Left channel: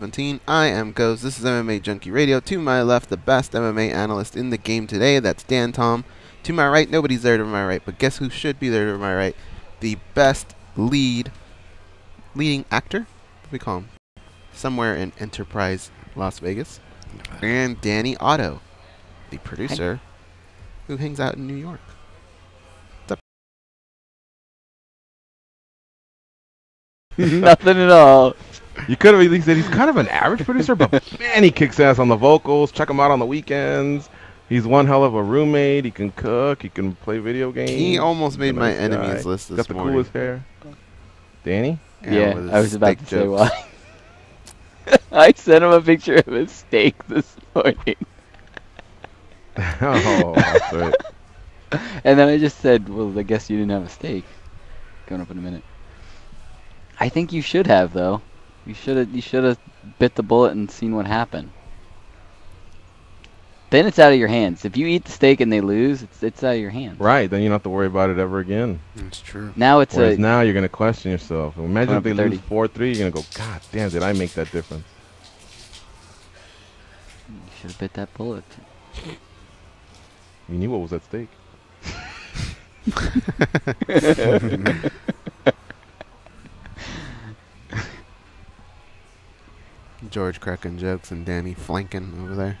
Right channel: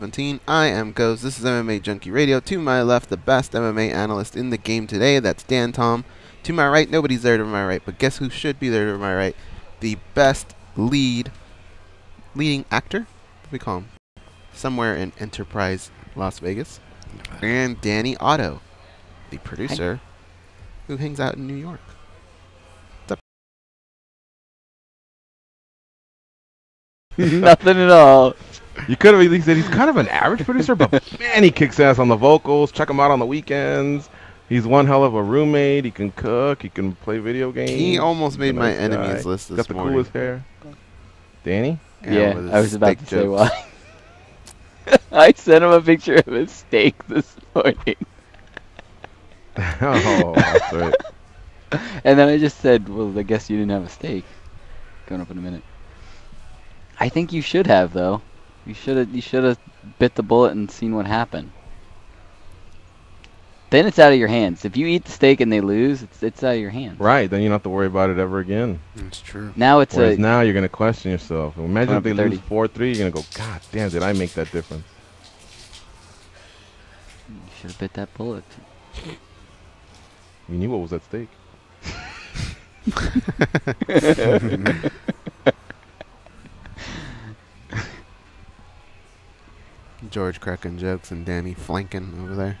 17. I am Ghost. This is MMA Junkie Radio. To my left, the best MMA analyst in the game today. That's Dan Tom. To my right, nobody's there to my right, but guess who should be there to my right? The best leading actor? What do we call him? Somewhere in Enterprise, Las Vegas. And Danny Otto, the producer who hangs out in New York. What's up? Nothing at all. You could have at least said he's kind of an average producer, but man, he kicks ass on the vocals. Check him out on the weekends. He's one hell of a roommate. He can cook. He can play video games. He almost made my enemies list this morning. Got the coolest hair. Danny? Yeah, I was about to say jokes. why. I sent him a picture of his steak this morning. Oh, that's right. And then I just said, well, I guess you didn't have a steak. Going up in a minute. I think you should have, though. You should have bit the bullet and seen what happened. Then it's out of your hands. If you eat the steak and they lose, it's out of your hands. Right, then you don't have to worry about it ever again. That's true. Now it's now you're going to question yourself. Imagine if they lose 4-3, you're going to go, God damn, did I make that difference? You should have bit that bullet. You knew what was at stake. George cracking jokes and Danny flanking over there.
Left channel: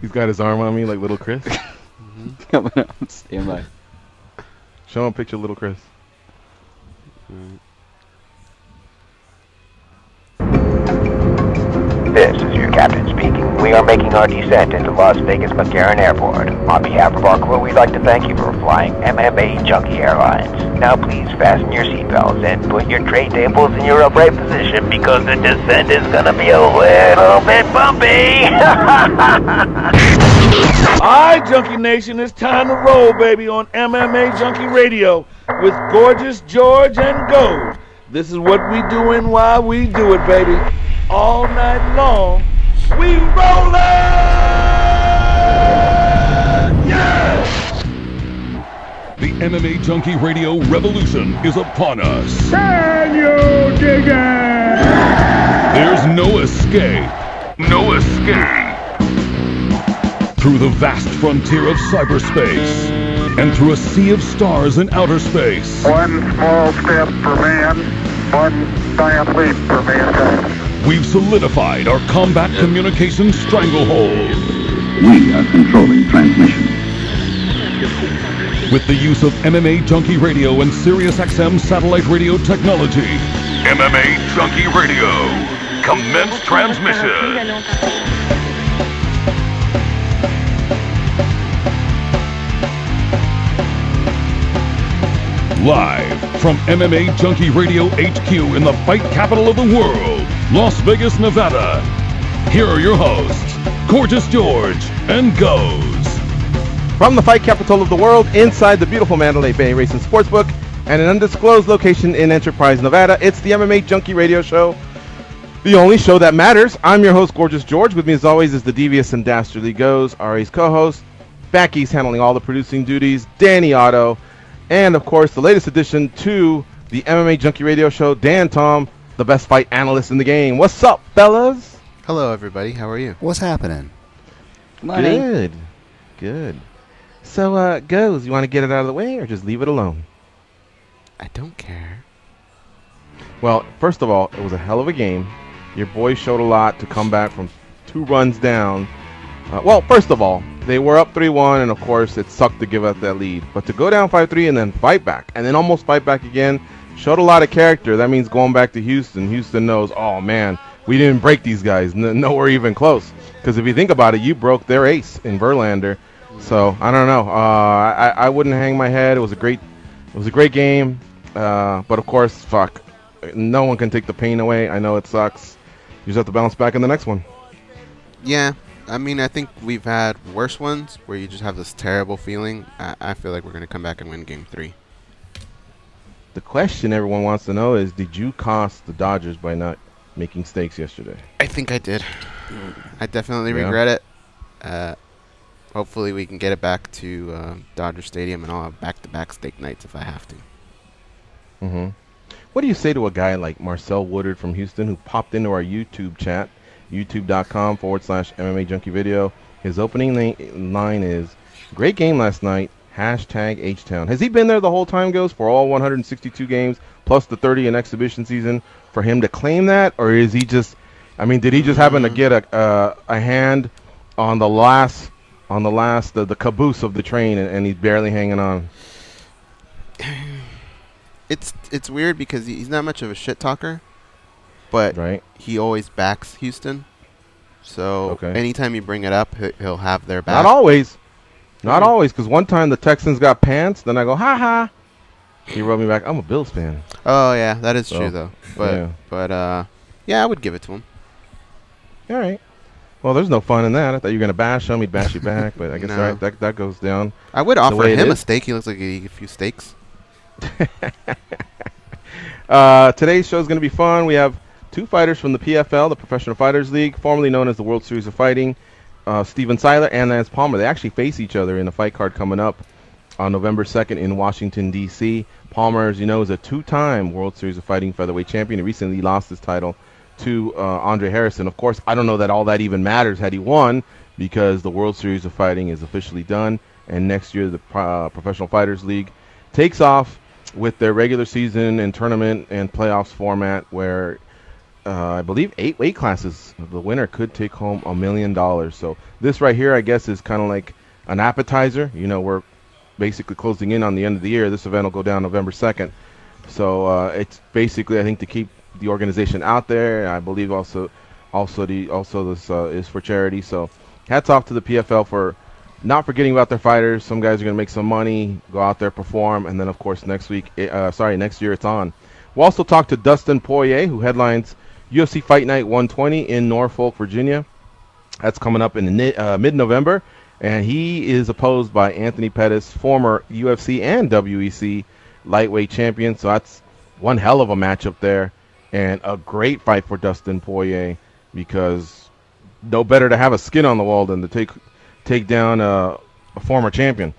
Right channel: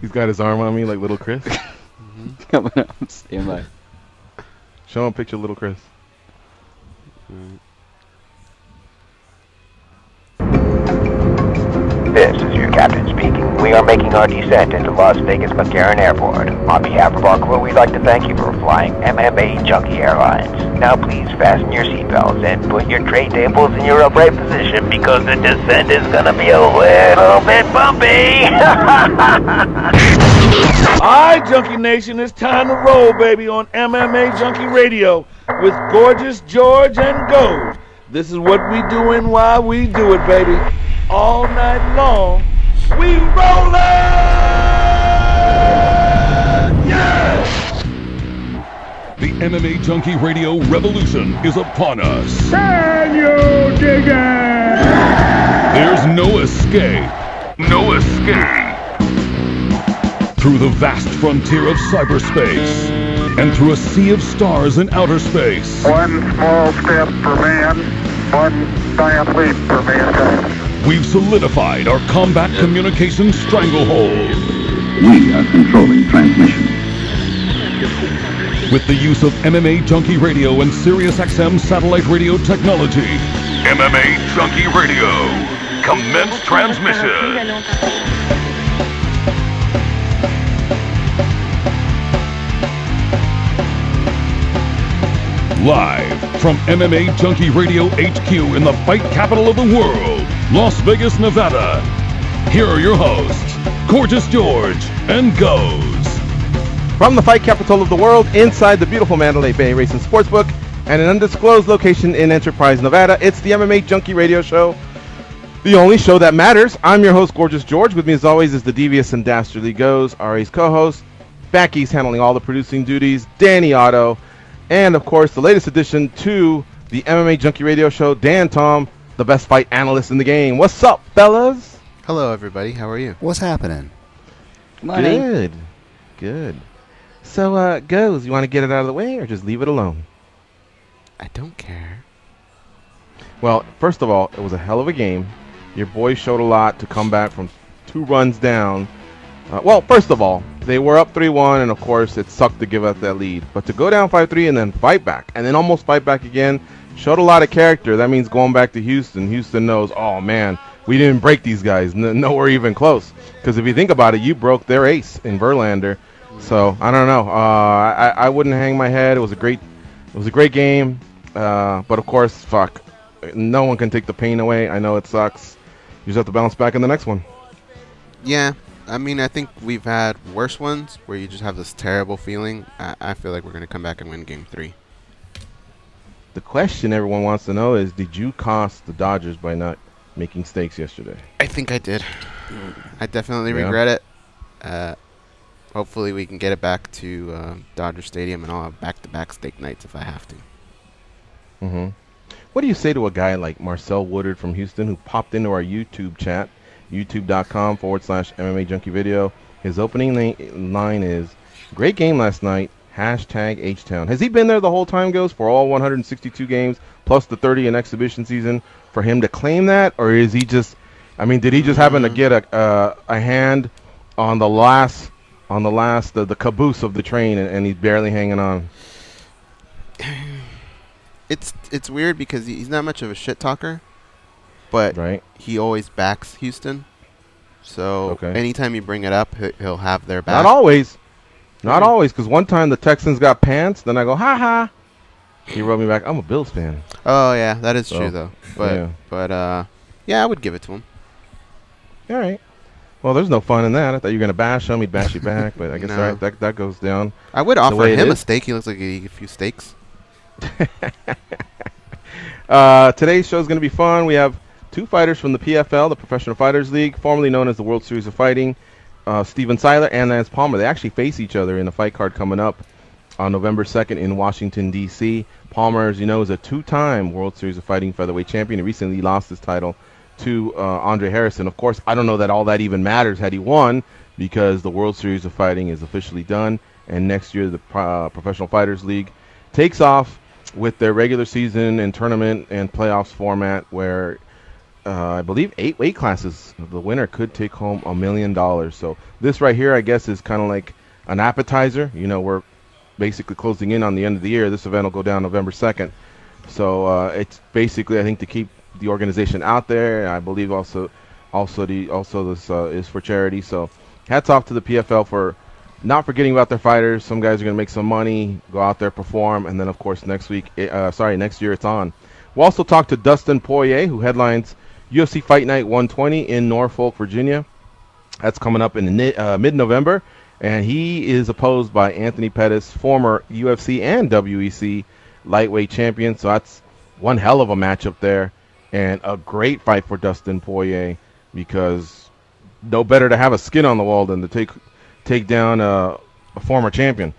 He's got his arm on me like little Chris. Coming up, stand by. Show him a picture of little Chris. This is your captain speaking. We are making our descent into Las Vegas McCarran Airport. On behalf of our crew, we'd like to thank you for flying MMA Junkie Airlines. Now please fasten your seatbelts and put your tray tables in your upright position because the descent is going to be a little bit bumpy. Alright, Junkie Nation, it's time to roll, baby, on MMA Junkie Radio with Gorgeous George and Gold. This is what we do and why we do it, baby. All night long, we rollin'! Yeah! The MMA Junkie Radio revolution is upon us. Can you dig it? There's no escape. No escape. Through the vast frontier of cyberspace and through a sea of stars in outer space. One small step for man, one giant leap for mankind. We've solidified our combat communications stranglehold. We are controlling transmission. With the use of MMA Junkie Radio and SiriusXM satellite radio technology. MMA Junkie Radio. Commence transmission. Live from MMA Junkie Radio HQ in the fight capital of the world, Las Vegas, Nevada. Here are your hosts, Gorgeous George and Goes. From the fight capital of the world, inside the beautiful Mandalay Bay Racing Sportsbook, and an undisclosed location in Enterprise, Nevada, it's the MMA Junkie Radio Show, the only show that matters. I'm your host, Gorgeous George. With me, as always, is the devious and dastardly Goes, RA's co-host. Becky's handling all the producing duties. Danny Otto. And, of course, the latest addition to the MMA Junkie Radio Show, Dan Tom, the best fight analyst in the game. What's up, fellas? Hello, everybody. How are you? What's happening? Good. Good. So, Goes, you want to get it out of the way or just leave it alone? I don't care. Well, first of all, it was a hell of a game. Your boys showed a lot to come back from 2 runs down. Well, first of all, they were up 3-1, and of course, it sucked to give up that lead. But to go down 5-3 and then fight back, and then almost fight back again, showed a lot of character. That means going back to Houston. Houston knows, oh man, we didn't break these guys. Nowhere even close. Because if you think about it, you broke their ace in Verlander. So I don't know. I wouldn't hang my head. It was a great game. But of course, fuck, no one can take the pain away. I know it sucks. You just have to bounce back in the next one. Yeah. I mean, I think we've had worse ones where you just have this terrible feeling. I feel like we're going to come back and win Game 3. The question everyone wants to know is, did you cost the Dodgers by not making stakes yesterday? I think I did. I definitely regret it. Hopefully we can get it back to Dodger Stadium, and I'll have back-to-back steak nights if I have to. What do you say to a guy like Marcel Woodard from Houston who popped into our YouTube chat, youtube.com/MMA Junkie video? His opening line is, "Great game last night, hashtag H-Town." Has he been there the whole time, Goes, for all 162 games, plus the 30 in exhibition season, for him to claim that? Or is he just, I mean, did he just happen to get a hand on the the caboose of the train, and he's barely hanging on? It's weird because he's not much of a shit talker, but he always backs Houston. So anytime you bring it up, he'll have their back. Not always. Not always, because one time the Texans got pants, then I go, ha ha. He wrote me back, I'm a Bills fan. Oh, yeah, that is true, though. But yeah, I would give it to him. All right. Well, there's no fun in that. I thought you were going to bash him. He'd bash you back, but I guess that goes down. I would offer him a steak. He looks like he eat a few steaks. Today's show is going to be fun. We have two fighters from the PFL, the Professional Fighters League, formerly known as the World Series of Fighting, Steven Siler and Lance Palmer. They actually face each other in a fight card coming up on November 2nd in Washington, D.C. Palmer, as you know, is a two-time World Series of Fighting featherweight champion. He recently lost his title to Andre Harrison. Of course, I don't know that all that even matters had he won, because the World Series of Fighting is officially done, and next year the Professional Fighters League takes off with their regular season and tournament and playoffs format, where I believe 8 weight classes. The winner could take home $1 million. So this right here, I guess, is kind of like an appetizer. You know, we're basically closing in on the end of the year. This event will go down November 2nd. So it's basically, I think, to keep the organization out there. I believe also this is for charity. So hats off to the PFL for not forgetting about their fighters. Some guys are going to make some money, go out there, perform, and then, of course, next year it's on. We'll also talk to Dustin Poirier, who headlines UFC Fight Night 120 in Norfolk, Virginia. That's coming up in mid-November, and he is opposed by Anthony Pettis, former UFC and WEC lightweight champion. So that's one hell of a matchup there, and a great fight for Dustin Poirier, because no better to have a skin on the wall than to take down a former champion.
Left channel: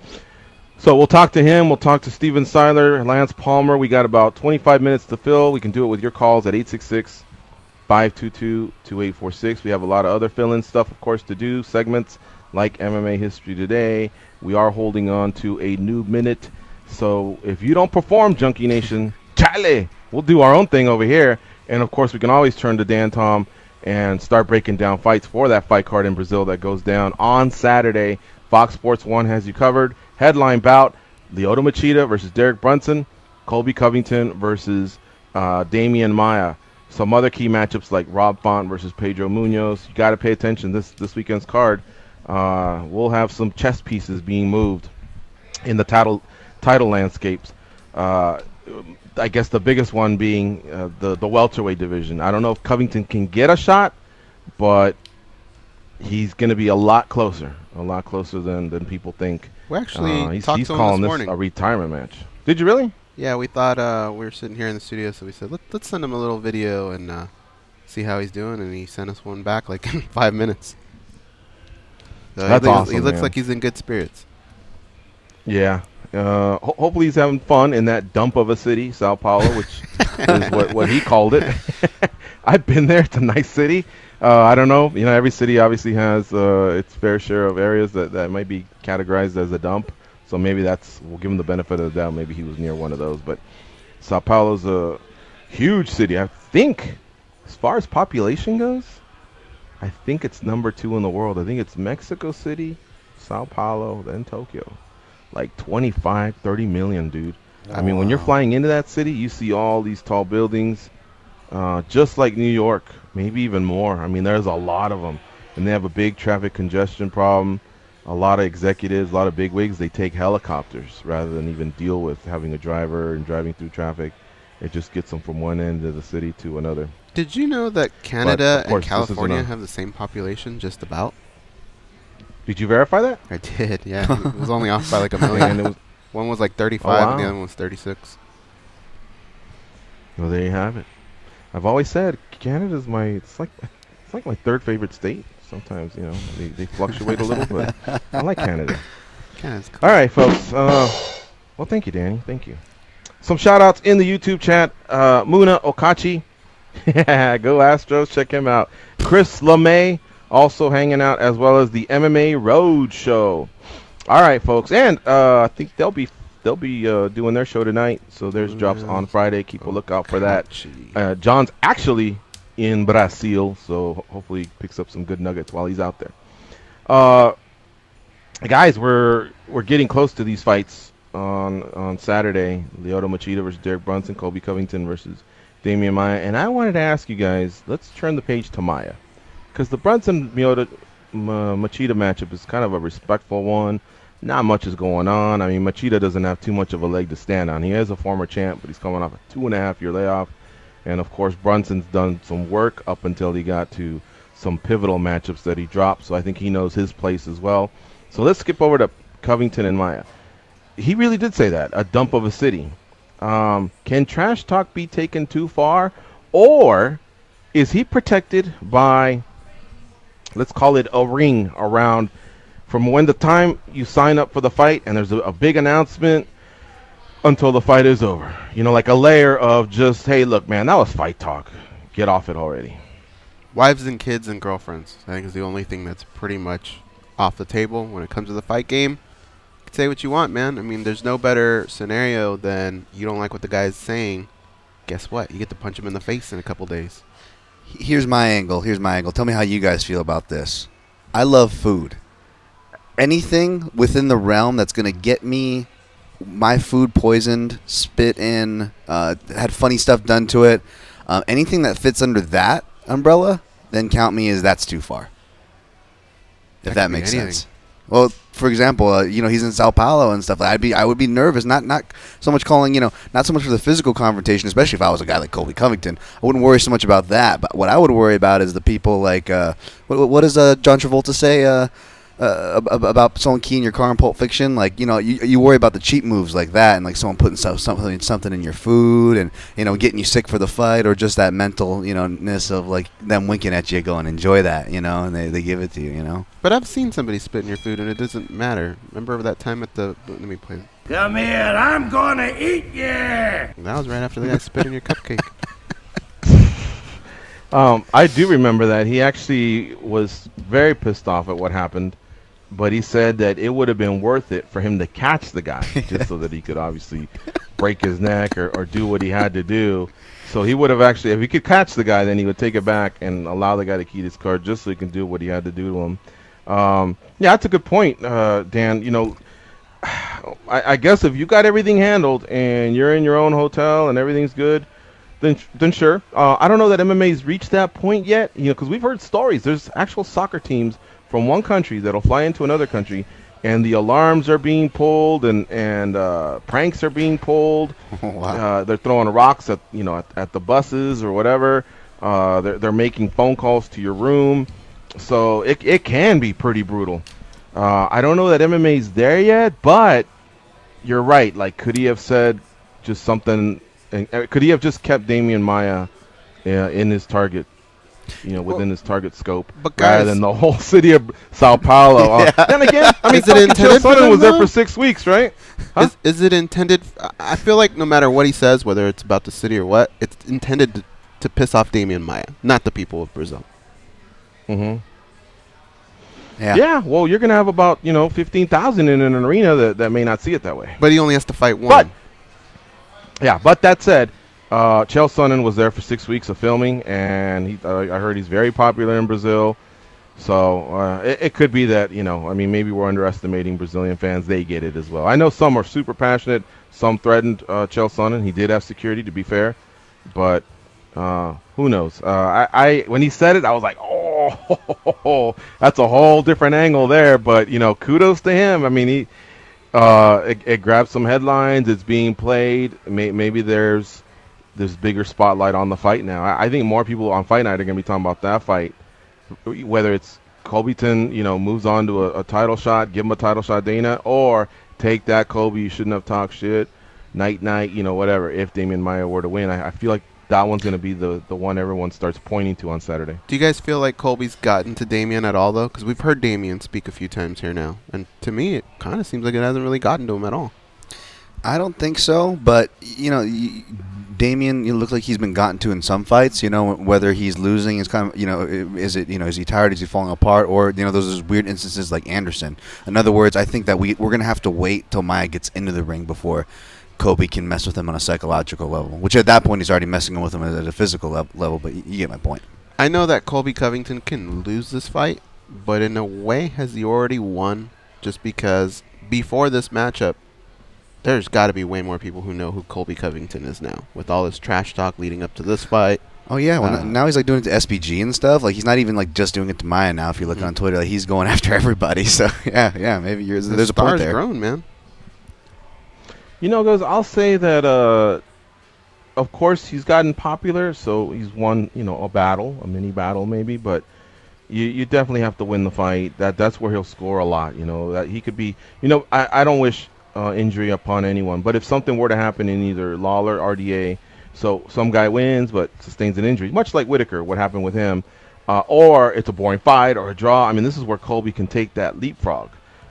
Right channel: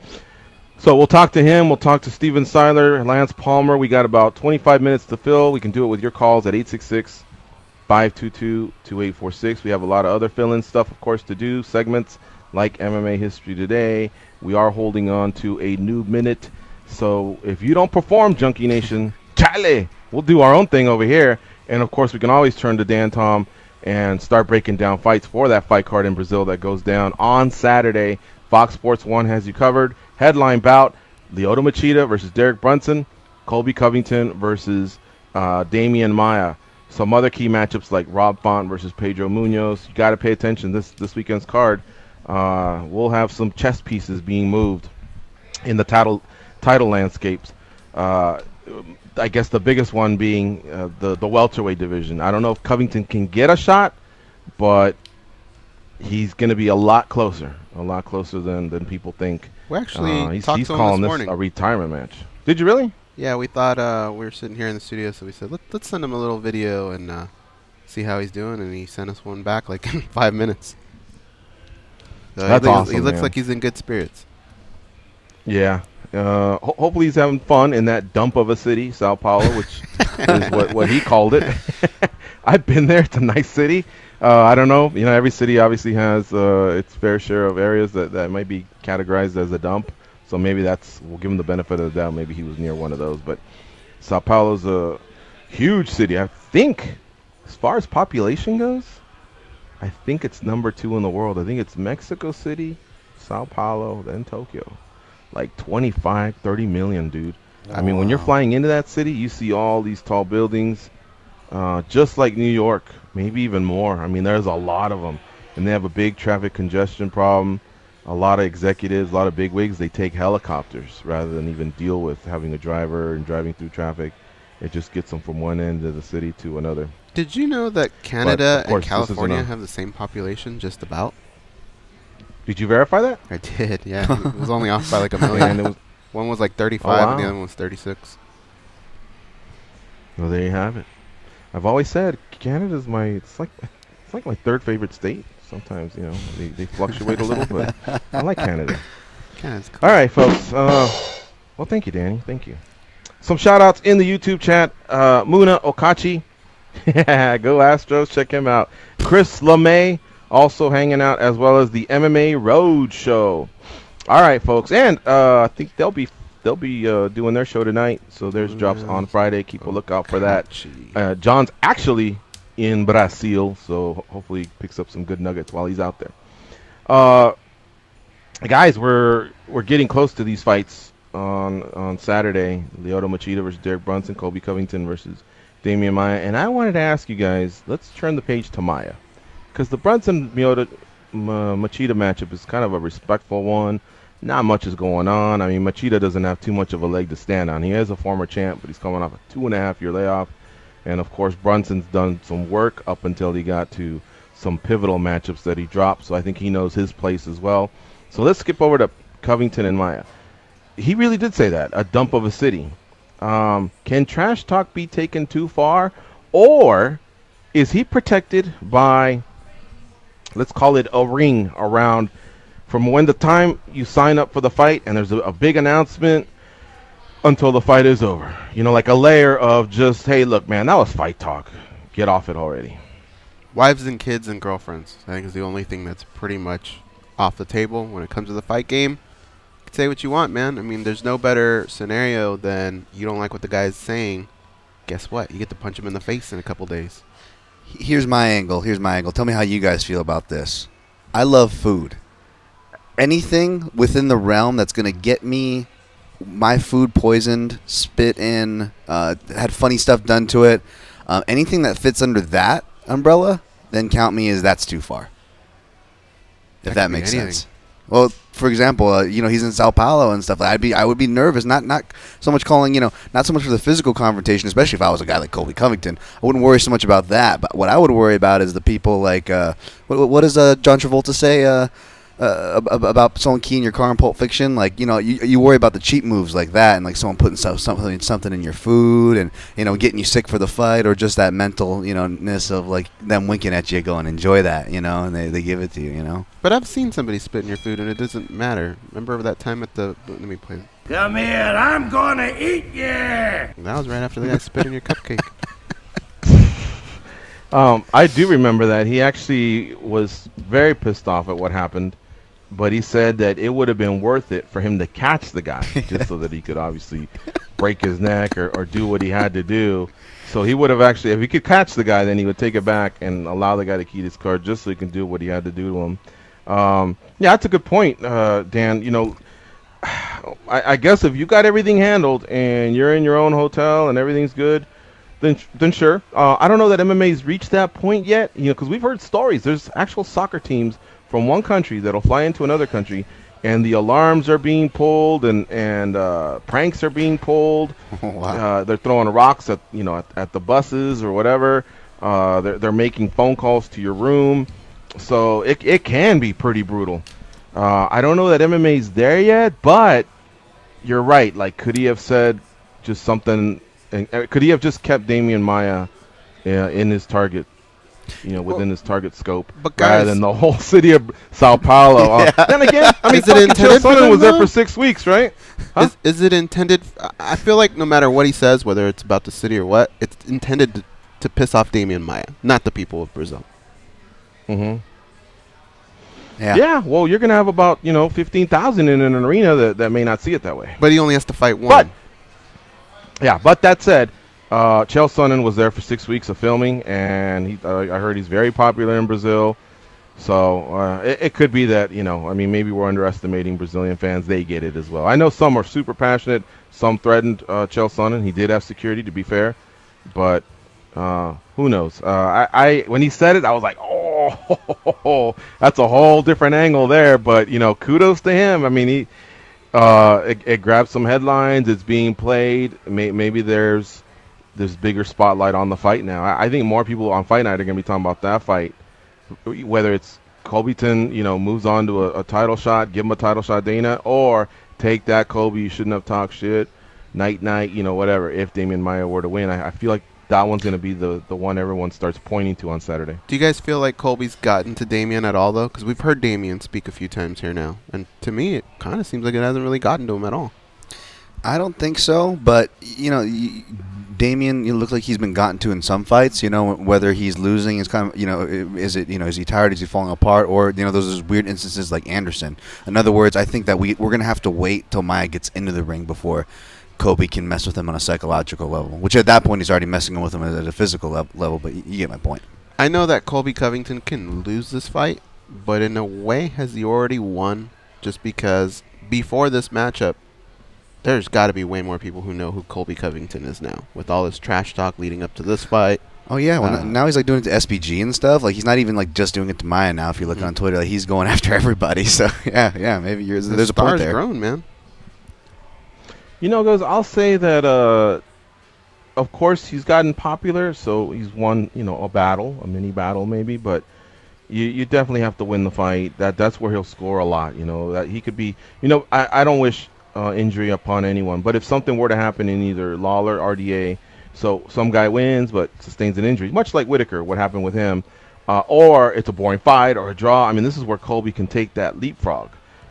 So we'll talk to him. We'll talk to Steven Siler, Lance Palmer. We got about 25 minutes to fill. We can do it with your calls at 866-522-2846. We have a lot of other fill-in stuff, of course, to do. Segments like MMA History Today. We are holding on to a new minute. So if you don't perform, Junkie Nation, chale, we'll do our own thing over here. And, of course, we can always turn to Dan Tom and start breaking down fights for that fight card in Brazil that goes down on Saturday. Fox Sports 1 has you covered. Headline bout, Lyoto Machida versus Derek Brunson, Colby Covington versus Damian Maia. Some other key matchups like Rob Font versus Pedro Munoz. You got to pay attention this weekend's card. We'll have some chess pieces being moved in the title landscapes. I guess the biggest one being the welterweight division. I don't know if Covington can get a shot, but he's going to be a lot closer than people think. We actually talked to him this morning. This a retirement match. Did you really? Yeah, we thought we were sitting here in the studio, so we said let's send him a little video and see how he's doing, and he sent us one back like in 5 minutes. So he looks like he's in good spirits. Yeah. Hopefully he's having fun in that dump of a city, Sao Paulo, which is what he called it. I've been there. It's a nice city. I don't know. You know, every city obviously has its fair share of areas that might be categorized as a dump. So maybe we'll give him the benefit of the doubt. Maybe he was near one of those. But Sao Paulo's a huge city. I think, as far as population goes, I think it's number 2 in the world. I think it's Mexico City, Sao Paulo, then Tokyo. Like 25, 30 million, dude. I mean, when you're flying into that city, you see all these tall buildings, just like New York, maybe even more. I mean, there's a lot of them. And they have a big traffic congestion problem. A lot of executives, a lot of bigwigs, they take helicopters rather than even deal with having a driver and driving through traffic. It just gets them from one end of the city to another. Did you know that Canada and California have the same population, just about? Did you verify that? I did, yeah. It was only off by like 1 million. One was like 35 and the other one was 36. Well, there you have it. I've always said Canada's it's like my third favorite state. Sometimes, you know, they fluctuate a little, but I like Canada. Canada's cool. All right, folks. Well, thank you, Danny. Thank you. Some shout-outs in the YouTube chat. Muna Okachi. Go Astros. Check him out. Chris LeMay also hanging out, as well as the MMA Road Show. All right, folks. And I think they'll be doing their show tonight. So there's drops on Friday. Keep a lookout for that. John's actually in Brazil, so hopefully he picks up some good nuggets while he's out there. Guys, we're getting close to these fights on Saturday. Lyoto Machida versus Derek Brunson, Colby Covington versus Damian Maia. And I wanted to ask you guys, let's turn the page to Maia, because the Brunson-Machida matchup is kind of a respectful one. Not much is going on. I mean, Machida doesn't have too much of a leg to stand on. He is a former champ, but he's coming off a 2.5-year layoff. And, of course, Brunson's done some work up until he got to some pivotal matchups that he dropped. So I think he knows his place as well. So let's skip over to Covington and Maia. He really did say that, a dump of a city. Can trash talk be taken too far? Or is he protected by, let's call it a ring around from when the time you sign up for the fight and there's a big announcement until the fight is over? You know, like a layer of just, hey, look, man, that was fight talk. Get off it already. Wives and kids and girlfriends, I think, is the only thing that's pretty much off the table when it comes to the fight game. You can say what you want, man. I mean, there's no better scenario than you don't like what the guy's saying. Guess what? You get to punch him in the face in a couple days. Here's my angle. Tell me how you guys feel about this. I love food. Anything within the realm that's going to get me my food poisoned, spit in, had funny stuff done to it, anything that fits under that umbrella, then count me as that's too far. If that makes sense. Well, for example, he's in Sao Paulo and stuff. I would be nervous, not so much calling, not so much for the physical confrontation, especially if I was a guy like Colby Covington. I wouldn't worry so much about that. But what I would worry about is the people like, what does John Travolta say about someone keying your car in Pulp Fiction? Like, you worry about the cheap moves like that, and like someone putting something in your food, and getting you sick for the fight, or just that mental ness of like them winking at you, going enjoy that, and they give it to you, But I've seen somebody spit in your food, and it doesn't matter. Remember that time at the? Let me play. Come here, I'm gonna eat you. That was right after the guy spit in your cupcake. I do remember that. He actually was very pissed off at what happened. But he said that it would have been worth it for him to catch the guy, just so that he could obviously break his neck or do what he had to do. So he would have actually, if he could catch the guy, then he would take it back and allow the guy to key his car just so he can do what he had to do to him. Yeah, that's a good point, Dan. I guess if you got everything handled and you're in your own hotel and everything's good, then sure. I don't know that MMA's reached that point yet, because we've heard stories. There's actual soccer teams from one country that'll fly into another country, and the alarms are being pulled, and pranks are being pulled. Oh, wow. They're throwing rocks at at the buses or whatever. They're making phone calls to your room, so it can be pretty brutal. I don't know that MMA's there yet, but you're right. Like, could he have said just something? And could he have just kept Damian Maia in his target? Within his target scope, but guys, rather than the whole city of Sao Paulo. Yeah. And again, I mean, is it intended for them, was there though? for 6 weeks, right? Huh? Is it intended? I feel like no matter what he says, whether it's about the city or what, it's intended to piss off Damian Maia, not the people of Brazil. Mm-hmm. Yeah. Yeah. Well, you're gonna have about 15,000 in an arena that may not see it that way. But he only has to fight one. But that said, Chael Sonnen was there for 6 weeks of filming, and I heard he's very popular in Brazil. So it could be that, maybe we're underestimating Brazilian fans. They get it as well. I know some are super passionate. Some threatened Chael Sonnen. He did have security, to be fair. But who knows? When he said it, I was like, oh, that's a whole different angle there. But, kudos to him. I mean, it grabbed some headlines. It's being played. Maybe there's bigger spotlight on the fight now. I think more people on Fight Night are going to be talking about that fight, whether it's Covington, moves on to a title shot, give him a title shot, Dana, or take that Colby, you shouldn't have talked shit, night, whatever, if Damian Maia were to win. I feel like that one's going to be the one everyone starts pointing to on Saturday. Do you guys feel like Colby's gotten to Damian at all, though? Because we've heard Damian speak a few times here now, and to me, it kind of seems like it hasn't really gotten to him at all. I don't think so, but Damian, you look like he's been gotten to in some fights. Whether he's losing is kind of, is he tired? Is he falling apart? Or those weird instances like Anderson. In other words, I think that we're gonna have to wait till Maia gets into the ring before Colby can mess with him on a psychological level. Which at that point he's already messing with him at a physical level. But you get my point. I know that Colby Covington can lose this fight, but in a way, has he already won? Just because before this matchup, there's got to be way more people who know who Colby Covington is now, with all his trash talk leading up to this fight. Oh yeah, well, now he's like doing it to SBG and stuff. Like he's not even like just doing it to Maia now. If you look on Twitter, like he's going after everybody. So yeah, maybe there's a point there. Grown, man. Guys, I'll say that. Of course, he's gotten popular, so he's won, a mini battle maybe, but you definitely have to win the fight. That's where he'll score a lot. That he could be. I don't wish injury upon anyone, but if something were to happen in either Lawler, RDA, so some guy wins but sustains an injury, much like Whitaker, what happened with him, or it's a boring fight or a draw. I mean, this is where Colby can take that leapfrog,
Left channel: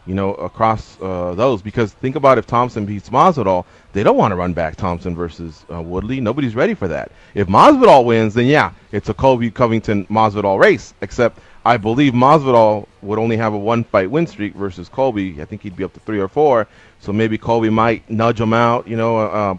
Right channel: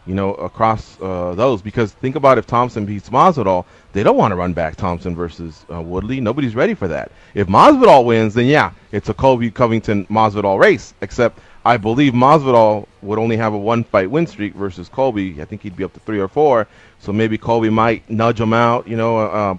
across those. Because think about if Thompson beats Masvidal, they don't want to run back Thompson versus Woodley. Nobody's ready for that. If Masvidal wins, then yeah, it's a Colby Covington Masvidal race. Except I believe Masvidal would only have a 1-fight win streak versus Colby. I think he'd be up to 3 or 4. So maybe Colby might nudge him out,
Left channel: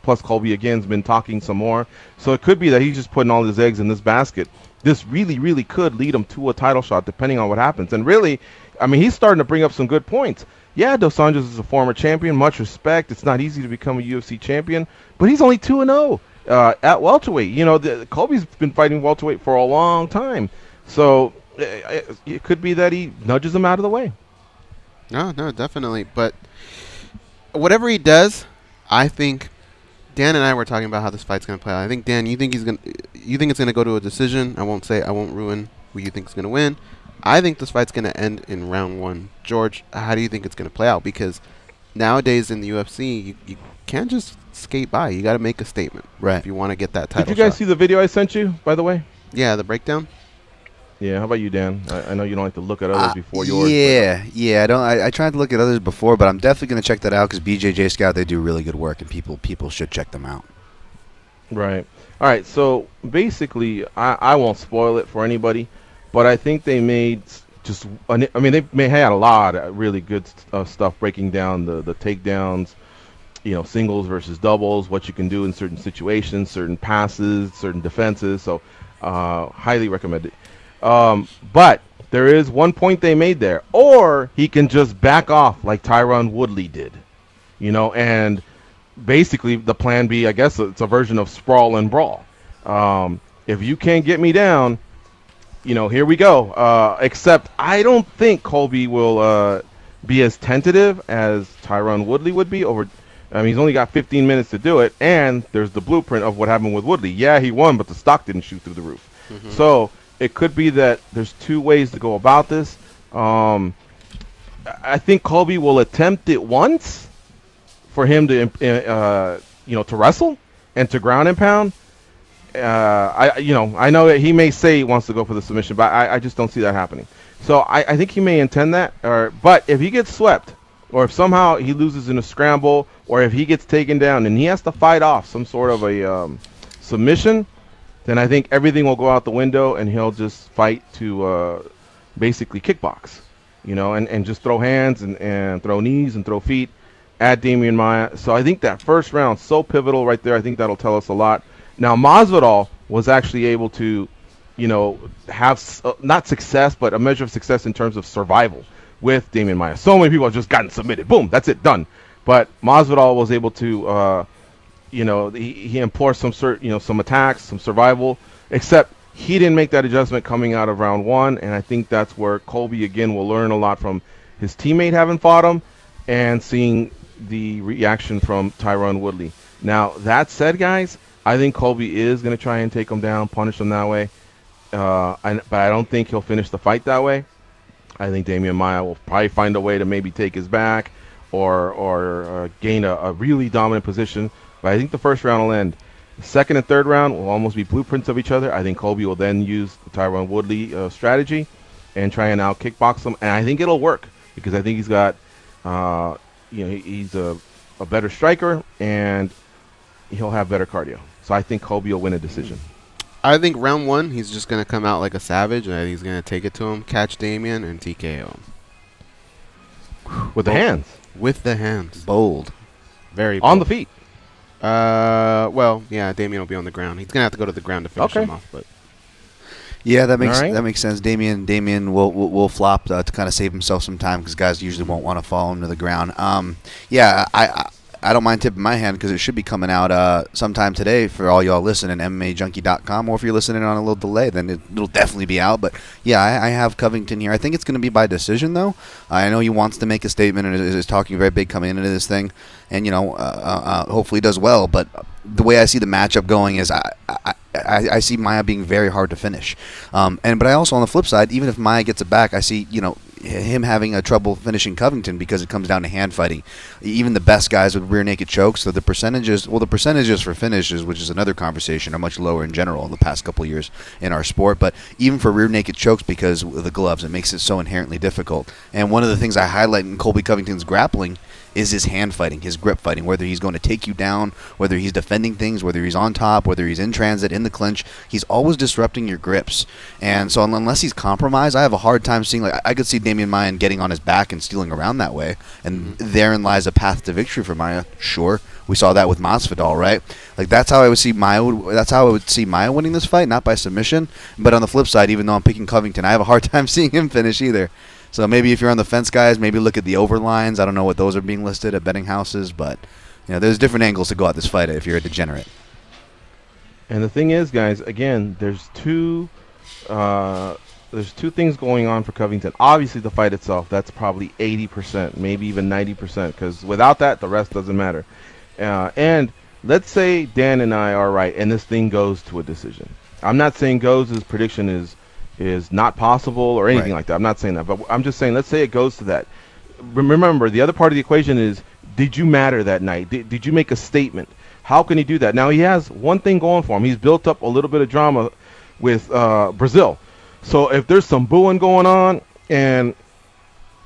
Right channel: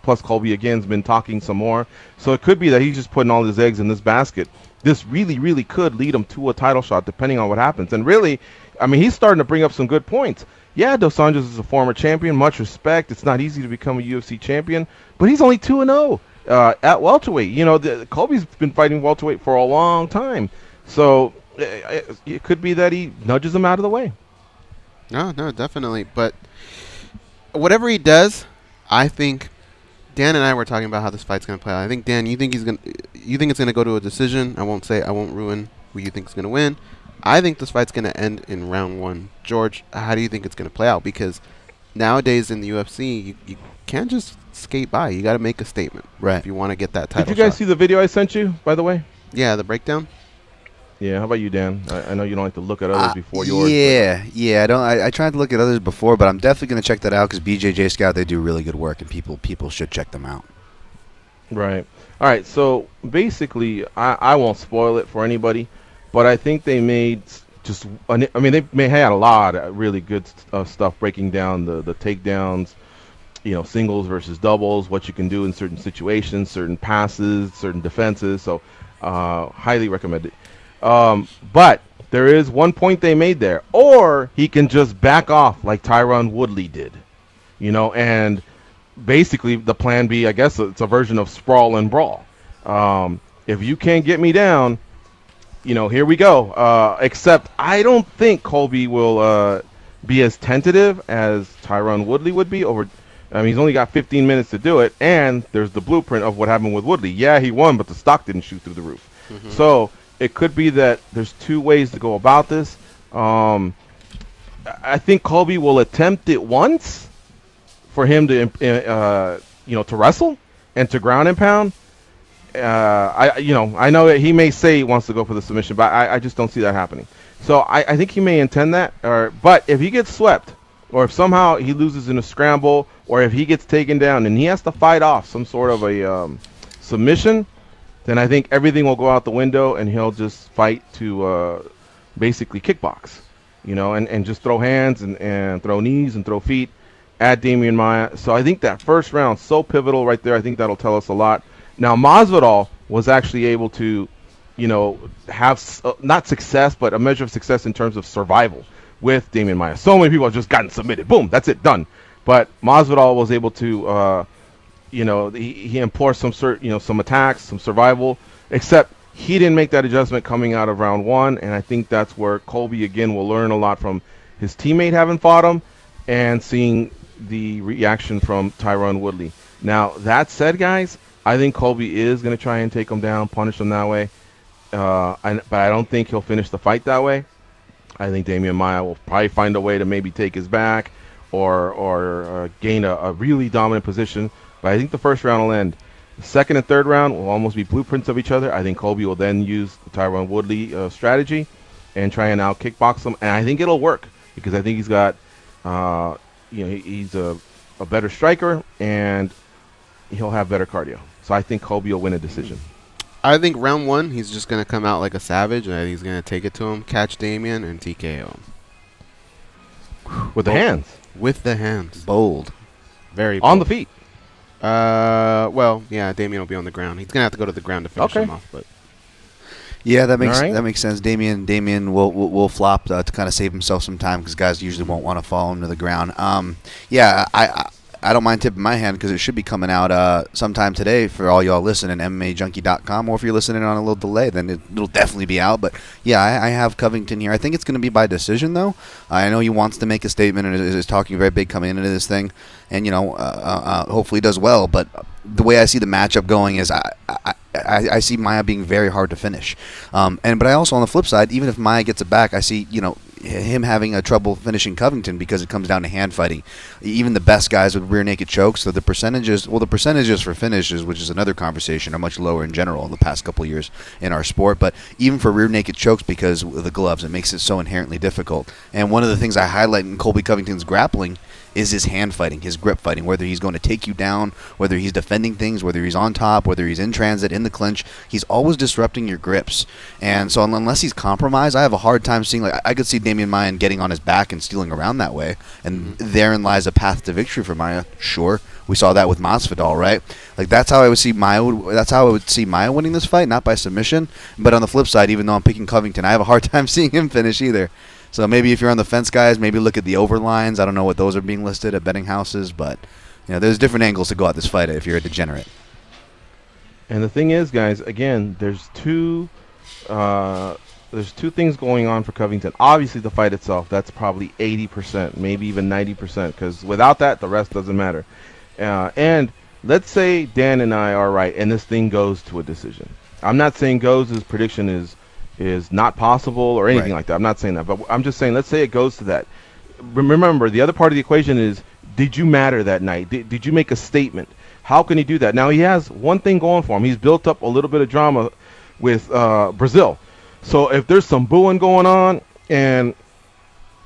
plus Colby again's been talking some more. So it could be that he's just putting all his eggs in this basket. This really, really could lead him to a title shot depending on what happens. And really, I mean, he's starting to bring up some good points. Yeah, Dos Anjos is a former champion, much respect. It's not easy to become a UFC champion, but he's only 2-0 at welterweight. Colby's been fighting welterweight for a long time. So it could be that he nudges him out of the way. No, definitely. But whatever he does, I think Dan and I were talking about how this fight's going to play out. I think, Dan, you think it's going to go to a decision. I won't ruin who you think is going to win. I think this fight's going to end in round 1. George, how do you think it's going to play out? Because nowadays in the UFC, you can't just skate by. You got to make a statement, right? If you want to get that title shot. Did you guys see the video I sent you, by the way? Yeah, the breakdown. Yeah, how about you, Dan? I know you don't have to look at others before yours. Yeah. I tried to look at others before, but I'm definitely going to check that out because BJJ Scout, they do really good work, and people should check them out. Right. All right. So basically, I won't spoil it for anybody, but I think they made they had a lot of really good stuff breaking down the takedowns, singles versus doubles, what you can do in certain situations, certain passes, certain defenses. So highly recommend it. But there is one point they made there, or he can just back off like Tyron Woodley did, and basically the plan B, I guess it's a version of sprawl and brawl. If you can't get me down, here we go. Except I don't think Colby will be as tentative as Tyron Woodley would be he's only got 15 minutes to do it, and there's the blueprint of what happened with Woodley. Yeah, he won, but the stock didn't shoot through the roof. Mm-hmm. So it could be that there's 2 ways to go about this. I think Colby will attempt it once for him to, to wrestle and to ground and pound. I know that he may say he wants to go for the submission, but I just don't see that happening. So I think he may intend that. But if he gets swept, or if somehow he loses in a scramble, or if he gets taken down and he has to fight off some sort of a submission, then I think everything will go out the window and he'll just fight to basically kickbox, and just throw hands and throw knees and throw feet at Damian Maia. So I think that first round so pivotal right there. I think that'll tell us a lot. Now, Masvidal was actually able to, have not success, but a measure of success in terms of survival with Damian Maia. So many people have just gotten submitted. Boom, that's it, done. But Masvidal was able to, he employed some attacks, some survival, except he didn't make that adjustment coming out of round 1. And I think that's where Colby, again, will learn a lot from his teammate having fought him and seeing the reaction from Tyron Woodley. Now, that said, guys, I think Colby is going to try and take him down, punish him that way. But I don't think he'll finish the fight that way. I think Damian Maia will probably find a way to maybe take his back or gain a really dominant position. But I think the first round will end. The second and third round will almost be blueprints of each other. I think Colby will then use the Tyron Woodley strategy and try and out kickbox him. And I think it'll work because I think he's got, he's a a better striker, and he'll have better cardio. So I think Colby will win a decision. I think round 1, he's just going to come out like a savage, and he's going to take it to him, catch Damian, and TKO him. With the hands. With the hands. Bold. Very bold. On the feet. Well, yeah, Damian will be on the ground. He's going to have to go to the ground to finish him off, but... Yeah, that makes sense. Damian will flop to kind of save himself some time because guys usually won't want to fall him to the ground. Yeah, I don't mind tipping my hand because it should be coming out sometime today for all y'all listening, MMAjunkie.com, or if you're listening on a little delay, then it'll definitely be out. But yeah, I have Covington here. I think it's going to be by decision, though. I know he wants to make a statement and is talking very big coming into this thing, and hopefully he does well. But the way I see the matchup going is I see Maia being very hard to finish. But I also, on the flip side, even if Maia gets it back, I see, him having a trouble finishing Covington because it comes down to hand fighting. Even the best guys with rear naked chokes, so the percentages for finishes, which is another conversation, are much lower in general in the past couple of years in our sport. But even for rear naked chokes, because of the gloves, it makes it so inherently difficult. And one of the things I highlight in Colby Covington's grappling is his hand fighting, his grip fighting, whether he's going to take you down, whether he's defending things, whether he's on top, whether he's in transit, in the clinch. He's always disrupting your grips. And so unless he's compromised, I have a hard time seeing, I could see Damian Maia getting on his back and stealing around that way. And therein lies a path to victory for Maia. Sure. We saw that with Masvidal, right? That's how I would see Maia. That's how I would see Maia winning this fight, not by submission. But on the flip side, even though I'm picking Covington, I have a hard time seeing him finish either. So maybe if you're on the fence, guys, maybe look at the over lines. I don't know what those are being listed at betting houses, but there's different angles to go at this fight if you're a degenerate. And the thing is, guys, again, there's two things going on for Covington. Obviously, the fight itself, that's probably 80%, maybe even 90%, because without that, the rest doesn't matter. And let's say Dan and I are right, and this thing goes to a decision. I'm not saying his prediction is not possible or anything like that. I'm not saying that, but I'm just saying, let's say it goes to that. Remember, the other part of the equation is, did you matter that night? Did you make a statement? How can he do that? Now, he has one thing going for him. He's built up a little bit of drama with Brazil. So if there's some booing going on, and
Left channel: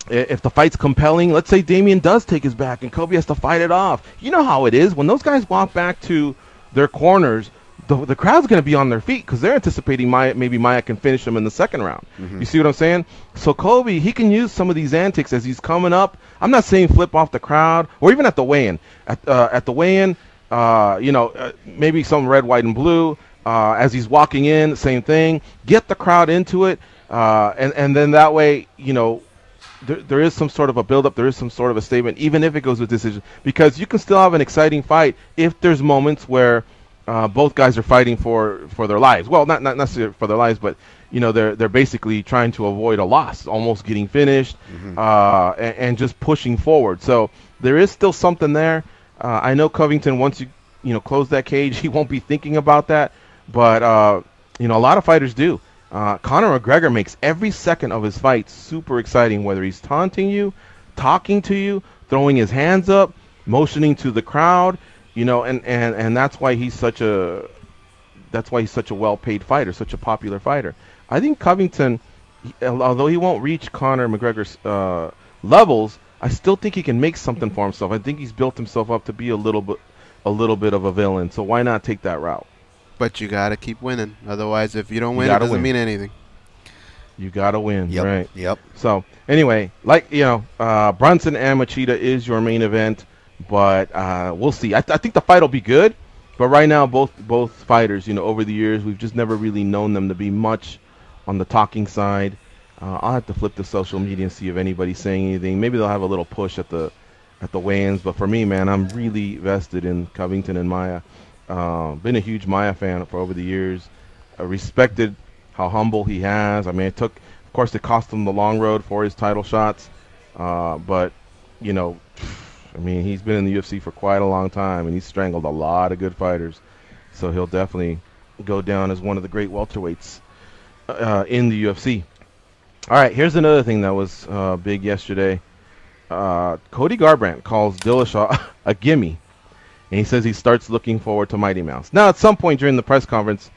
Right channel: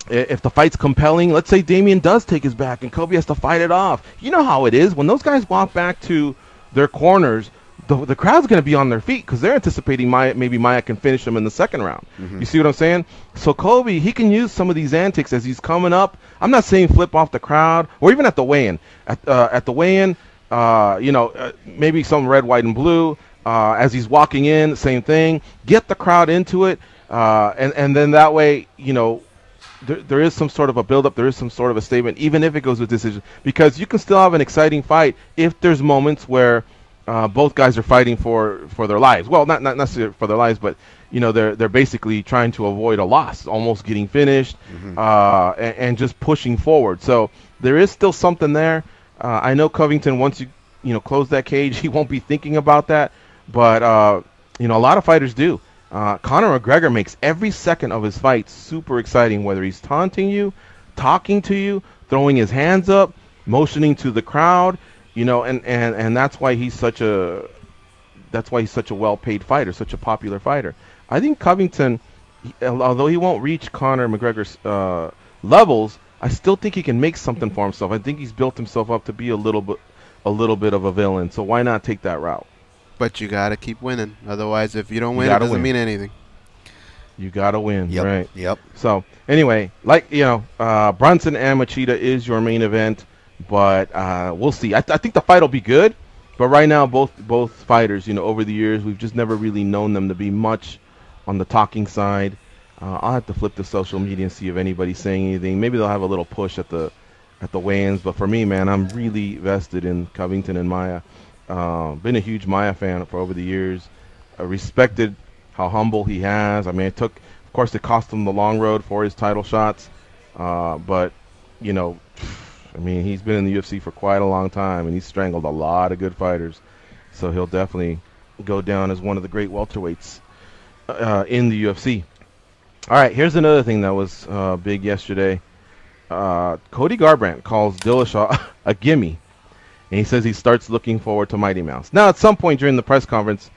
if the fight's compelling, let's say Damian does take his back and Kobe has to fight it off. You know how it is. When those guys walk back to their corners, the crowd's going to be on their feet because they're anticipating maybe Maia can finish him in the second round. You see what I'm saying? So Colby, he can use some of these antics as he's coming up. I'm not saying flip off the crowd or even at the weigh-in. At the weigh-in, maybe some red, white, and blue. As he's walking in, same thing. Get the crowd into it, and then that way, there is some sort of a build-up. There is some sort of a statement, even if it goes with decision, because you can still have an exciting fight if there's moments where both guys are fighting for their lives. Well, not necessarily for their lives, but they're basically trying to avoid a loss, almost getting finished, and just pushing forward. So there is still something there. I know Covington, once you close that cage, he won't be thinking about that, but a lot of fighters do. Conor McGregor makes every second of his fight super exciting, whether he's taunting you, talking to you, throwing his hands up, motioning to the crowd. And that's why he's such a well-paid fighter, such a popular fighter. I think Covington, although he won't reach Conor McGregor's levels, I still think he can make something for himself. I think he's built himself up to be a little bit of a villain. So why not take that route? But you gotta keep winning. Otherwise, if you don't win, it doesn't mean anything. You gotta win. Yep. Right. Yep. So anyway, Brunson and Machida is your main event. But we'll see. I think the fight will be good. But right now, both fighters, over the years, we've just never really known them to be much on the talking side. I'll have to flip to social media and see if anybody's saying anything. Maybe they'll have a little push at the weigh-ins. But for me, man, I'm really vested in Covington and Maia. Been a huge Maia fan for over the years. I respected how humble he has. I mean, of course, it cost him the long road for his title shots. But he's been in the UFC for quite a long time, and he's strangled a lot of good fighters. So he'll definitely go down as one of the great welterweights in the UFC. All right, here's another thing that was big yesterday. Cody Garbrandt calls Dillashaw a gimme, and he says he starts looking forward to Mighty Mouse. Now, at some point during the press conference,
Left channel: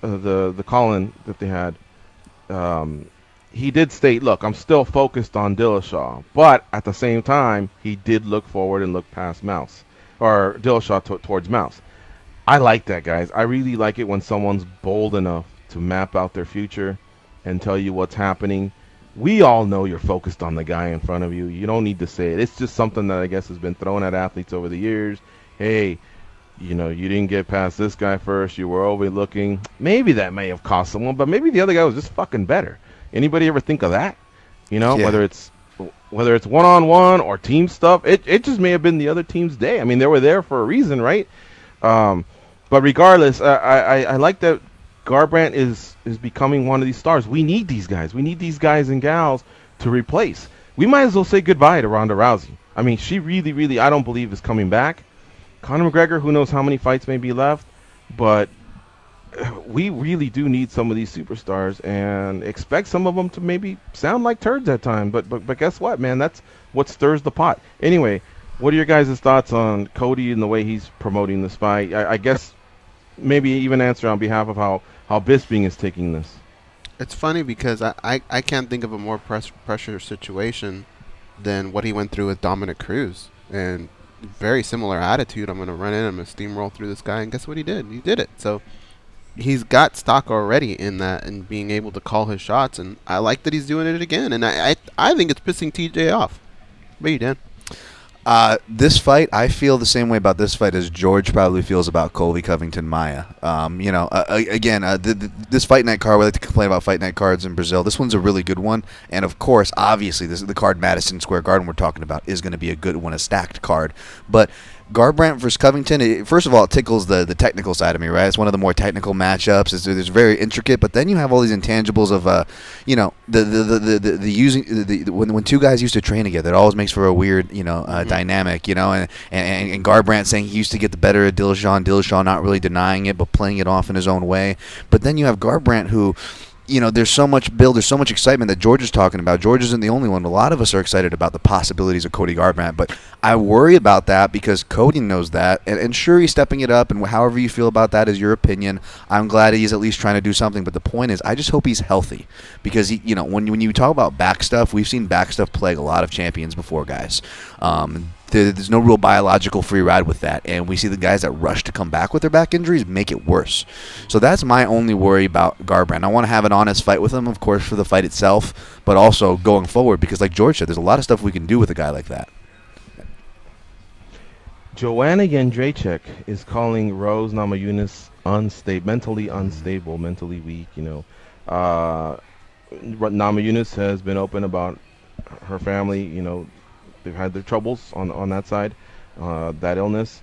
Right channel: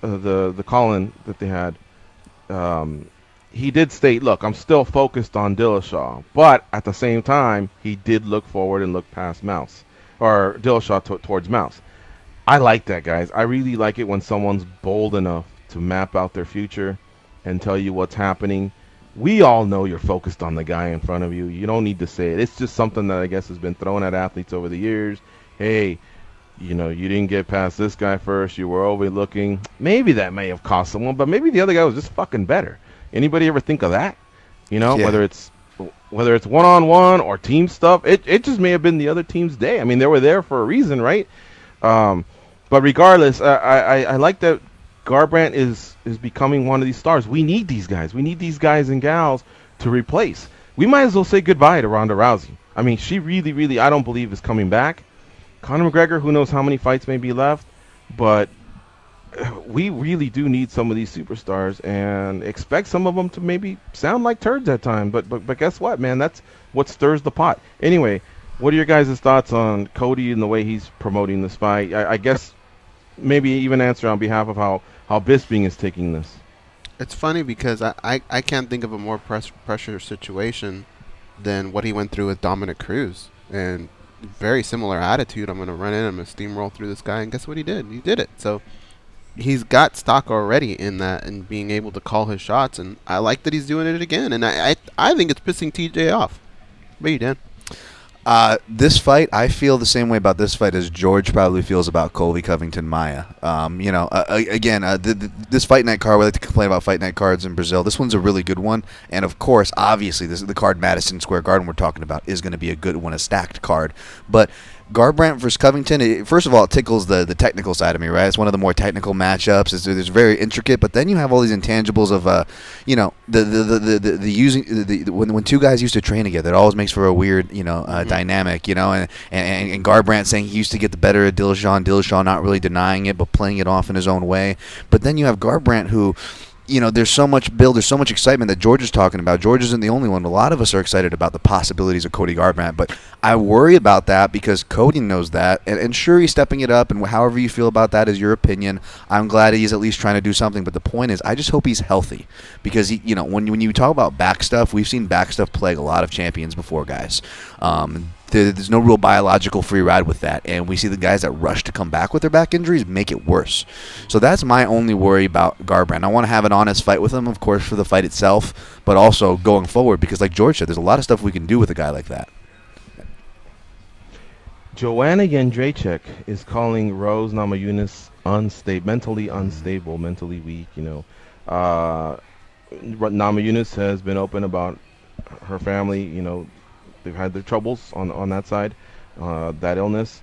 the call-in that they had, he did state, look, I'm still focused on Dillashaw. But at the same time, he did look forward and look past Mouse. Or Dillashaw towards Mouse. I like that, guys. I really like it when someone's bold enough to map out their future and tell you what's happening. We all know you're focused on the guy in front of you. You don't need to say it. It's just something that I guess has been thrown at athletes over the years. Hey, you know, you didn't get past this guy first. You were overlooking. Maybe that may have cost someone, but maybe the other guy was just fucking better. Anybody ever think of that? You know, whether it's one-on-one or team stuff, it just may have been the other team's day. I mean, they were there for a reason, right? But regardless, I like that Garbrandt is becoming one of these stars. We need these guys. We need these guys and gals to replace. We might as well say goodbye to Ronda Rousey. I mean, she really, really, I don't believe is coming back. Conor McGregor, who knows how many fights may be left, but we really do need some of these superstars and expect some of them to maybe sound like turds at times. But guess what, man? That's what stirs the pot. Anyway, what are your guys' thoughts on Cody and the way he's promoting this fight? I guess maybe even answer on behalf of how Bisping is taking this. It's funny because I can't think of a more pressure situation than what he went through with Dominic Cruz. And very similar attitude. I'm going to run in, I'm going to steamroll through this guy. And guess what he did? He did it. So he's got stock already in that and being able to call his shots. And I like that he's doing it again. And I think it's pissing TJ off. But you, Dan? This fight, I feel the same way about this fight as George probably feels about Colby Covington Maia. You know, again, this fight night card, we like to complain about fight night cards in Brazil. This one's a really good one. And, of course, obviously, this is the card Madison Square Garden we're talking about is going to be a good one, a stacked card. But Garbrandt versus Covington, first of all, it tickles the technical side of me, right? It's one of the more technical matchups. It's very intricate, but then you have all these intangibles of, you know, when two guys used to train together, it always makes for a weird, you know, dynamic, you know, and Garbrandt saying he used to get the better of Dillashaw not really denying it, but playing it off in his own way. But then you have Garbrandt who, you know, there's so much build, there's so much excitement that George is talking about. George isn't the only one. A lot of us are excited about the possibilities of Cody Garbrandt, but I worry about that because Cody knows that, and sure, he's stepping it up, and however you feel about that is your opinion. I'm glad he's at least trying to do something, but the point is, I just hope he's healthy because, he, you know, when you talk about back stuff, we've seen back stuff plague a lot of champions before, guys. There's no real biological free ride with that, and we see the guys that rush to come back with their back injuries make it worse. So that's my only worry about Garbrandt. I want to have an honest fight with him, of course, for the fight itself, but also going forward because, like George said, there's a lot of stuff we can do with a guy like that. Joanna Jędrzejczyk is calling Rose Namajunas mentally unstable, mentally weak. You know, Namajunas has been open about her family. You know, they've had their troubles on that side, that illness.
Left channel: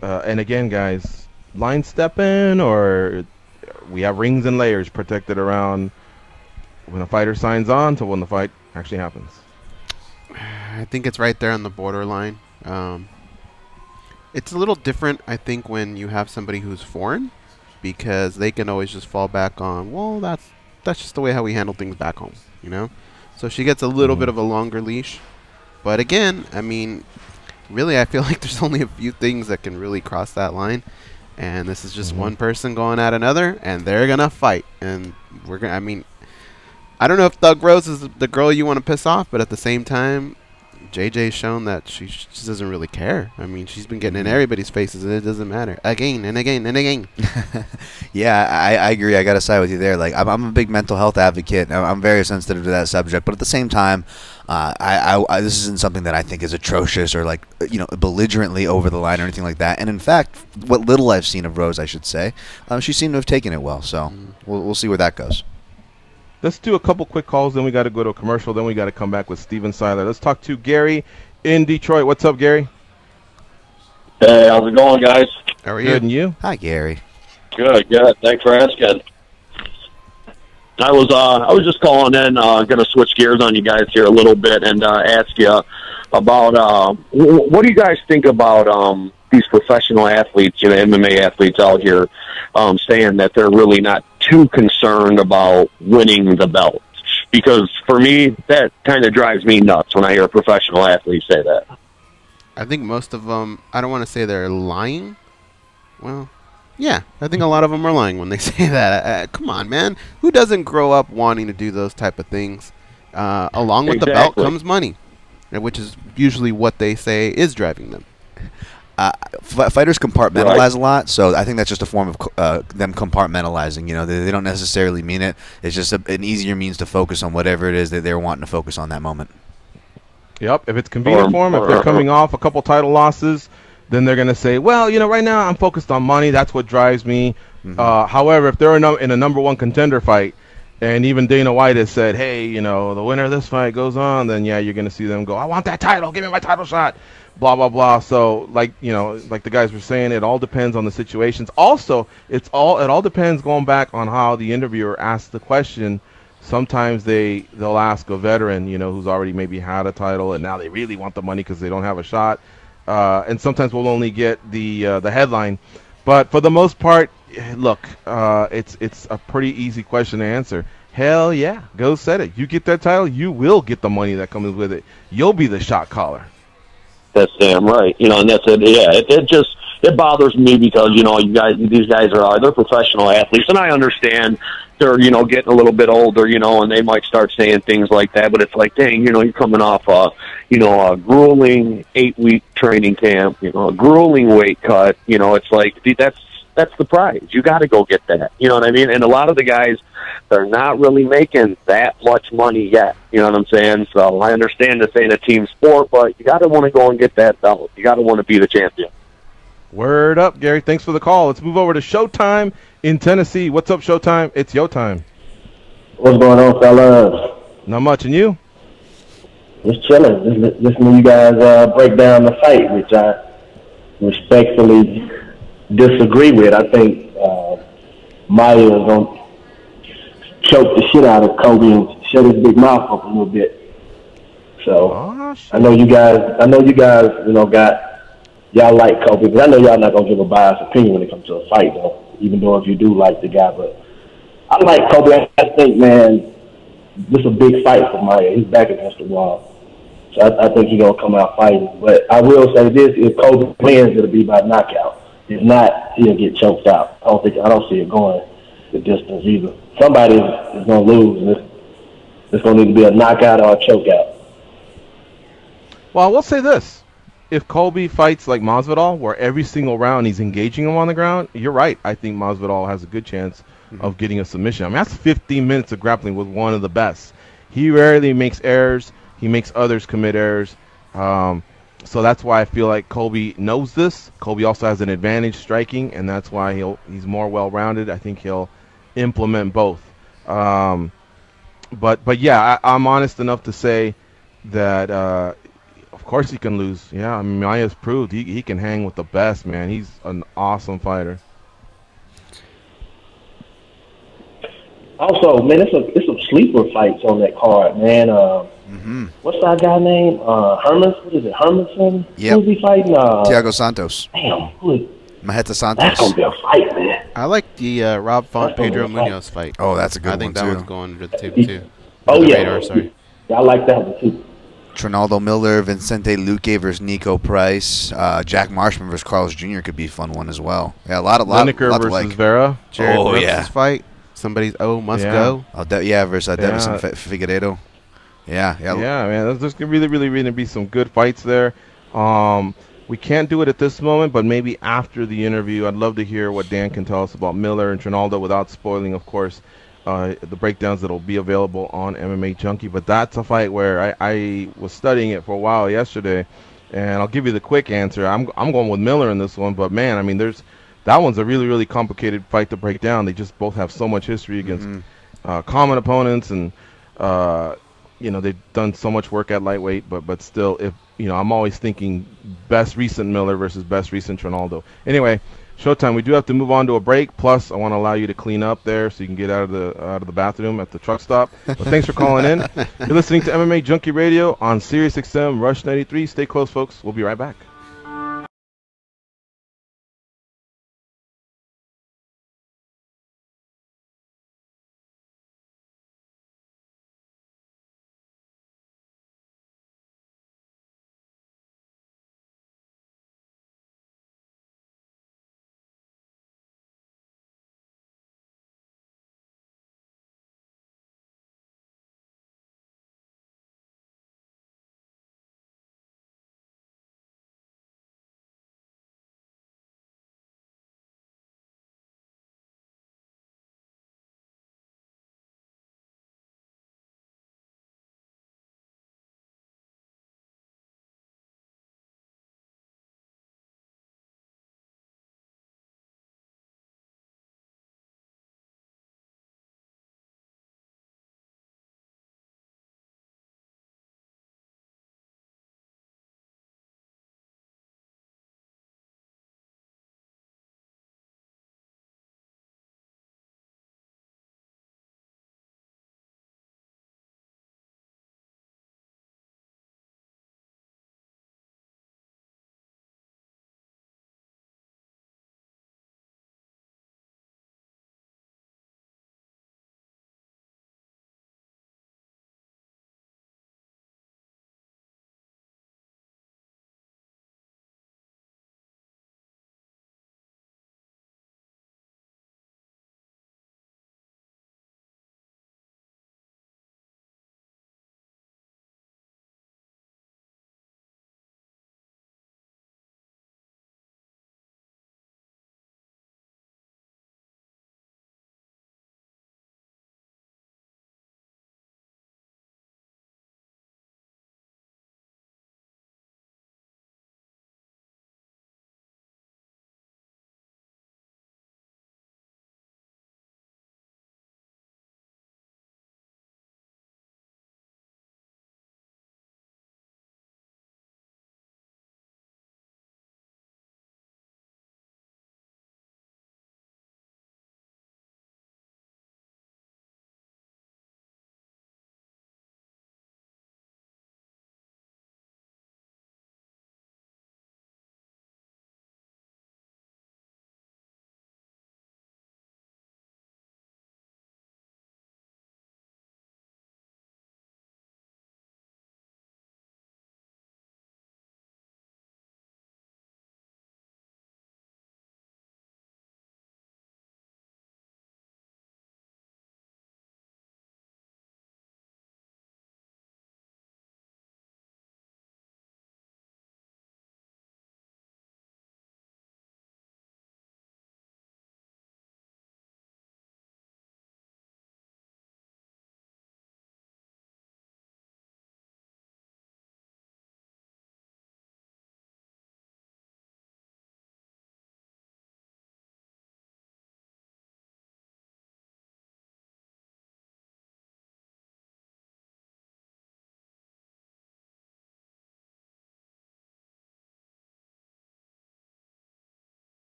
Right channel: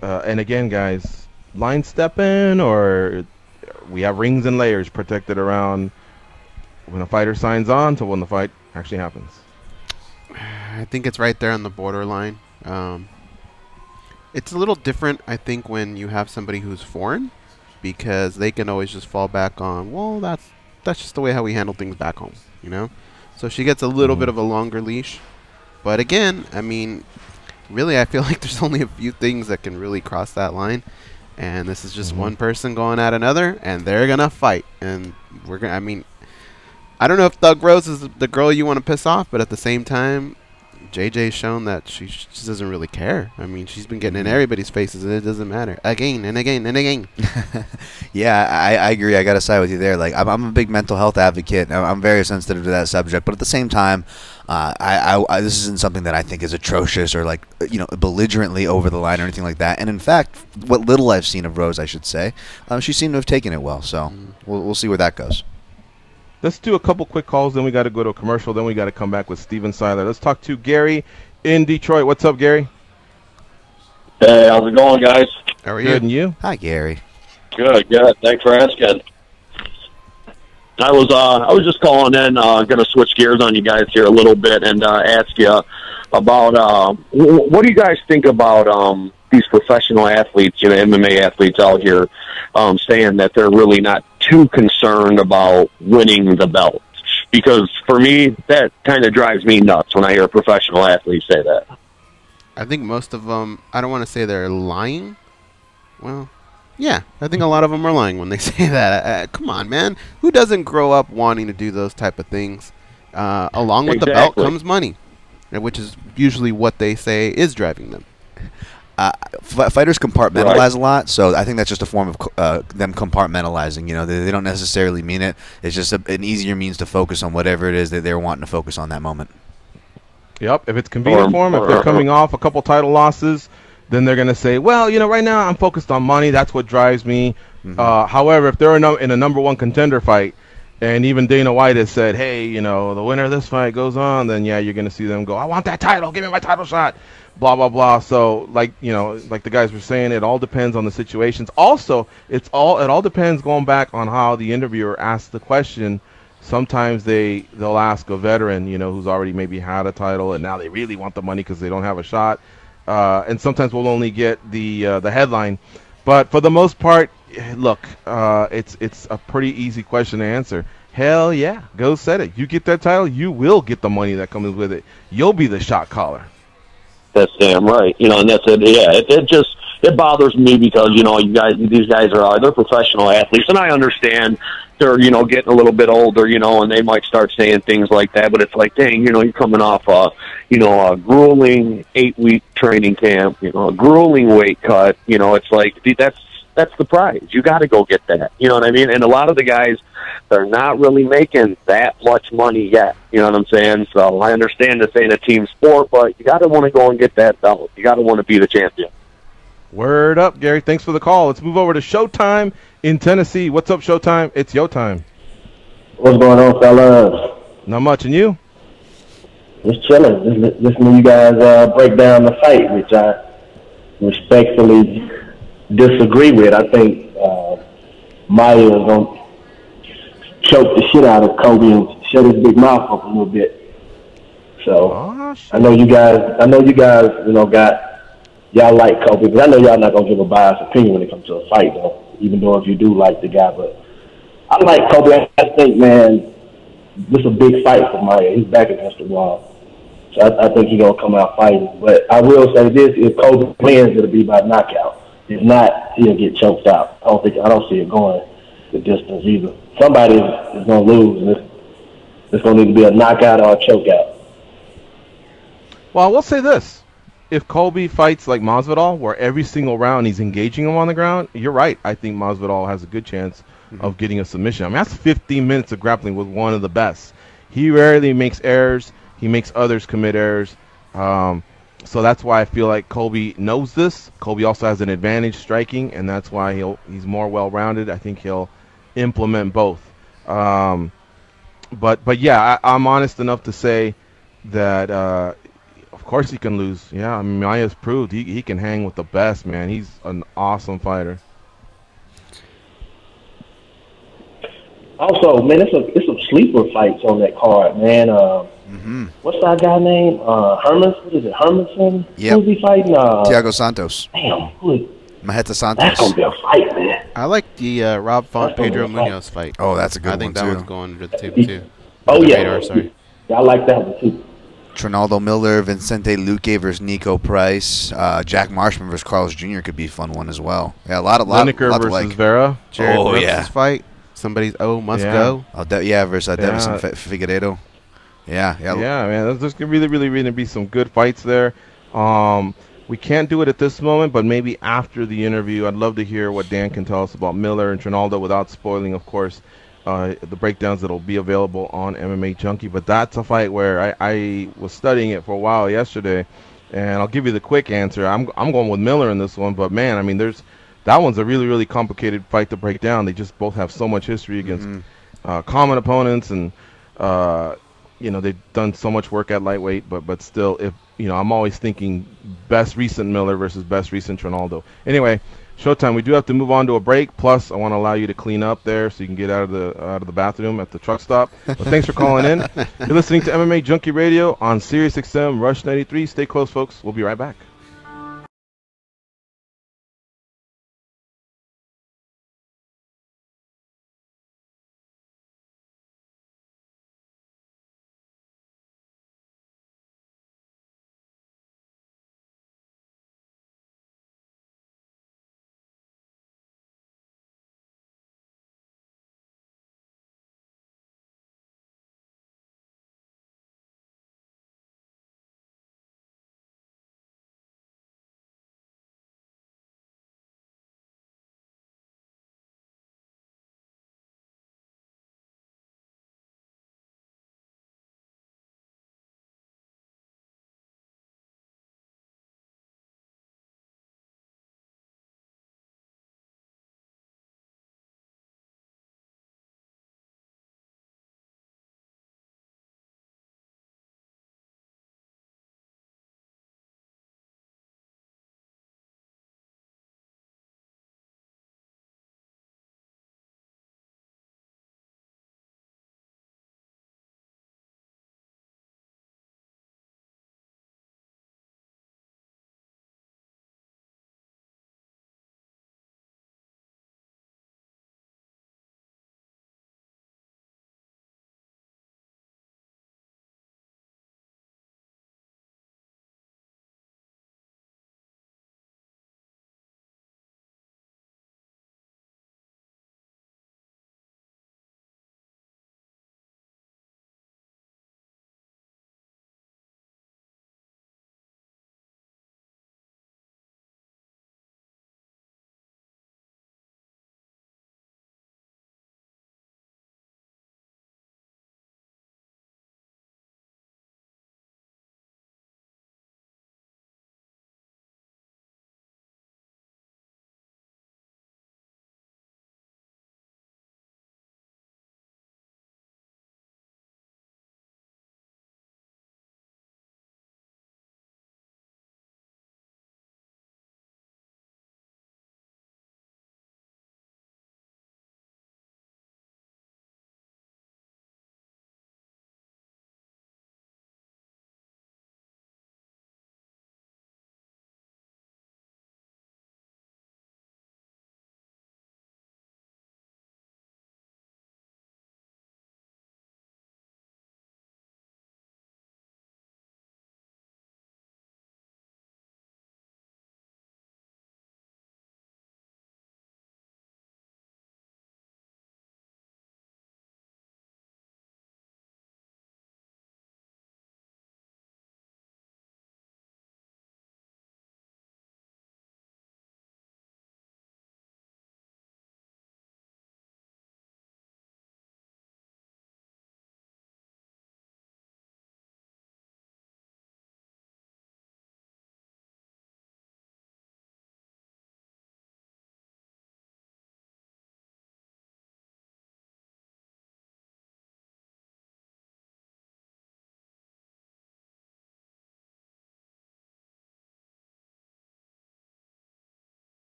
And again, guys, line stepping, or we have rings and layers protected around when a fighter signs on to when the fight actually happens. I think it's right there on the borderline. It's a little different, I think, when you have somebody who's foreign, because they can always just fall back on, well, that's just the way how we handle things back home, you know? So she gets a little bit of a longer leash. But again, I mean, really, I feel like there's only a few things that can really cross that line. And this is just one person going at another, and they're going to fight. And we're going to, I mean, I don't know if Thug Rose is the girl you want to piss off, but at the same time, JJ's shown that she just doesn't really care. I mean, she's been getting in everybody's faces, and it doesn't matter. Again and again and again. Yeah, I agree. I got to side with you there. Like, I'm a big mental health advocate. I'm very sensitive to that subject. But at the same time, this isn't something that I think is atrocious or, like, you know, belligerently over the line or anything like that. And in fact, what little I've seen of Rose, I should say, she seemed to have taken it well. So we'll see where that goes. Let's do a couple quick calls, then we got to go to a commercial, then we got to come back with Steven Siler. Let's talk to Gary in Detroit. What's up, Gary? Hey, how's it going, guys? How are you? Good, and you? Hi, Gary. Good. Thanks for asking. I was just calling in, going to switch gears on you guys here a little bit and ask you about what do you guys think about these professional athletes, you know, MMA athletes out here, saying that they're really not too concerned about winning the belt? Because for me, that kind of drives me nuts when I hear a professional athlete say that. I think most of them, I don't want to say they're lying. Well, Yeah, I think a lot of them are lying when they say that. Come on, man. Who doesn't grow up wanting to do those type of things? Along with the belt comes money, which is usually what they say is driving them. Fighters compartmentalize a lot, so I think that's just a form of them compartmentalizing. You know, they don't necessarily mean it. It's just an easier means to focus on whatever it is that they're wanting to focus on that moment. Yep, if it's convenient for them, if they're coming off a couple title losses, then they're going to say, well, you know, right now I'm focused on money. That's what drives me. However, if they're in a number one contender fight, and even Dana White has said, hey, you know, the winner of this fight goes on, then, yeah, you're going to see them go, I want that title. Give me my title shot. Blah, blah, blah. So, like, you know, like the guys were saying, it all depends on the situations. Also, it all depends, going back on how the interviewer asks the question. Sometimes they'll ask a veteran, you know, who's already maybe had a title, and now they really want the money because they don't have a shot. And sometimes we'll only get the headline. But for the most part, look, it's a pretty easy question to answer. Hell yeah, go set it. You get that title, you will get the money that comes with it. You'll be the shot caller. That's damn right. You know, and that's it. Yeah, it bothers me because, you know, these guys they're professional athletes, and I understand they're, you know, getting a little bit older, you know, and they might start saying things like that, but it's like, dang, you know, you're coming off a grueling 8-week training camp, you know, a grueling weight cut, you know, it's like, that's the prize. You got to go get that. You know what I mean? And a lot of the guys, they're not really making that much money yet. You know what I'm saying? So I understand this ain't a team sport, but you got to want to go and get that belt. You got to want to be the champion. Word up, Gary. Thanks for the call. Let's move over to Showtime in Tennessee. What's up, Showtime? It's your time. What's going on, fellas? Not much. And you? Just chilling. Just listening to you guys break down the fight, which I respectfully disagree with. I think Maia is going to choke the shit out of Kobe and shut his big mouth up a little bit. So I know you guys, you know, y'all like Kobe, but I know y'all not gonna give a biased opinion when it comes to a fight, though. Even though if you do like the guy, but I like Kobe. I think, man, this is a big fight for Maia. He's back against the wall, so I think he's gonna come out fighting. But I will say this: if Kobe wins, it'll be by knockout. If not, he'll get choked out. I don't see it going the distance either. Somebody is going to lose, and it's going to need to be a knockout or a chokeout. Well, I will say this. If Colby fights like Masvidal, where every single round he's engaging him on the ground, you're right. I think Masvidal has a good chance of getting a submission. I mean, that's 15 minutes of grappling with one of the best. He rarely makes errors. He makes others commit errors. So that's why I feel like Colby knows this. Colby also has an advantage striking, and that's why he's more well-rounded. I think he'll implement both. But yeah, I'm honest enough to say that of course he can lose. Yeah, I mean, Maia's proved he can hang with the best, man. He's an awesome fighter. Also, man, it's some sleeper fights on that card, man. What's that guy name? What is it, Hermanson? Yep. Who's he fighting? Thiago Santos. Damn. Maheta Santos. That's going to be a fight, man. I like the Rob Font Pedro Munoz fight. Oh, that's a good one, I think that one's going to the table, too. Radar, sorry. I like that one, too. Trinaldo Miller, Vicente Luque versus Nico Price, Jack Marshman versus Carlos Jr. could be a fun one as well. Yeah, a lot to like. Vera. Jared Brooks' fight. Somebody's must go. Versus Davison Figueiredo. Yeah, man. There's going to really be some good fights there. We can't do it at this moment, but maybe after the interview, I'd love to hear what Dan can tell us about Miller and Trinaldo without spoiling, of course, the breakdowns that'll be available on MMA Junkie. But that's a fight where I was studying it for a while yesterday, and I'll give you the quick answer. I'm going with Miller in this one, but man, I mean, that one's a really complicated fight to break down. They just both have so much history against common opponents, and they've done so much work at lightweight, but still, I'm always thinking best recent Miller versus best recent Trinaldo. Anyway, Showtime, we do have to move on to a break. Plus, I want to allow you to clean up there so you can get out of the bathroom at the truck stop. But thanks for calling in. You're listening to MMA Junkie Radio on Sirius XM Rush 93. Stay close, folks. We'll be right back.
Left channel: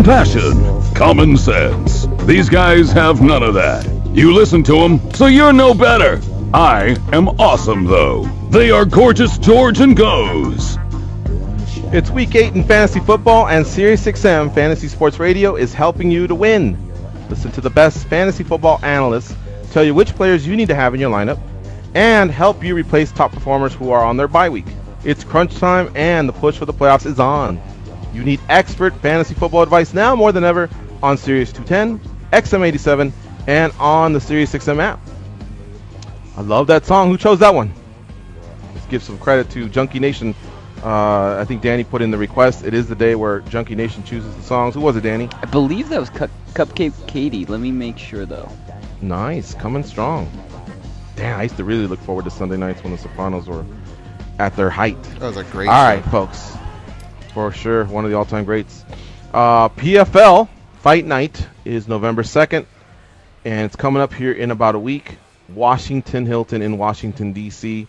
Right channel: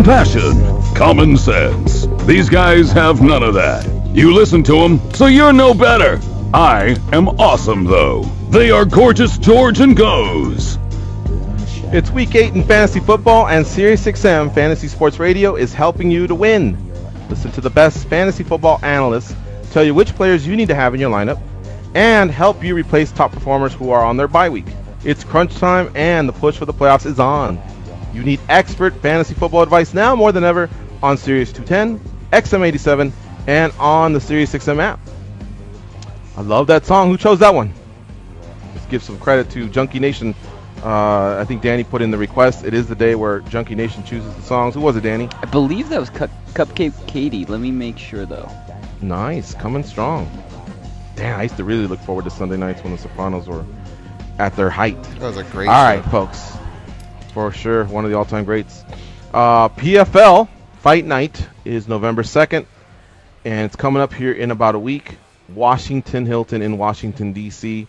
compassion, common sense. These guys have none of that. You listen to them, so you're no better. I am awesome, though. They are Gorgeous George and Goes. It's Week 8 in fantasy football, and SiriusXM Fantasy Sports Radio is helping you to win. Listen to the best fantasy football analysts tell you which players you need to have in your lineup and help you replace top performers who are on their bye week. It's crunch time, and the push for the playoffs is on. You need expert fantasy football advice now more than ever on Sirius 210, XM87, and on the SiriusXM app. I love that song. Who chose that one? Let's give some credit to Junkie Nation. I think Danny put in the request. It is the day where Junkie Nation chooses the songs. Who was it, Danny? I believe that was Cupcake Katie. Let me make sure, though. Nice. Coming strong. Damn, I used to really look forward to Sunday nights when the Sopranos were at their height. That was a great show. All right, folks. For sure, one of the all-time greats. PFL Fight Night is November 2nd, and it's coming up here in about a week. Washington Hilton in Washington, D.C.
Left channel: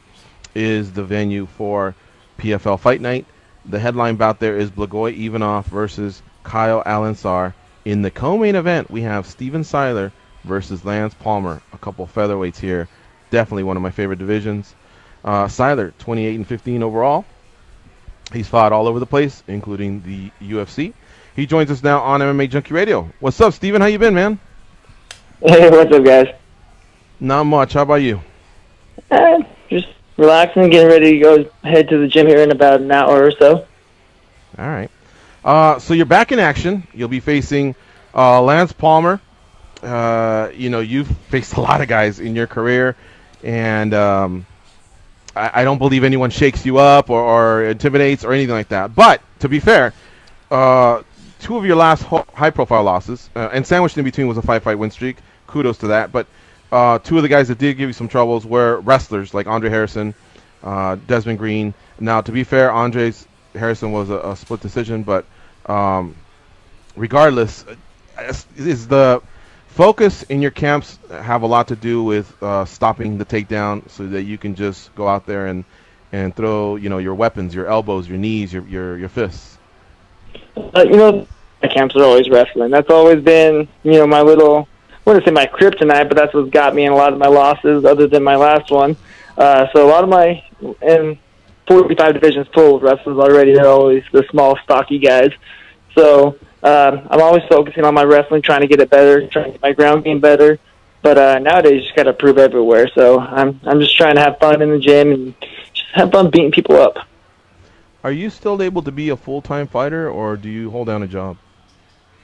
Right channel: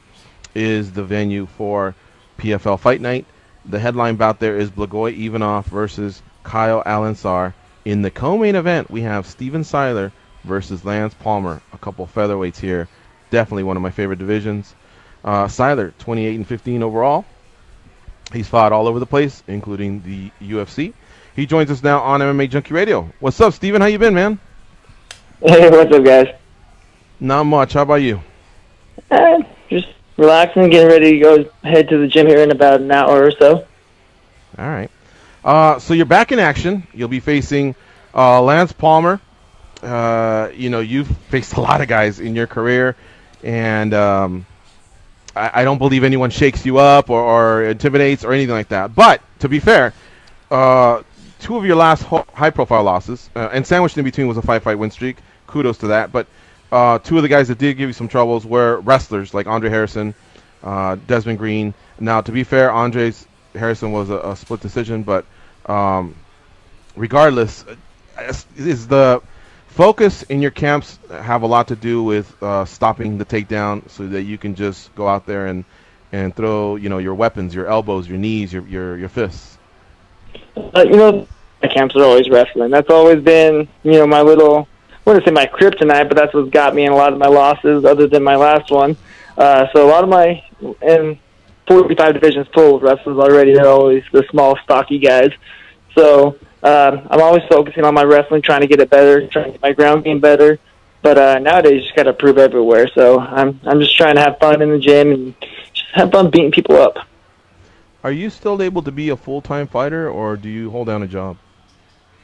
is the venue for PFL Fight Night. The headline bout there is Blagoy Ivanov versus Kyle Alansar. In the co-main event, we have Steven Siler versus Lance Palmer, a couple featherweights here. Definitely one of my favorite divisions. Siler, 28-15 overall. He's fought all over the place, including the UFC. He joins us now on MMA Junkie Radio. What's up, Steven? How you been, man? Hey, what's up, guys? Not much. How about you? Just relaxing, getting ready to go head to the gym here in about an hour or so. All right. So you're back in action. You'll be facing Lance Palmer. You've faced a lot of guys in your career, and I don't believe anyone shakes you up or intimidates or anything like that. But, to be fair, two of your last high-profile losses, and sandwiched in between was a 5-fight win streak. Kudos to that. But two of the guys that did give you some troubles were wrestlers like Andre Harrison, Desmond Green. Now, to be fair, Harrison was a split decision, but regardless, is the focus in your camps have a lot to do with stopping the takedown so that you can just go out there and throw, your weapons, your elbows, your knees, your fists? My camps are always wrestling. That's always been, my little, I wouldn't say my kryptonite, but that's what's got me in a lot of my losses other than my last one. So a lot of my, and 45 divisions full of wrestlers already, they're always the small, stocky guys. So I'm always focusing on my wrestling, trying to get it better, trying to get my ground game better. But nowadays, you just got to prove everywhere. So I'm just trying to have fun in the gym and just have fun beating people up. Are you still able to be a full-time fighter, or do you hold down a job?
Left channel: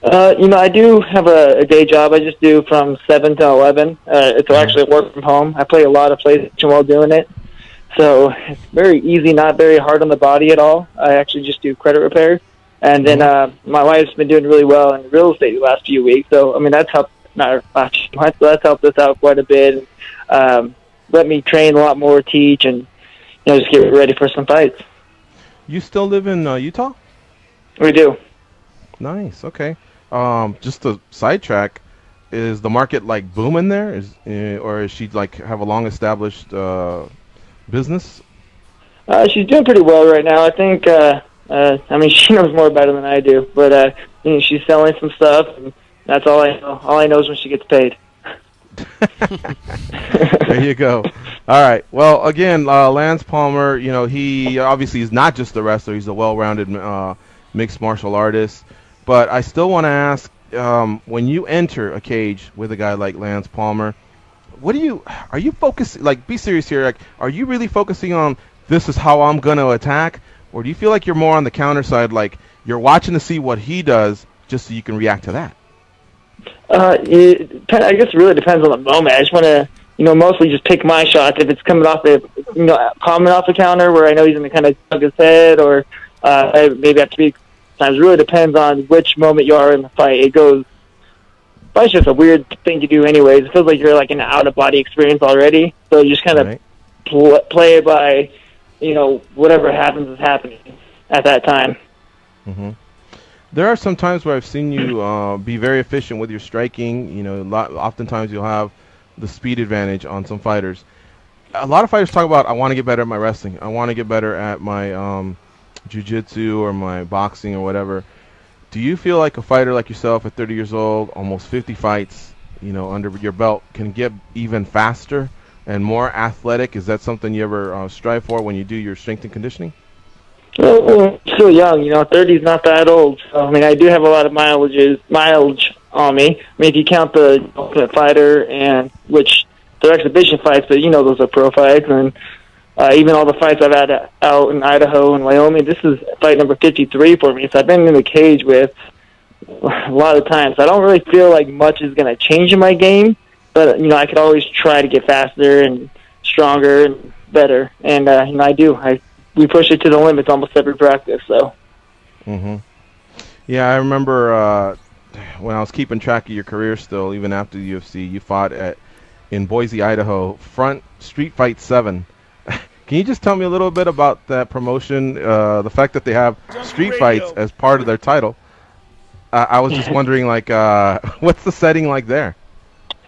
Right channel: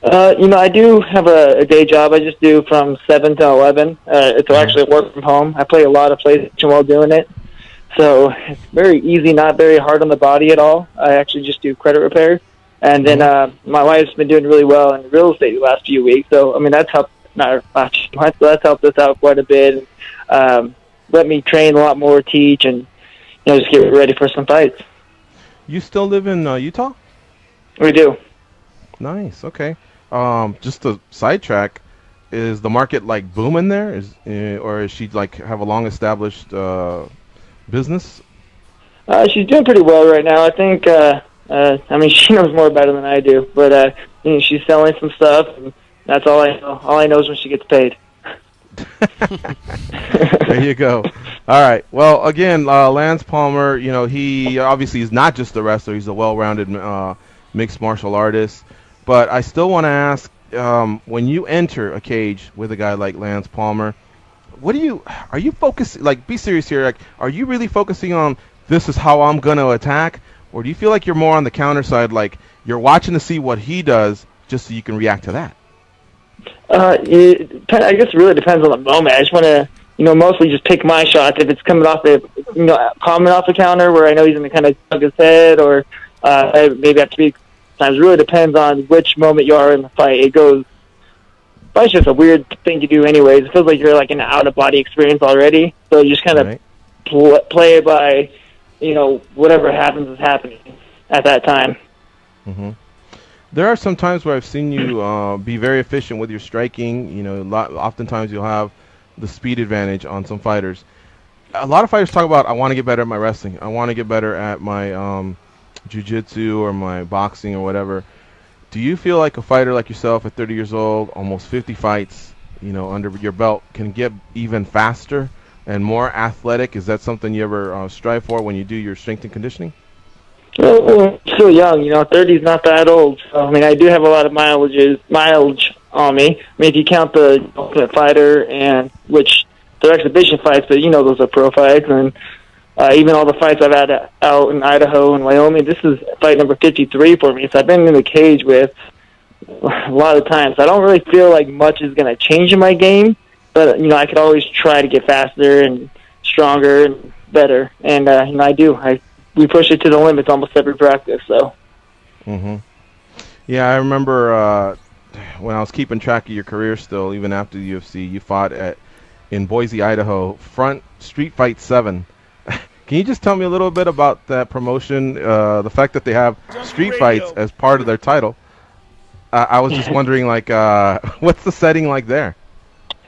I do have a day job. I just do from 7 to 11. It's actually work from home. I play a lot of PlayStation while doing it. So it's very easy, not very hard on the body at all. I actually just do credit repair. And then my wife's been doing really well in real estate the last few weeks. So, that's helped, that's helped us out quite a bit. Let me train a lot more, teach, and just get ready for some fights. You still live in Utah? We do. Nice, okay. Just to sidetrack, is the market booming there? Or is she have a long-established business? She's doing pretty well right now. I think she knows more about it than I do, but she's selling some stuff, and that's all I know. All I know is when she gets paid. There you go. All right. Well, again, Lance Palmer, he obviously is not just a wrestler. He's a well-rounded mixed martial artist. But I still want to ask, when you enter a cage with a guy like Lance Palmer, are you focused, be serious here, are you really focusing on this is how I'm going to attack? Or do you feel like you're more on the counter side, you're watching to see what he does just so you can react to that? I guess it really depends on the moment. I just want to, mostly just pick my shots. If it's coming off the counter where I know he's going to kind of tug his head, or maybe have to be. Sometimes it really depends on which moment you are in the fight. Fight's just a weird thing to do anyways. It feels like you're in an out-of-body experience already. So you just kind of play it by, whatever happens is happening at that time. Mm-hmm. There are some times where I've seen you be very efficient with your striking. Oftentimes you'll have the speed advantage on some fighters. A lot of fighters talk about, I want to get better at my wrestling. I want to get better at my jiu-jitsu or my boxing or whatever. Do you feel like a fighter like yourself at 30 years old, almost 50 fights, under your belt, can get even faster and more athletic? Is that something you ever strive for when you do your strength and conditioning? Well, still young, 30 is not that old. So, I do have a lot of mileage on me. If you count the Ultimate Fighter, and which they're exhibition fights, but those are pro fights, and even all the fights I've had out in Idaho and Wyoming, this is fight number 53 for me. So I've been in the cage with a lot of times. I don't really feel like much is going to change in my game, but I could always try to get faster and stronger and better, and I do. We push it to the limits almost every practice. So. Yeah, I remember when I was keeping track of your career still, even after the UFC, you fought in Boise, Idaho, Front Street Fight 7. Can you just tell me a little bit about that promotion, the fact that they have street fights as part of their title? I was just wondering, what's the setting like there?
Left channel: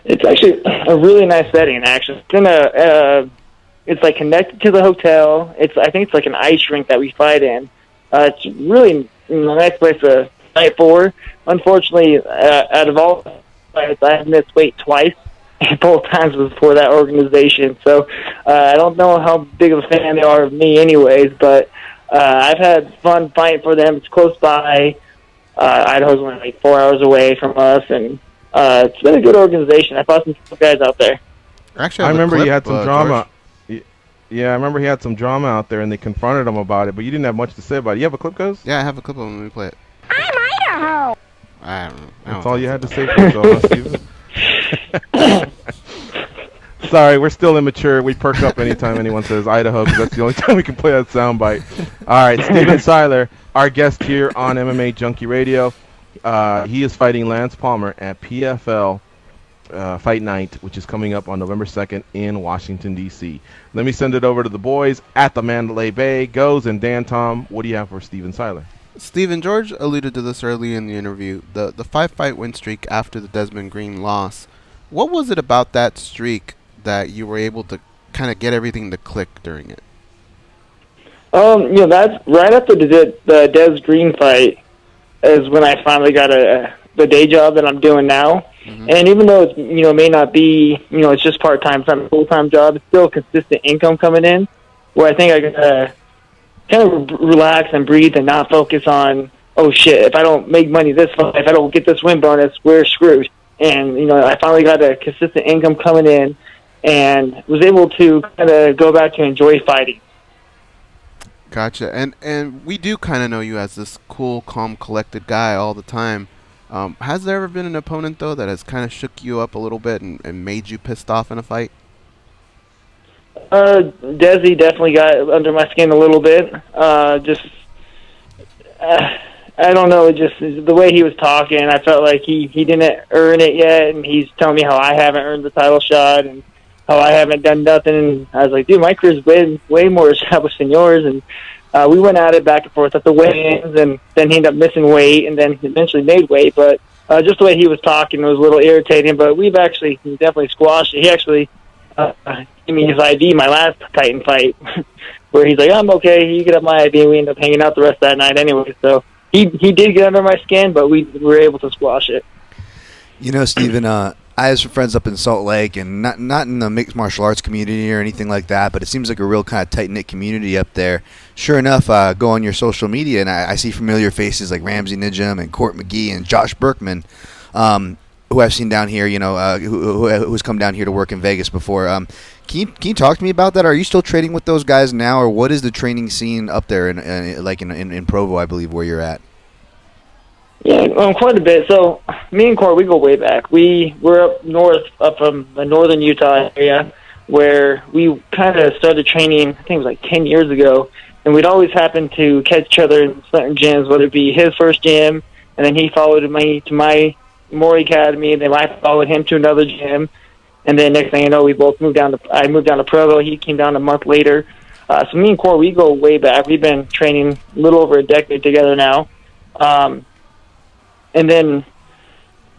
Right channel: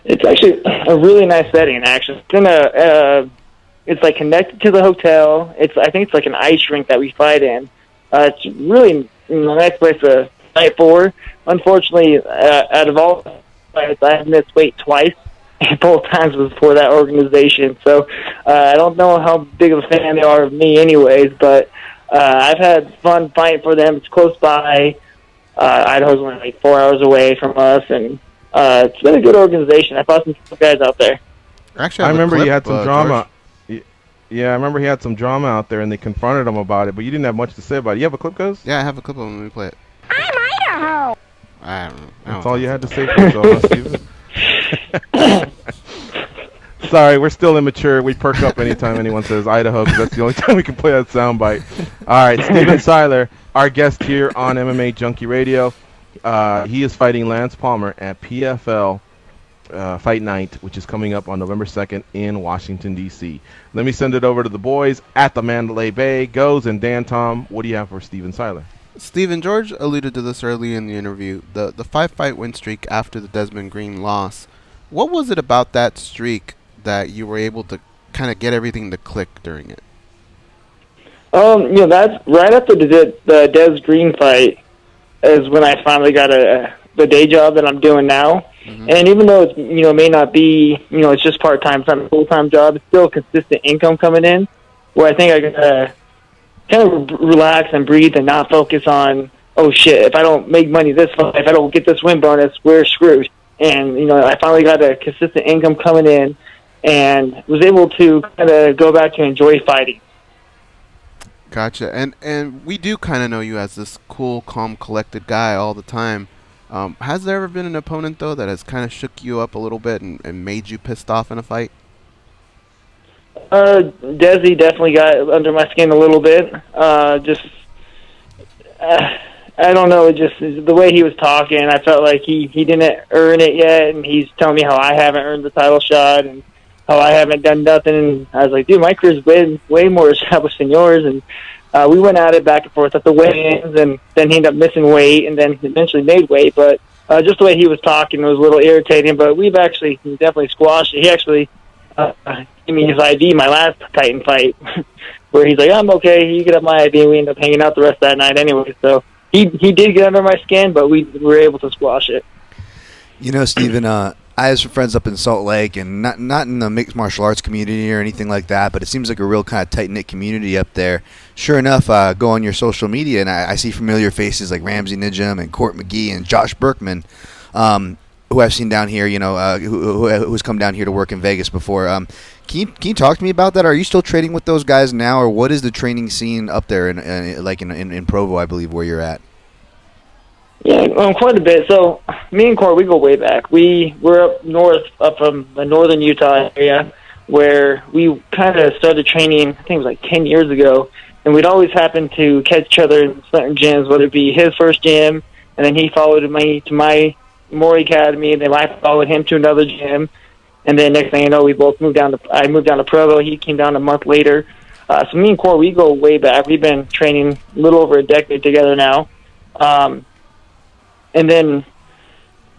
It's actually a really nice setting, actually. It's like connected to the hotel. I think it's like an ice rink that we fight in. It's really a nice place to fight for. Unfortunately, out of all fights, I have missed weight twice. Both times was for that organization. So I don't know how big of a fan they are of me anyways, but I've had fun fighting for them. It's close by. Idaho's only like 4 hours away from us, and it's been a good organization. I fought some guys out there. Actually, I remember you had some drama. George. Yeah, I remember he had some drama out there, and they confronted him about it, but you didn't have much to say about it. You have a clip, guys? Yeah, I have a clip of him. Let me play it. I'm Idaho. I don't know. That's all you had to say for yourself, Steven. Sorry, we're still immature. We perk up anytime anyone says Idaho, because that's the only time we can play that soundbite. All right, Steven Siler, our guest here on MMA Junkie Radio. He is fighting Lance Palmer at PFL Fight Night, which is coming up on November 2nd in Washington, D.C. Let me send it over to the boys at the Mandalay Bay. Goes and Dan Tom, what do you have for Steven Siler? Steven, George alluded to this early in the interview. The 5-fight win streak after the Desmond Green loss. What was it about that streak that you were able to kind of get everything to click during it? That's right after the Des Green fight is when I finally got the day job that I'm doing now. And even though it's, may not be, it's just part-time, it's not a full-time job, it's still consistent income coming in, where I think I can kind of relax and breathe and not focus on, oh shit, if I don't make money this fight, if I don't get this win bonus, we're screwed. And, I finally got a consistent income coming in and was able to kind of go back to enjoy fighting. Gotcha. And we do kind of know you as this cool, calm, collected guy all the time. Has there ever been an opponent, though, that has kind of shook you up a little bit and made you pissed off in a fight? Desi definitely got under my skin a little bit. I don't know, just the way he was talking, I felt like he didn't earn it yet, and he's telling me how I haven't earned the title shot and how I haven't done nothing. And I was like, dude, my career's way more established than yours. And we went at it back and forth at the weigh-ins, and then he ended up missing weight and then eventually made weight. But just the way he was talking was a little irritating, but we've actually definitely squashed it. He actually gave me his ID my last Titan fight, where he's like, I'm okay, you get up my ID, and we ended up hanging out the rest of that night anyway. So he did get under my skin, but we were able to squash it. Steven, I have some friends up in Salt Lake, and not in the mixed martial arts community or anything like that, but it seems like a real kind of tight-knit community up there. Sure enough, go on your social media, and I see familiar faces like Ramsey Nijam and Court McGee and Josh Berkman, who I've seen down here, who's come down here to work in Vegas before. Can you talk to me about that? Are you still training with those guys now, or what is the training scene up there in Provo, I believe, where you're at? Yeah, quite a bit. So me and Court, we go way back. We're up north, up from the northern Utah area, where we kind of started training, I think it was like 10 years ago, and we'd always happen to catch each other in certain gyms, whether it be his first gym, and then he followed me to my Maury Academy, and then I followed him to another gym, and then next thing you know, I moved down to Provo. He came down a month later. So me and Court, we go way back. We've been training a little over a decade together now. And then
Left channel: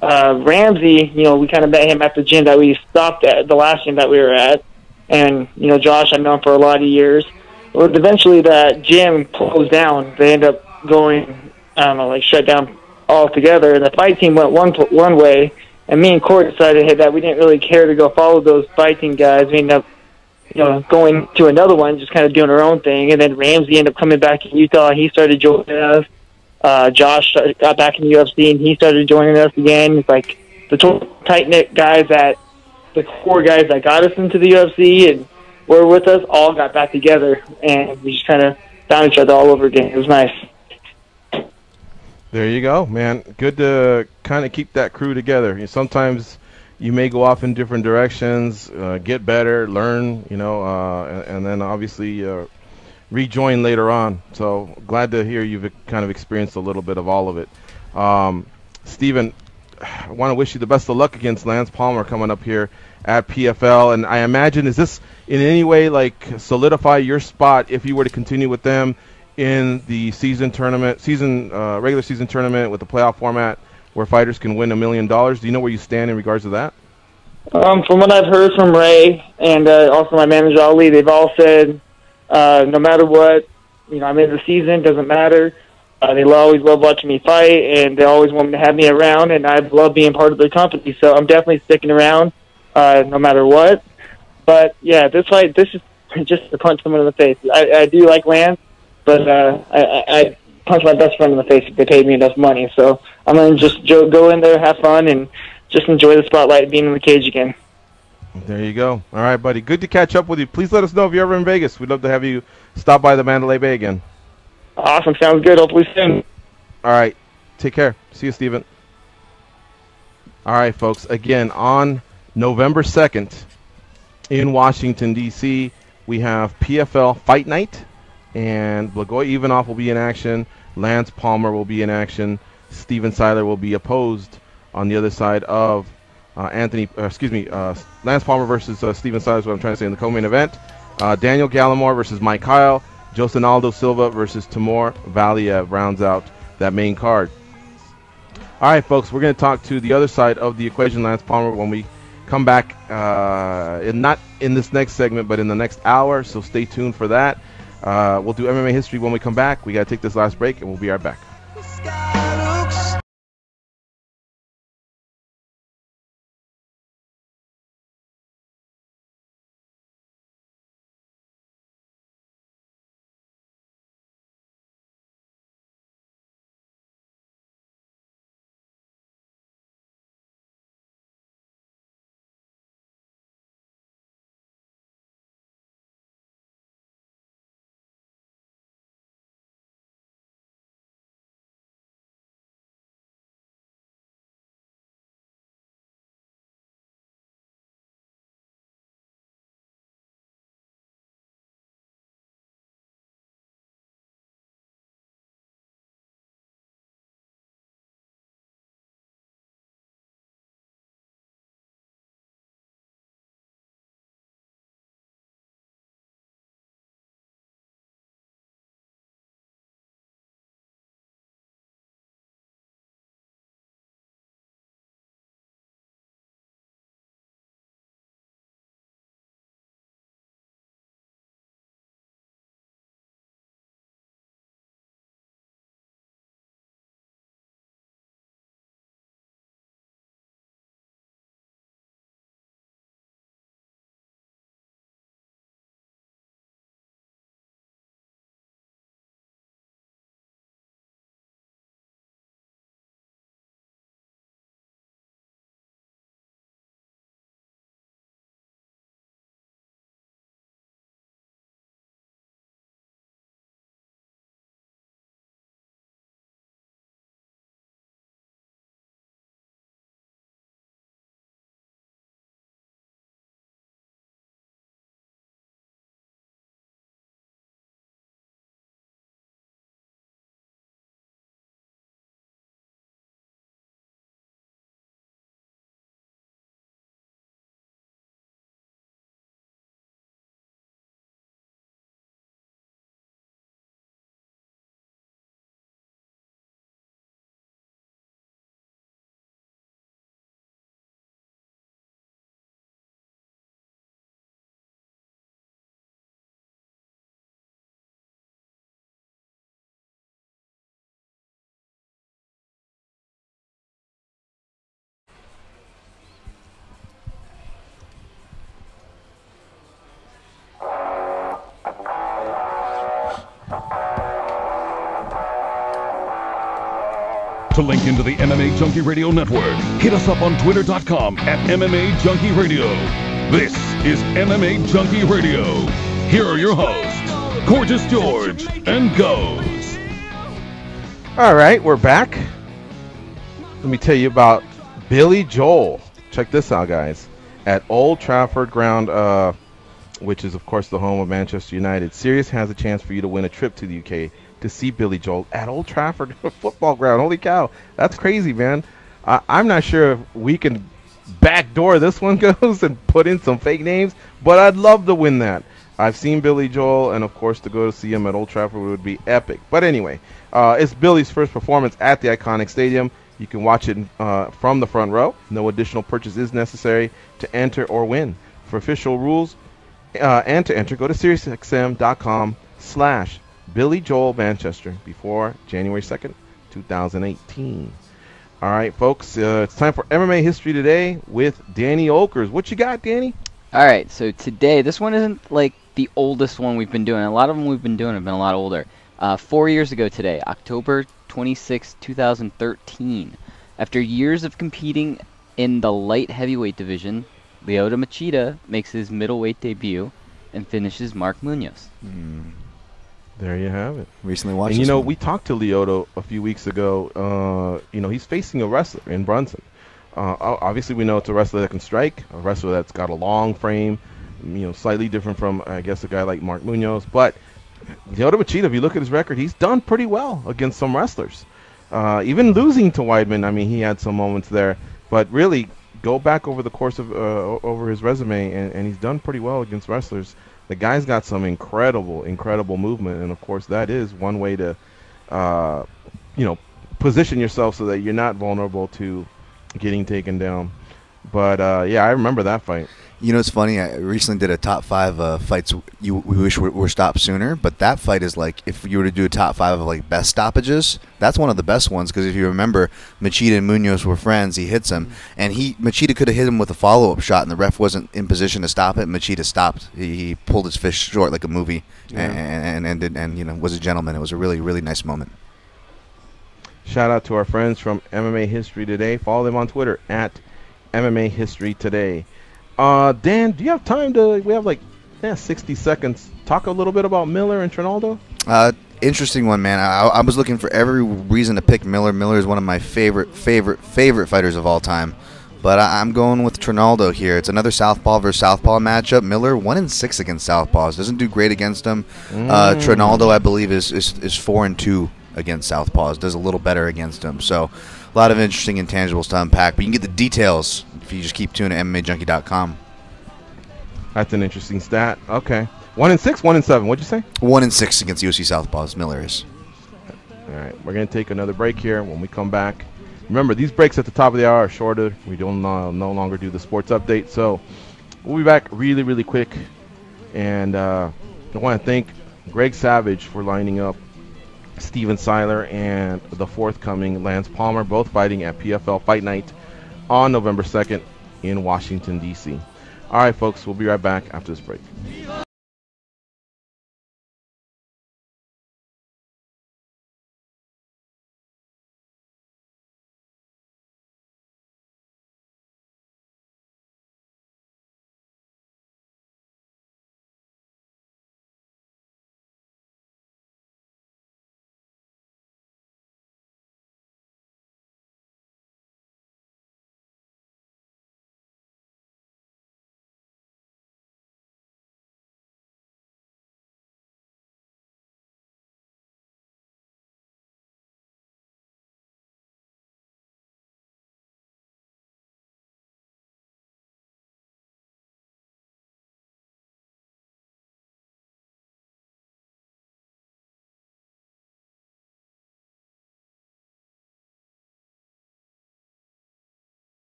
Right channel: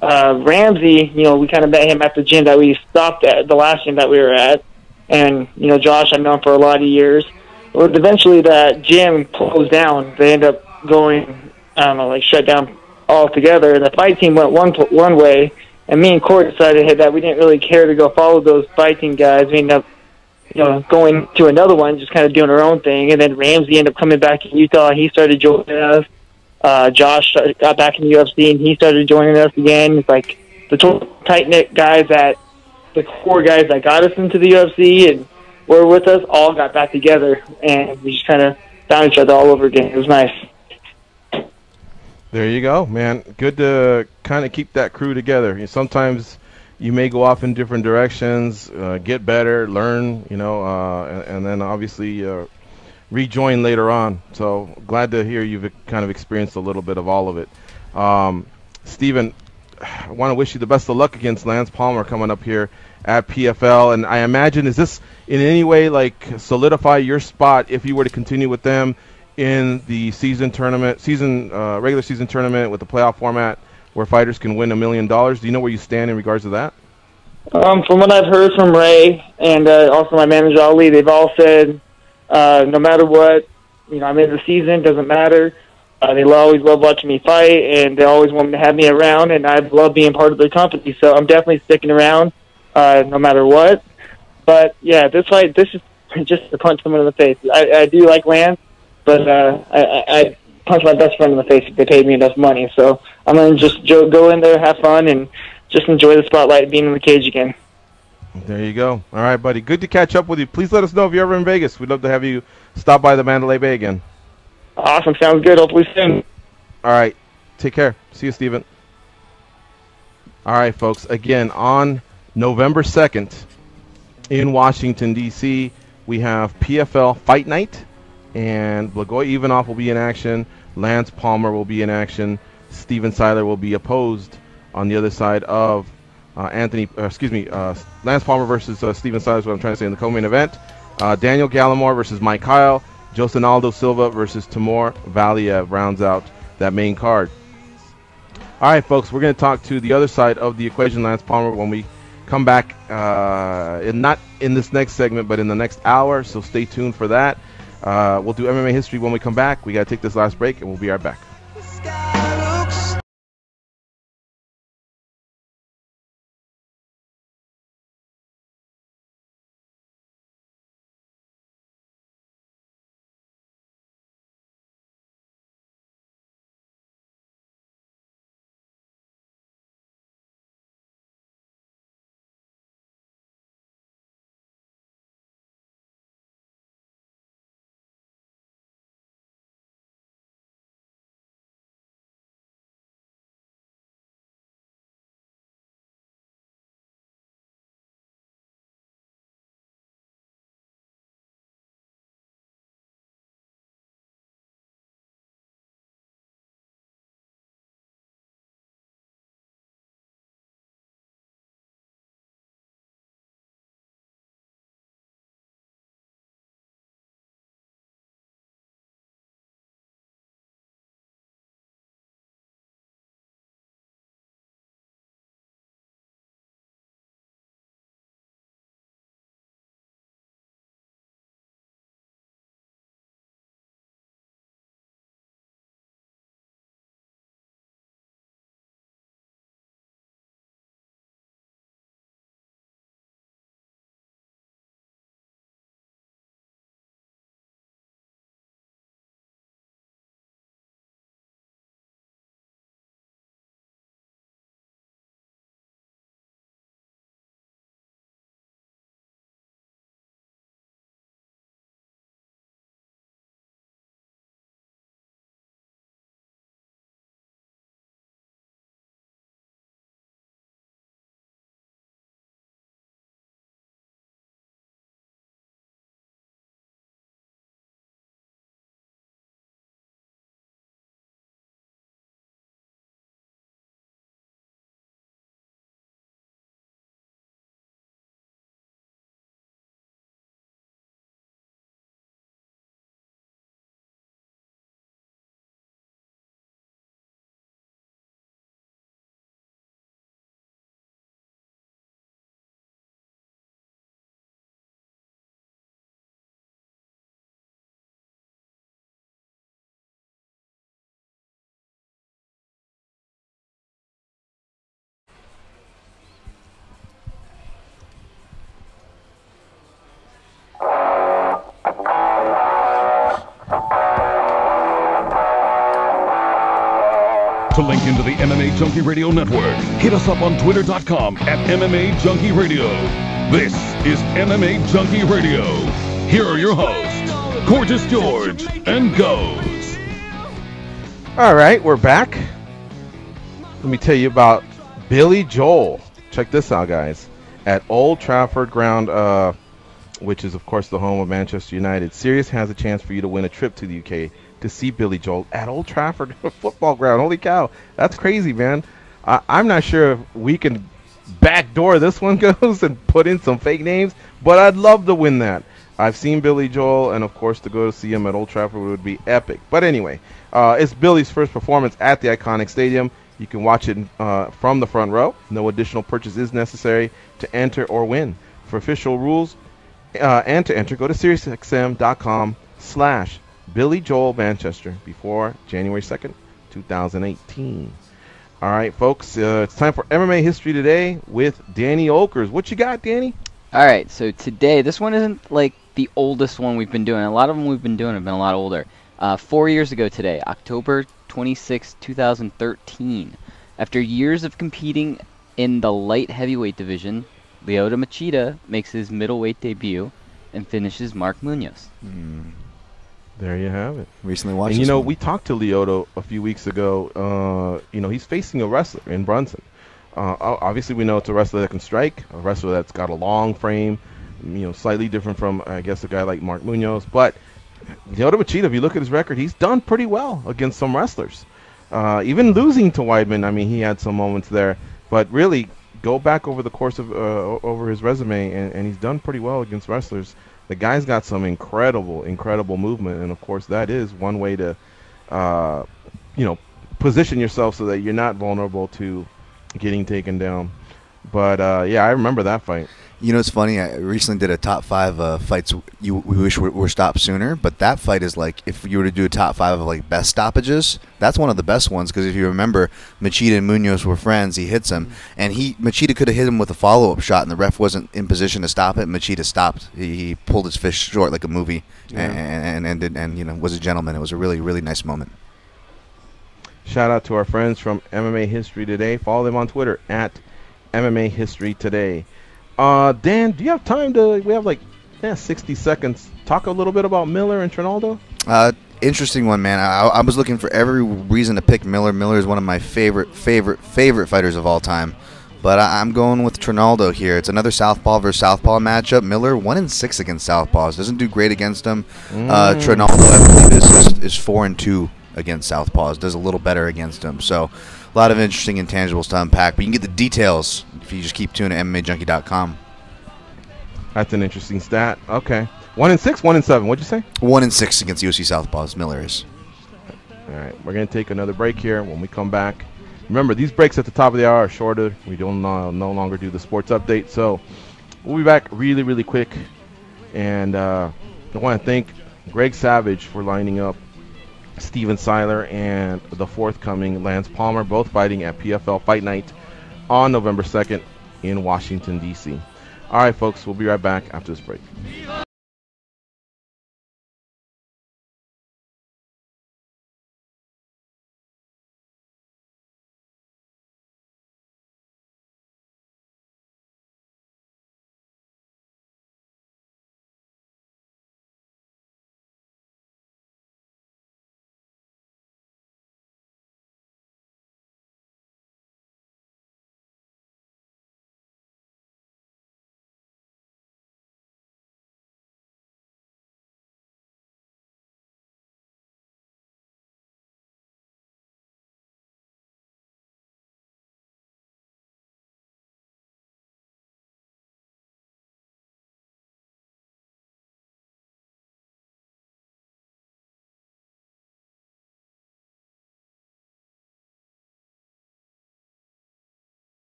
Ramsey, we kind of met him at the gym that we stopped at, the last gym that we were at. And, Josh I've known for a lot of years. But eventually that gym closed down. They ended up going, shut down all together. And the fight team went one way, and me and Court decided that we didn't really care to go follow those fight team guys. We ended up, going to another one, just kind of doing our own thing. And then Ramsey ended up coming back to Utah. He started joining us. Josh got back in the UFC, and he started joining us again. It's like the tight-knit guys the core guys that got us into the UFC and were with us all got back together, and we just kind of found each other all over again. It was nice. There you go, man. Good to kind of keep that crew together. Sometimes you may go off in different directions, get better, learn, and then obviously rejoin later on. So glad to hear you've kind of experienced a little bit of all of it. Steven, I want to wish you the best of luck against Lance Palmer coming up here at PFL. And I imagine, is this in any way like solidify your spot if you were to continue with them in the regular season tournament with the playoff format where fighters can win $1 million? Do you know where you stand in regards to that? From what I've heard from Ray and also my manager Ali, they've all said no matter what, I'm in the season, doesn't matter. They always love watching me fight, and they always want to have me around, and I love being part of their company. So I'm definitely sticking around no matter what. But, yeah, this is just to punch someone in the face. I do like Lance, but I punch my best friend in the face if they paid me enough money. So I'm going to just go in there, have fun, and just enjoy the spotlight of being in the cage again. There you go. All right, buddy. Good to catch up with you. Please let us know if you're ever in Vegas. We'd love to have you stop by the Mandalay Bay again. Awesome. Sounds good. Hopefully soon. All right. Take care. See you, Steven. All right, folks. Again, on November 2nd in Washington, D.C., we have PFL Fight Night, and Blagoy Ivanov will be in action. Lance Palmer will be in action. Steven Siler will be opposed on the other side of Lance Palmer versus Steven Siler is what I'm trying to say in the co-main event. Daniel Gallimore versus Mike Kyle. Josinaldo Silva versus Timur Valiev rounds out that main card. All right, folks, we're going to talk to the other side of the equation, Lance Palmer, when we come back, not in this next segment, but in the next hour, so stay tuned for that. We'll do MMA history when we come back. We got to take this last break, and we'll be right back. To link into the MMA Junkie Radio Network, hit us up on twitter.com at MMA Junkie Radio. This is MMA Junkie Radio. Here are your hosts, Gorgeous George and Goes. All right, we're back. Let me tell you about Billy Joel. Check this out, guys. At Old Trafford Ground, which is, of course, the home of Manchester United, Sirius has a chance for you to win a trip to the UK to see Billy Joel at Old Trafford football ground. Holy cow, that's crazy, man. I'm not sure if we can backdoor this one goes and put in some fake names, but I'd love to win that. I've seen Billy Joel, and of course to go to see him at Old Trafford would be epic. But anyway, it's Billy's first performance at the iconic stadium. You can watch it from the front row. No additional purchase is necessary to enter or win. For official rules and to enter, go to SiriusXM.com/Billy Joel Manchester before January 2nd, 2018. All right, folks, it's time for MMA History Today with Danny Oakers. What you got, Danny? All right, so today, this one isn't like the oldest one we've been doing. A lot of them we've been doing have been a lot older. 4 years ago today, October 26, 2013, after years of competing in the light heavyweight division, Lyoto Machida makes his middleweight debut and finishes Mark Munoz. There you have it. Recently watched and, this one. we talked to Lyoto a few weeks ago. He's facing a wrestler in Brunson. Obviously, we know it's a wrestler that can strike, a wrestler that's got a long frame, slightly different from, I guess, a guy like Mark Munoz. But Lyoto Machida, if you look at his record, he's done pretty well against some wrestlers. Even losing to Weidman, I mean, he had some moments there. But really, go back over the course of over his resume, and he's done pretty well against wrestlers. The guy's got some incredible movement, and of course that is one way to, position yourself so that you're not vulnerable to getting taken down. But I remember that fight. It's funny. I recently did a top 5 fights we wish were stopped sooner. But that fight is like, if you were to do a top 5 of like best stoppages, that's one of the best ones. Because if you remember, Machida and Munoz were friends. He hits him, and Machida could have hit him with a follow-up shot, and the ref wasn't in position to stop it. Machida stopped. He pulled his fist short like a movie, and was a gentleman. It was a really, really nice moment. Shout out to our friends from MMA History Today. Follow them on Twitter at MMA History Today. Dan, do you have time to? We have 60 seconds. Talk a little bit about Miller and Trinaldo. Interesting one, man. I was looking for every reason to pick Miller. Miller is one of my favorite fighters of all time. But I'm going with Trinaldo here. It's another southpaw versus southpaw matchup. Miller 1-6 against southpaws. Doesn't do great against them. Trinaldo, I believe, is 4-2 against southpaws. Does a little better against them. So a lot of interesting intangibles to unpack. But you can get the details if you just keep tuning to MMAjunkie.com. That's an interesting stat. Okay. 1-6, 1-7. What'd you say? 1-6 against UFC southpaws. Miller is. All right. We're going to take another break here. When we come back, remember, these breaks at the top of the hour are shorter. We don't no longer do the sports update. So we'll be back really, really quick. And I want to thank Greg Savage for lining up Steven Siler and the forthcoming Lance Palmer, both fighting at PFL Fight Night on November 2nd in Washington, D.C. All right, folks, we'll be right back after this break.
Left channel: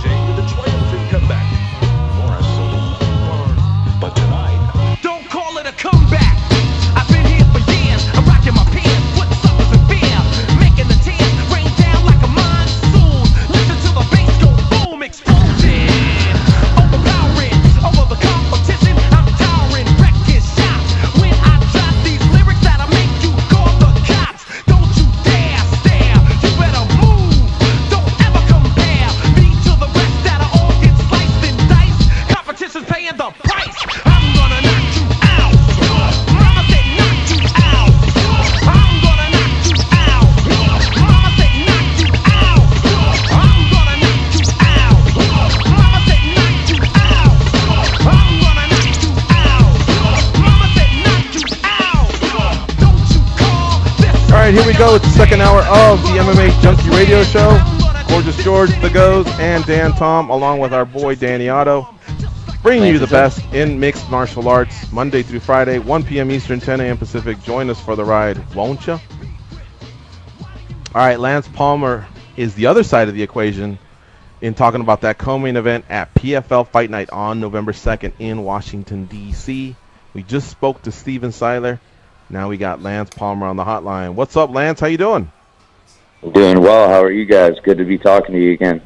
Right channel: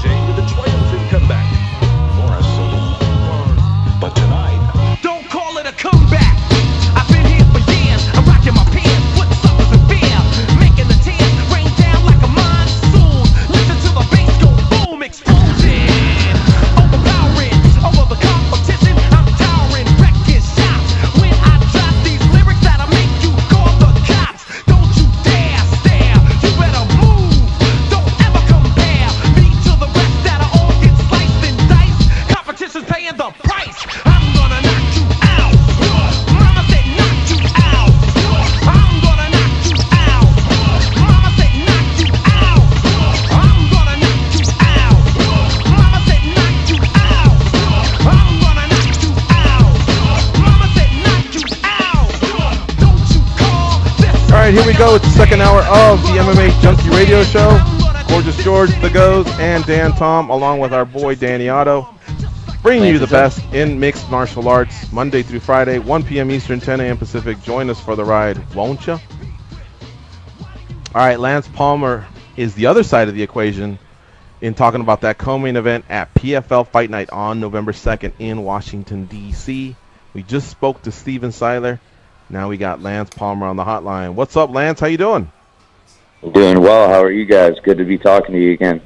Jay with a triumphant comeback. For a silver. But tonight, Don't call it a comeback. I've been here for years. I'm rocking my pants, putting suckers in fear, making the tears rain down like a monsoon. Listen to the bass go boom, explosion. Overpowering, over the competition. I'm towering, wrecking shots. When I drop these lyrics, that'll make you call the cops. Don't you dare stare. You better move. Don't ever compare me to the rest that'll all get sliced and diced. Competition's paying the price. I'm gonna knock you out. Mama said knock you out. I'm gonna knock you out. Mama said knock you out. I'm gonna knock you out. Mama said knock you out. I'm gonna knock you out. Mama said knock you out. Don't you call this. All right, here we go. It's the second hour of the MMA Junkie Radio Show. Gorgeous George, The Goes, and Dan Tom, along with our boy Danny Otto, bringing you the best in mixed martial arts, Monday through Friday, 1 p.m. Eastern, 10 a.m. Pacific. Join us for the ride, won't you? All right, Lance Palmer is the other side of the equation in talking about that co-main event at PFL Fight Night on November 2nd in Washington, D.C. We just spoke to Steven Siler. Now we got Lance Palmer on the hotline. What's up, Lance? How you doing? Doing well. How are you guys? Good to be talking to you again.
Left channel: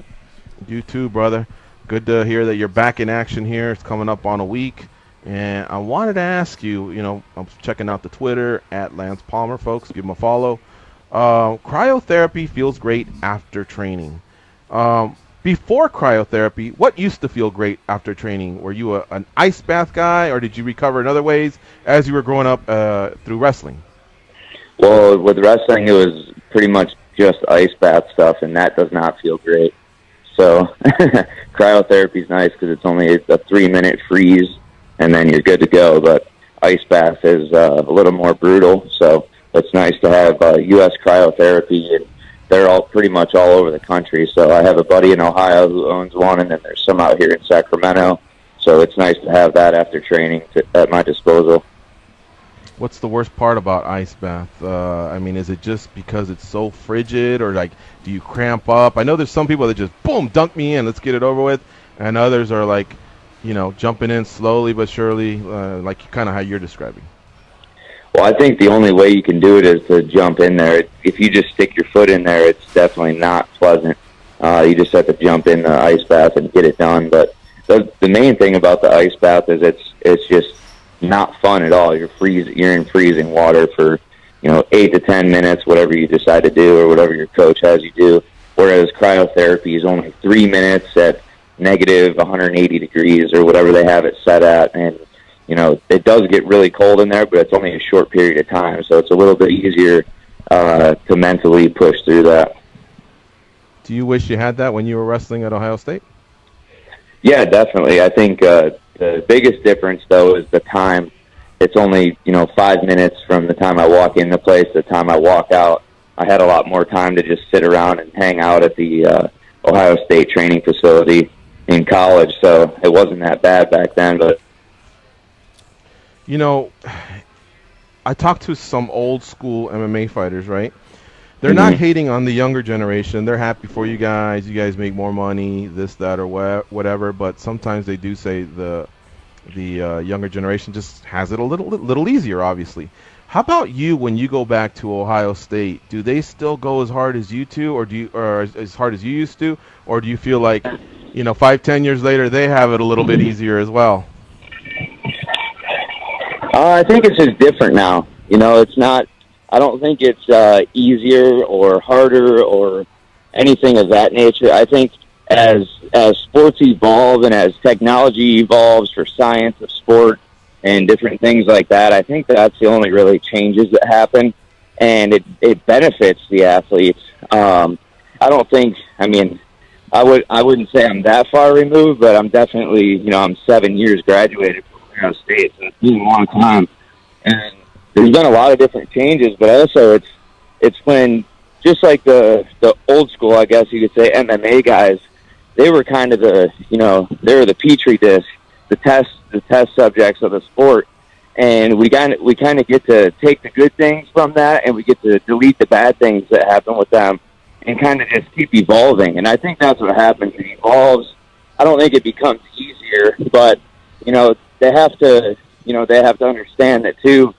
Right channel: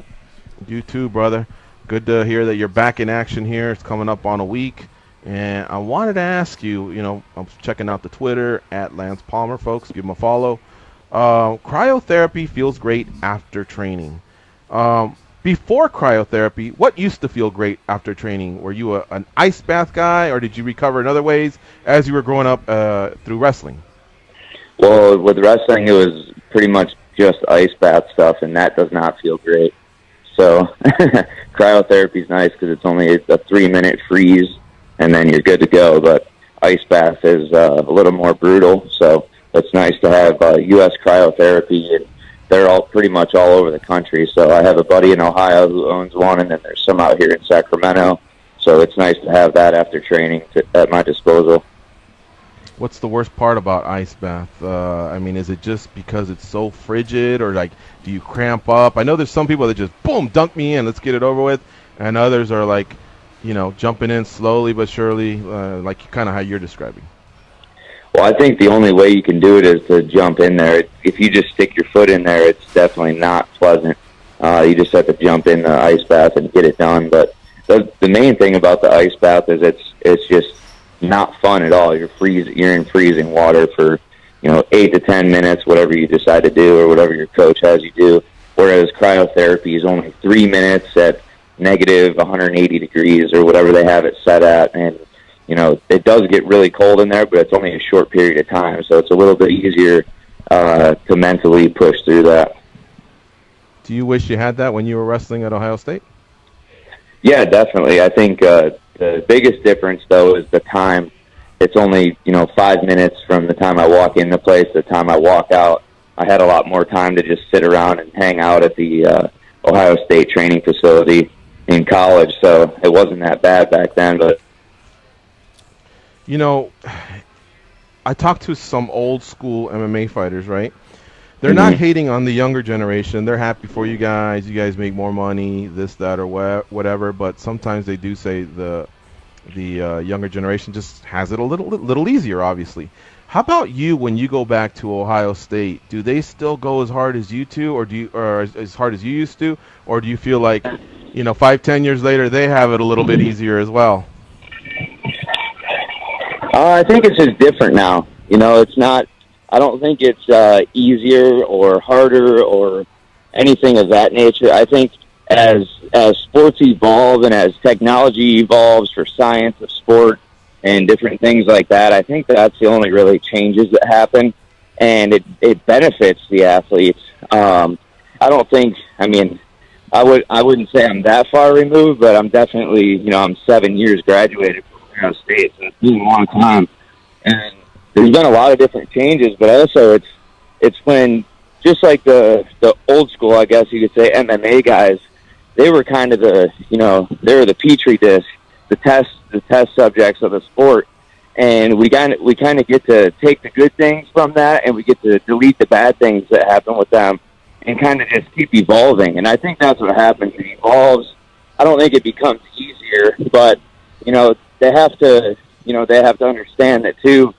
You too, brother. Good to hear that you're back in action here. It's coming up on a week. And I wanted to ask you, I'm checking out the Twitter at Lance Palmer, folks. Give him a follow. Cryotherapy feels great after training. Before cryotherapy, what used to feel great after training? Were you an ice bath guy, or did you recover in other ways as you were growing up through wrestling? Well, with wrestling, it was pretty much just ice bath stuff, and that does not feel great. So cryotherapy is nice because it's only a 3-minute freeze, and then you're good to go. But ice bath is a little more brutal, so it's nice to have U.S. cryotherapy, and they're all pretty much all over the country. So I have a buddy in Ohio who owns one, and then there's some out here in Sacramento. So it's nice to have that after training at my disposal. What's the worst part about ice bath? Is it just because it's so frigid, or do you cramp up? I know there's some people that just, boom, dunk me in, let's get it over with. And others are jumping in slowly but surely, like kind of how you're describing. Well, I think the only way you can do it is to jump in there. If you just stick your foot in there, it's definitely not pleasant. You just have to jump in the ice bath and get it done. But the main thing about the ice bath is it's just not fun at all. You're in freezing water for 8 to 10 minutes, whatever you decide to do or whatever your coach has you do. Whereas cryotherapy is only 3 minutes at negative 180 degrees or whatever they have it set at, and it does get really cold in there, but it's only a short period of time, so it's a little bit easier to mentally push through that. Do you wish you had that when you were wrestling at Ohio State? Yeah, definitely. I think the biggest difference, though, is the time. It's only 5 minutes from the time I walk in the place to the time I walk out. I had a lot more time to just sit around and hang out at the Ohio State training facility in college, so it wasn't that bad back then. But I talked to some old school MMA fighters, right? They're not hating on the younger generation. They're happy for you guys. You guys make more money, this, that, or whatever. But sometimes they do say the younger generation just has it a little easier, obviously. How about you when you go back to Ohio State? Do they still go as hard as you two, or as hard as you used to? Or do you feel like, 5-10 years later, they have it a little bit easier as well? I think it's just different now. It's not. I don't think it's easier or harder or anything of that nature. I think as sports evolve and as technology evolves for science of sport and different things like that, I think that's the only really changes that happen, and it benefits the athletes. I don't think. I wouldn't say I'm that far removed, but I'm definitely. I'm 7 years graduated from Ohio State, so it's been a long time, and there's been a lot of different changes, but also it's when, just like the old school, I guess you could say, MMA guys, they were kind of they were the petri dish, the test subjects of the sport, and we kind of get to take the good things from that, and we get to delete the bad things that happen with them. kind of just keep evolving. And I think that's what happens. It evolves. I don't think it becomes easier, but, they have to understand that too,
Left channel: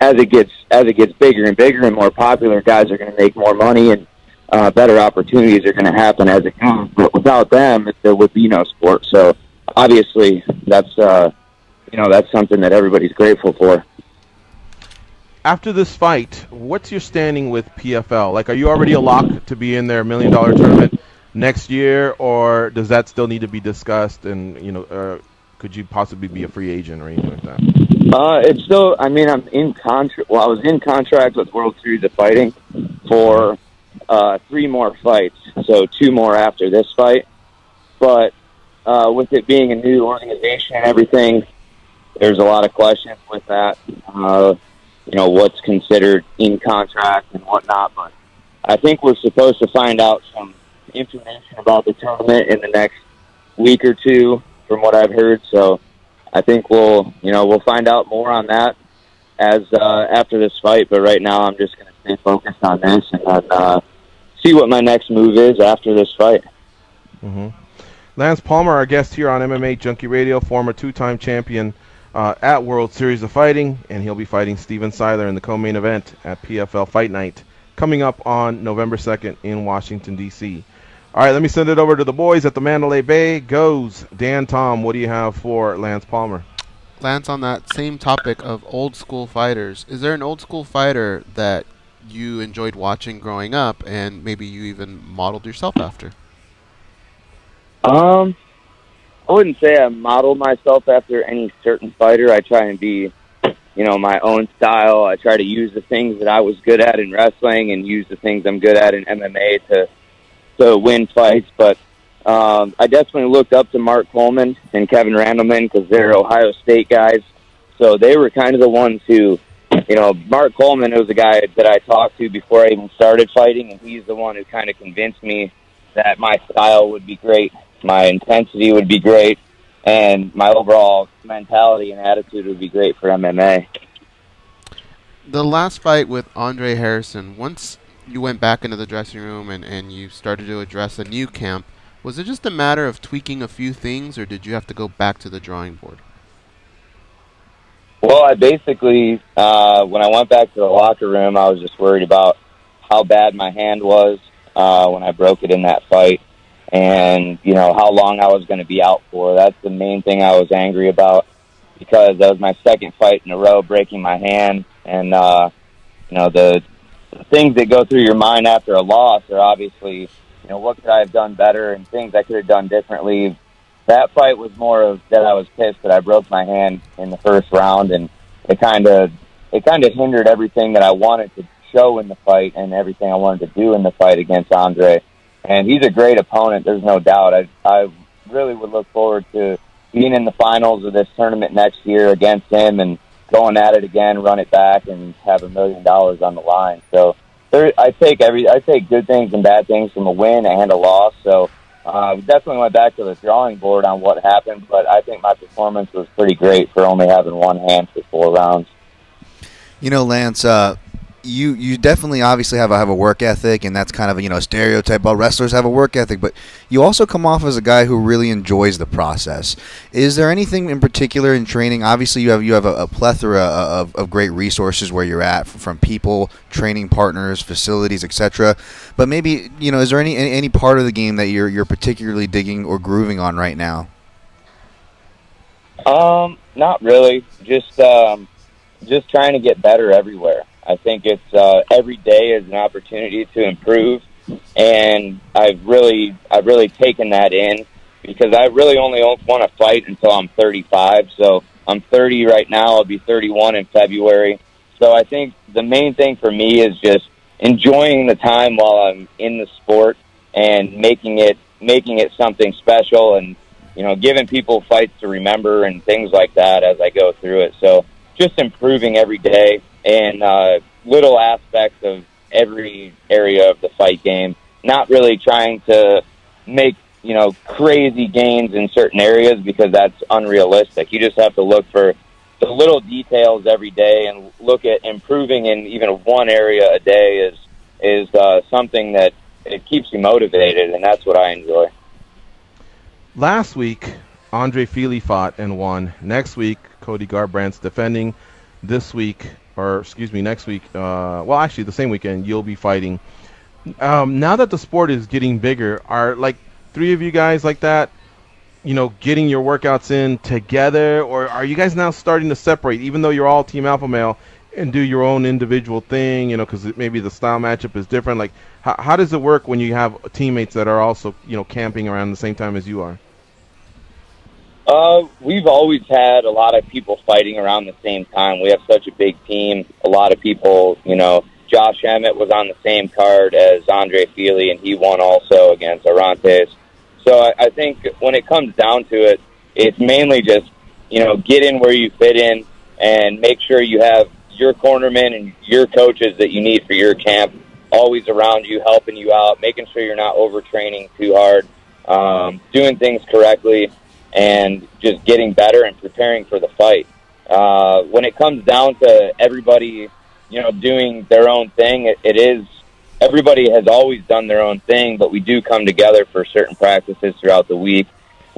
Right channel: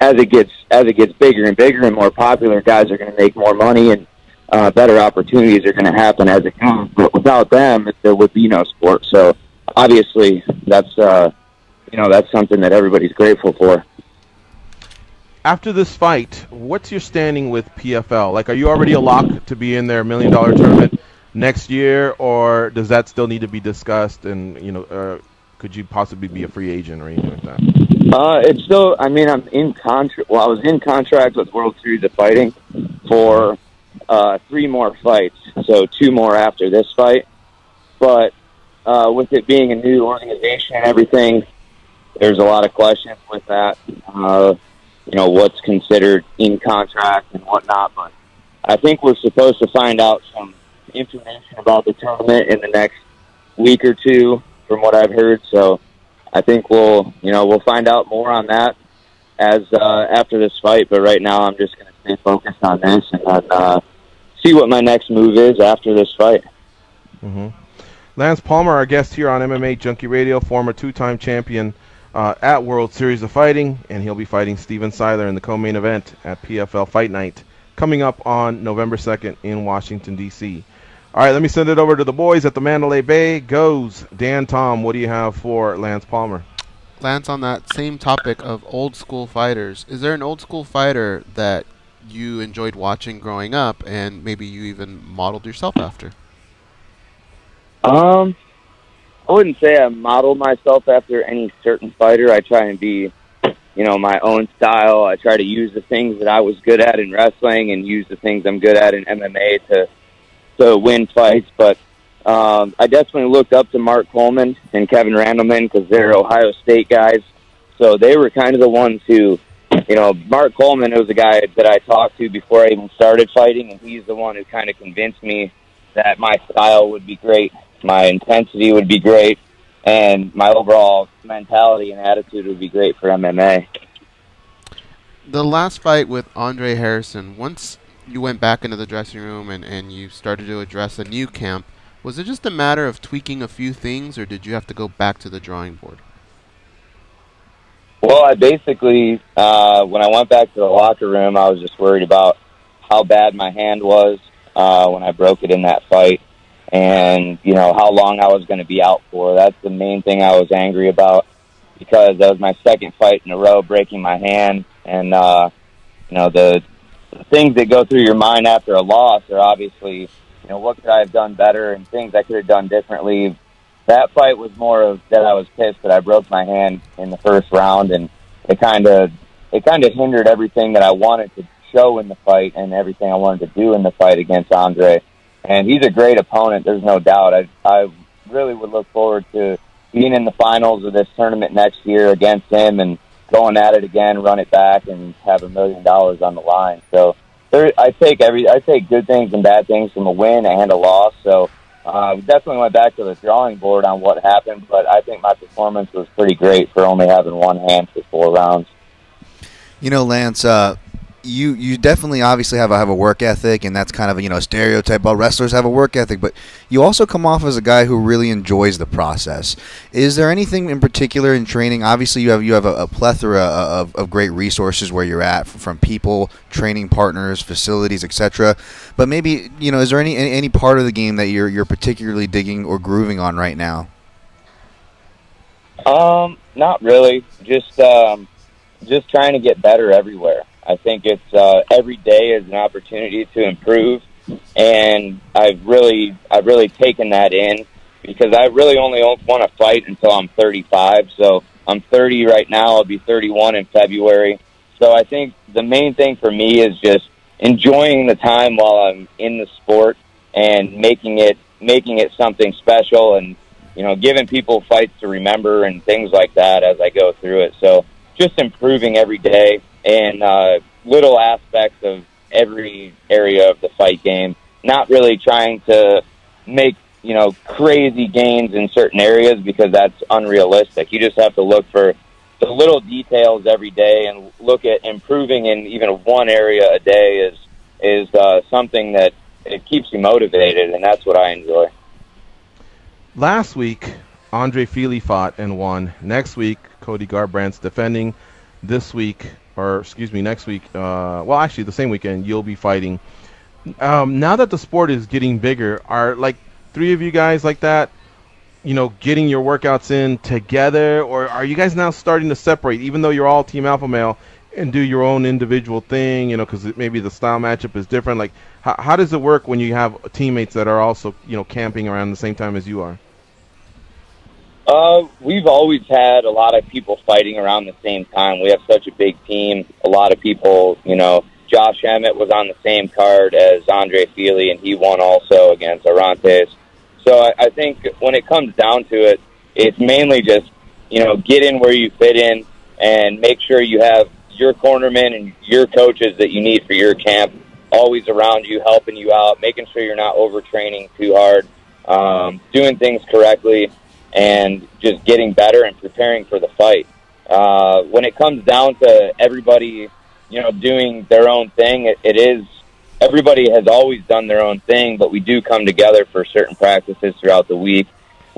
as it gets bigger and bigger and more popular, guys are going to make more money, and better opportunities are going to happen as it goes. But without them, there would be no sport. So obviously that's something that everybody's grateful for. After this fight, what's your standing with PFL? Like, are you already a lock to be in their $1 million tournament next year, or does that still need to be discussed? And could you possibly be a free agent or anything like that? It's still. I'm in contract. Well, I was in contract with World Series of Fighting for 3 more fights, so 2 more after this fight. But with it being a new organization and everything, there's a lot of questions with that. What's considered in contract and whatnot. But I think we're supposed to find out some information about the tournament in the next week or 2, from what I've heard. So I think we'll find out more on that as after this fight. But right now, I'm just going to stay focused on this and then see what my next move is after this fight. Mm-hmm. Lance Palmer, our guest here on MMA Junkie Radio, former 2-time champion at World Series of Fighting, and he'll be fighting Steven Siler in the co-main event at PFL Fight Night coming up on November 2nd in Washington, D.C. All right, let me send it over to the boys at the Mandalay Bay. Goes Dan Tom, what do you have for Lance Palmer? Lance, on that same topic of old school fighters, is there an old school fighter that you enjoyed watching growing up and maybe you even modeled yourself after? I wouldn't say I modeled myself after any certain fighter. I try and be, my own style. I try to use the things that I was good at in wrestling and use the things I'm good at in MMA to win fights. But I definitely looked up to Mark Coleman and Kevin Randleman because they're Ohio State guys. So they were kind of the ones who, Mark Coleman was a guy that I talked to before I even started fighting, and he's the one who kind of convinced me that my style would be great, my intensity would be great, and my overall mentality and attitude would be great for MMA. The last fight with Andre Harrison, once you went back into the dressing room and you started to address a new camp, was it just a matter of tweaking a few things, or did you have to go back to the drawing board? Well, I basically, when I went back to the locker room, I was just worried about how bad my hand was when I broke it in that fight, and, how long I was going to be out for. That's the main thing I was angry about, because that was my second fight in a row breaking my hand, and, the things that go through your mind after a loss are obviously, what could I have done better and things I could have done differently. That fight was more of that I was pissed that I broke my hand in the first round, and it kind of hindered everything that I wanted to show in the fight and everything I wanted to do in the fight against Andre. And he's a great opponent, there's no doubt. I really would look forward to being in the finals of this tournament next year against him and going at it again, run it back, and have $1 million on the line. So I take good things and bad things from a win and a loss. So definitely went back to the drawing board on what happened, but I think my performance was pretty great for only having one hand for 4 rounds. Lance, you definitely obviously have a work ethic, and that's kind of a stereotype. All wrestlers have a work ethic, but you also come off as a guy who really enjoys the process. Is there anything in particular in training? Obviously, you have a plethora of great resources where you're at, from people, training partners, facilities, etc. But maybe is there any part of the game that you're particularly digging or grooving on right now? Not really. Just trying to get better everywhere. I think it's every day is an opportunity to improve, and I've really taken that in, because I really only want to fight until I'm 35. So I'm 30 right now. I'll be 31 in February. So I think the main thing for me is just enjoying the time while I'm in the sport and making it something special, and giving people fights to remember and things like that as I go through it. So just improving every day, and little aspects of every area of the fight game. Not really trying to make, crazy gains in certain areas, because that's unrealistic. You just have to look for the little details every day and look at improving in even one area a day is something that it keeps you motivated, and that's what I enjoy. Last week, Andre Fili fought and won. Next week, Cody Garbrandt's defending. This week, or excuse me, next week, well, actually, the same weekend, you'll be fighting. Now that the sport is getting bigger, are like 3 of you guys like that, you know, getting your workouts in together, or are you guys now starting to separate, even though you're all Team Alpha Male, and do your own individual thing, you know, because maybe the style matchup is different? Like, how does it work when you have teammates that are also, you know, camping around the same time as you are? We've always had a lot of people fighting around the same time. We have such a big team. A lot of people, you know, Josh Emmett was on the same card as Andre Fili, and he won also against Arantes. So I think when it comes down to it, it's mainly just, you know, get in where you fit in and make sure you have your cornermen and your coaches that you need for your camp always around you, helping you out, making sure you're not overtraining too hard, doing things correctly, and just getting better and preparing for the fight. When it comes down to everybody, you know, doing their own thing, it is, everybody has always done their own thing, but we do come together for certain practices throughout the week.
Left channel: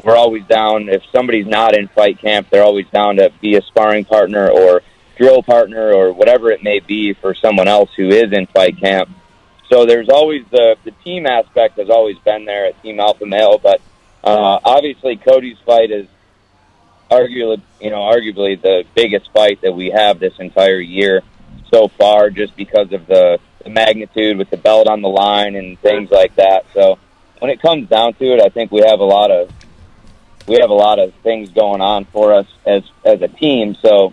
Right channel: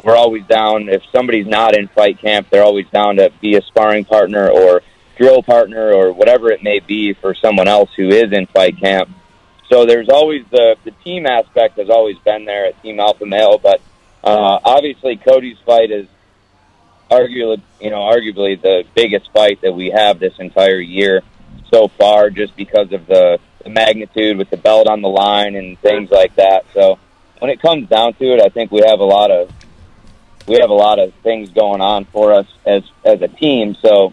We're always down, if somebody's not in fight camp, they're always down to be a sparring partner or drill partner or whatever it may be for someone else who is in fight camp. So there's always the team aspect has always been there at Team Alpha Male, but obviously Cody's fight is arguably the biggest fight that we have this entire year so far, just because of the magnitude with the belt on the line and things like that. So when it comes down to it, I think we have a lot of things going on for us as a team. So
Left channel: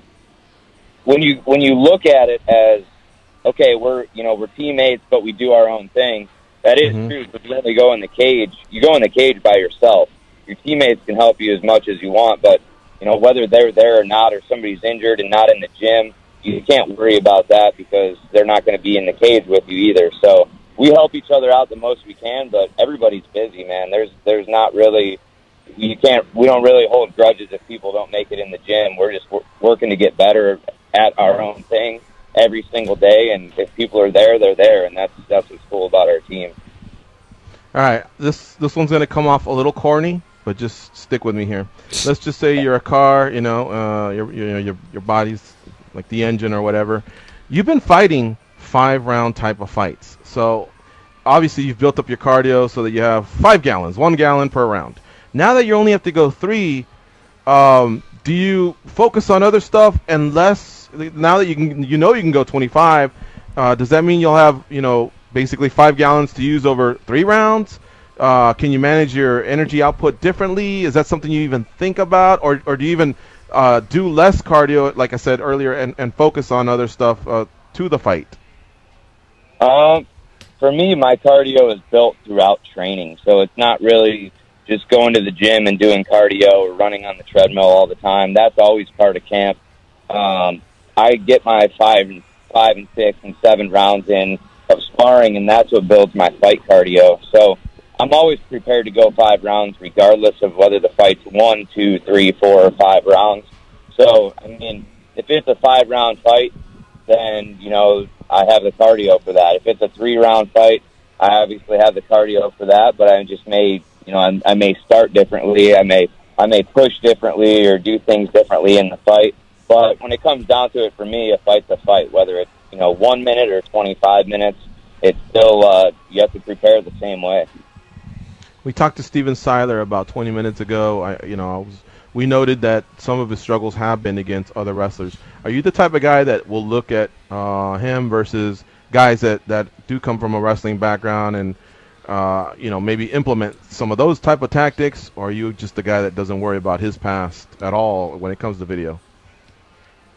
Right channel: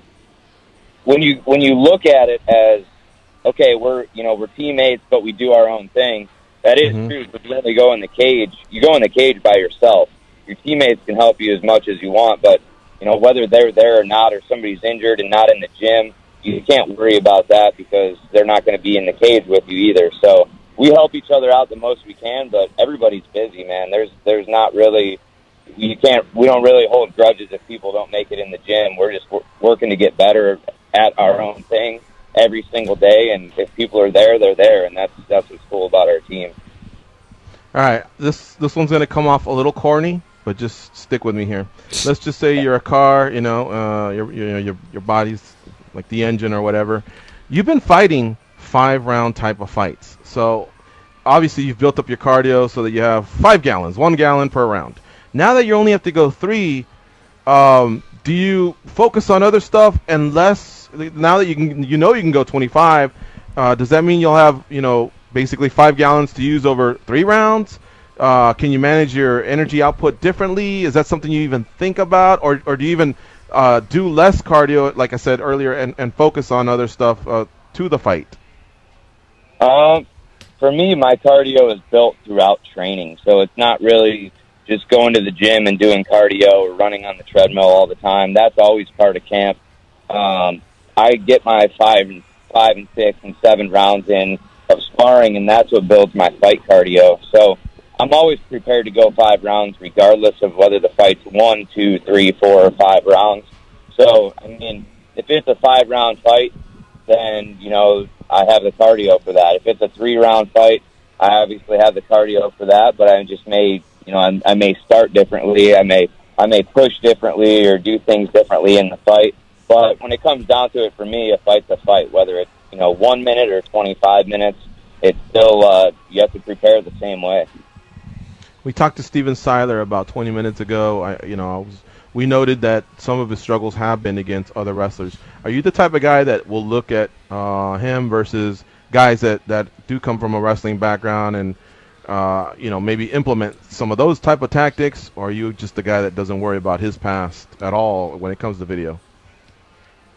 when you look at it as, okay, we're teammates, but we do our own thing, that is true. But you only go in the cage. You go in the cage by yourself. Your teammates can help you as much as you want, but you know, whether they're there or not, or somebody's injured and not in the gym, you can't worry about that because they're not going to be in the cage with you either. So we help each other out the most we can, but everybody's busy, man. There's not really, we don't really hold grudges if people don't make it in the gym. We're just working to get better at our own thing every single day, and if people are there, they're there, and that's what's cool about our team. All right, this one's going to come off a little corny, but just stick with me here. Let's just say you're a car, you know, your body's like the engine or whatever. You've been fighting 5-round type of fights. So obviously you've built up your cardio so that you have 5 gallons, 1 gallon per round. Now that you only have to go 3, do you focus on other stuff and less? Now that you can go 25, does that mean you'll have, you know, basically 5 gallons to use over 3 rounds? Can you manage your energy output differently? Is that something you even think about, or do you even do less cardio, like I said earlier, and focus on other stuff to the fight? For me, my cardio is built throughout training, so it's not really just going to the gym and doing cardio or running on the treadmill all the time. That's always part of camp. I get my 5 and 6 and 7 rounds in of sparring, and that's what builds my fight cardio. So I'm always prepared to go 5 rounds regardless of whether the fight's 1, 2, 3, 4, or 5 rounds. So, I mean, if it's a 5-round fight, then, you know, I have the cardio for that. If it's a 3-round fight, I obviously have the cardio for that, but I just may, you know, I may start differently. I may push differently or do things differently in the fight. But when it comes down to it, for me, a fight's a fight. Whether it's, you know, 1 minute or 25 minutes, it's still, you have to prepare the same way. We talked to Steven Siler about 20 minutes ago. We noted that some of his struggles have been against other wrestlers. Are you the type of guy that will look at him versus guys that do come from a wrestling background and, you know, maybe implement some of those type of tactics, or are you just the guy that doesn't worry about his past at all when it comes to video?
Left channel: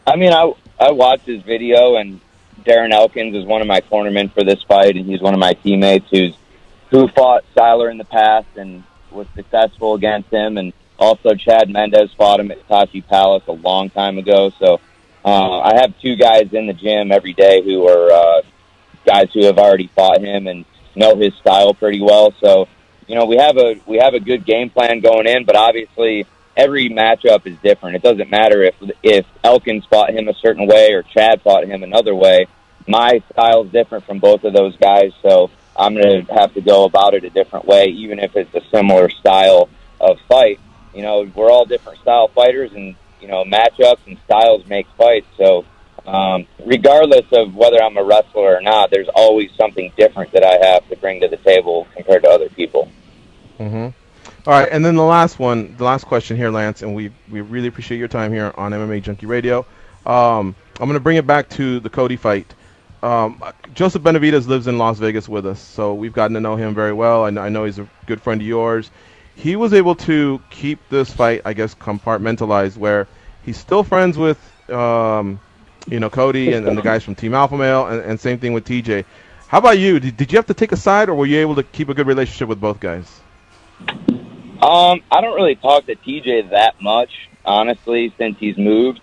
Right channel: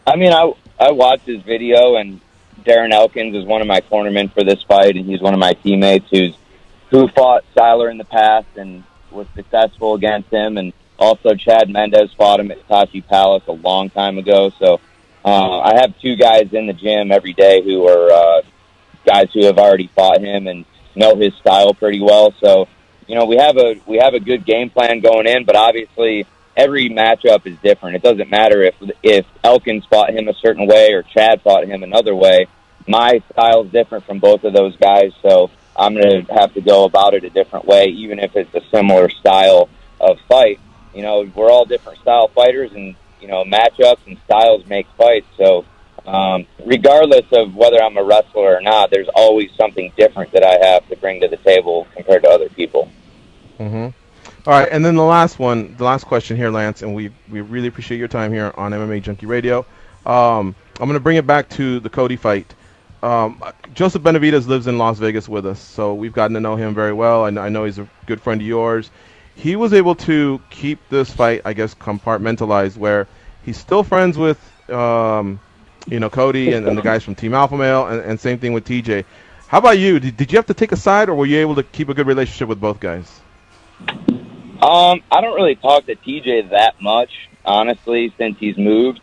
I mean, I watched his video, and Darren Elkins is one of my cornermen for this fight, and he's one of my teammates who fought Siler in the past and was successful against him, and also Chad Mendez fought him at Tashi Palace a long time ago. So I have 2 guys in the gym every day who are guys who have already fought him and know his style pretty well. So, you know, we have a good game plan going in, but obviously every matchup is different. It doesn't matter if Elkins fought him a certain way or Chad fought him another way. My style is different from both of those guys, so I'm going to have to go about it a different way, even if it's a similar style of fight. You know, we're all different style fighters, and, you know, matchups and styles make fights. So regardless of whether I'm a wrestler or not, there's always something different that I have to bring to the table compared to other people. Mm-hmm. All right, and then the last question here, Lance, and we really appreciate your time here on MMA Junkie Radio. I'm going to bring it back to the Cody fight. Joseph Benavidez lives in Las Vegas with us, so we've gotten to know him very well. I know he's a good friend of yours. He was able to keep this fight, I guess, compartmentalized, where he's still friends with, Cody and the guys from Team Alpha Male, and same thing with TJ. How about you? Did you have to take a side, or were you able to keep a good relationship with both guys? I don't really talk to TJ that much, honestly, since he's moved.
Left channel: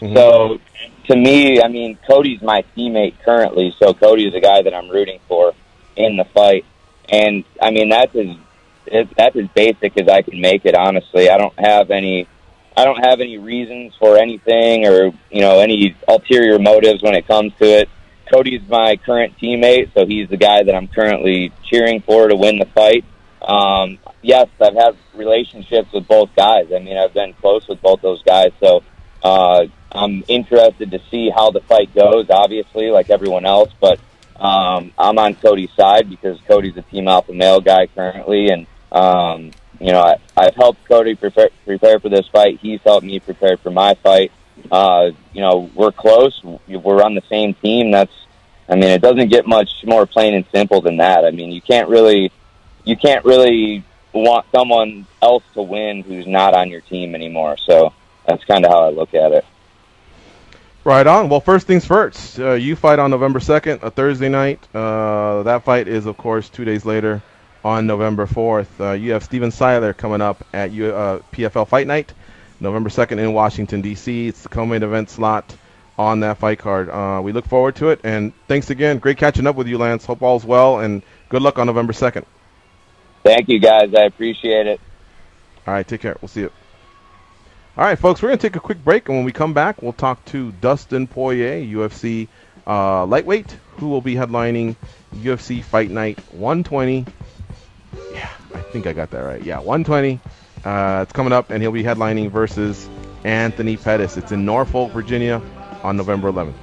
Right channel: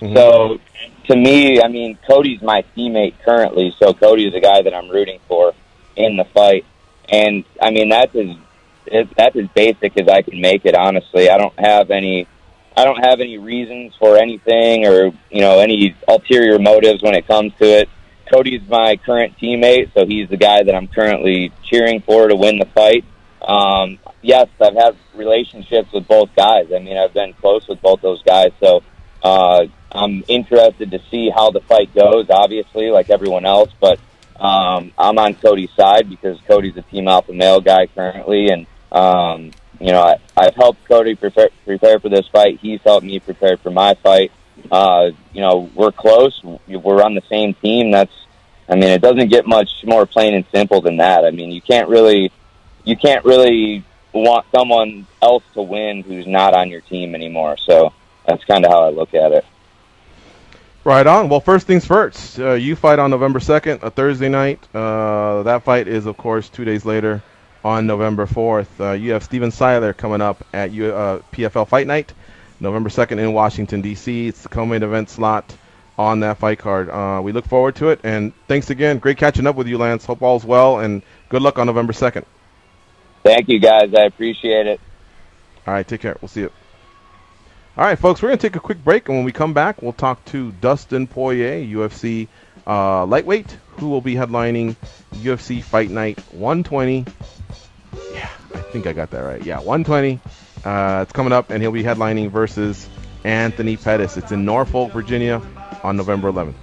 Mm-hmm. So, to me, I mean, Cody's my teammate currently, so Cody's the guy that I'm rooting for in the fight. And, I mean, that's as basic as I can make it, honestly. I don't have any reasons for anything or, you know, any ulterior motives when it comes to it. Cody's my current teammate, so he's the guy that I'm currently cheering for to win the fight. Yes, I've had relationships with both guys. I mean, I've been close with both those guys, so I'm interested to see how the fight goes, obviously, like everyone else, but I'm on Cody's side because Cody's a Team Alpha Male guy currently, and I've helped Cody prepare for this fight. He's helped me prepare for my fight. We're close. We're on the same team. It doesn't get much more plain and simple than that. I mean, you can't really want someone else to win who's not on your team anymore. So that's kind of how I look at it. Right on. Well, first things first. You fight on November 2nd, a Thursday night. That fight is, of course, 2 days later on November 4th. You have Steven Siler coming up at PFL Fight Night, November 2nd in Washington, D.C. It's the co-main event slot on that fight card. We look forward to it. And thanks again. Great catching up with you, Lance. Hope all's well, and good luck on November 2nd. Thank you, guys. I appreciate it. All right, take care. We'll see you. All right, folks, we're going to take a quick break, and when we come back, we'll talk to Dustin Poirier, UFC lightweight, who will be headlining UFC Fight Night 120. Yeah, I think I got that right. Yeah, 120. It's coming up, and he'll be headlining versus Anthony Pettis. It's in Norfolk, Virginia on November 11th.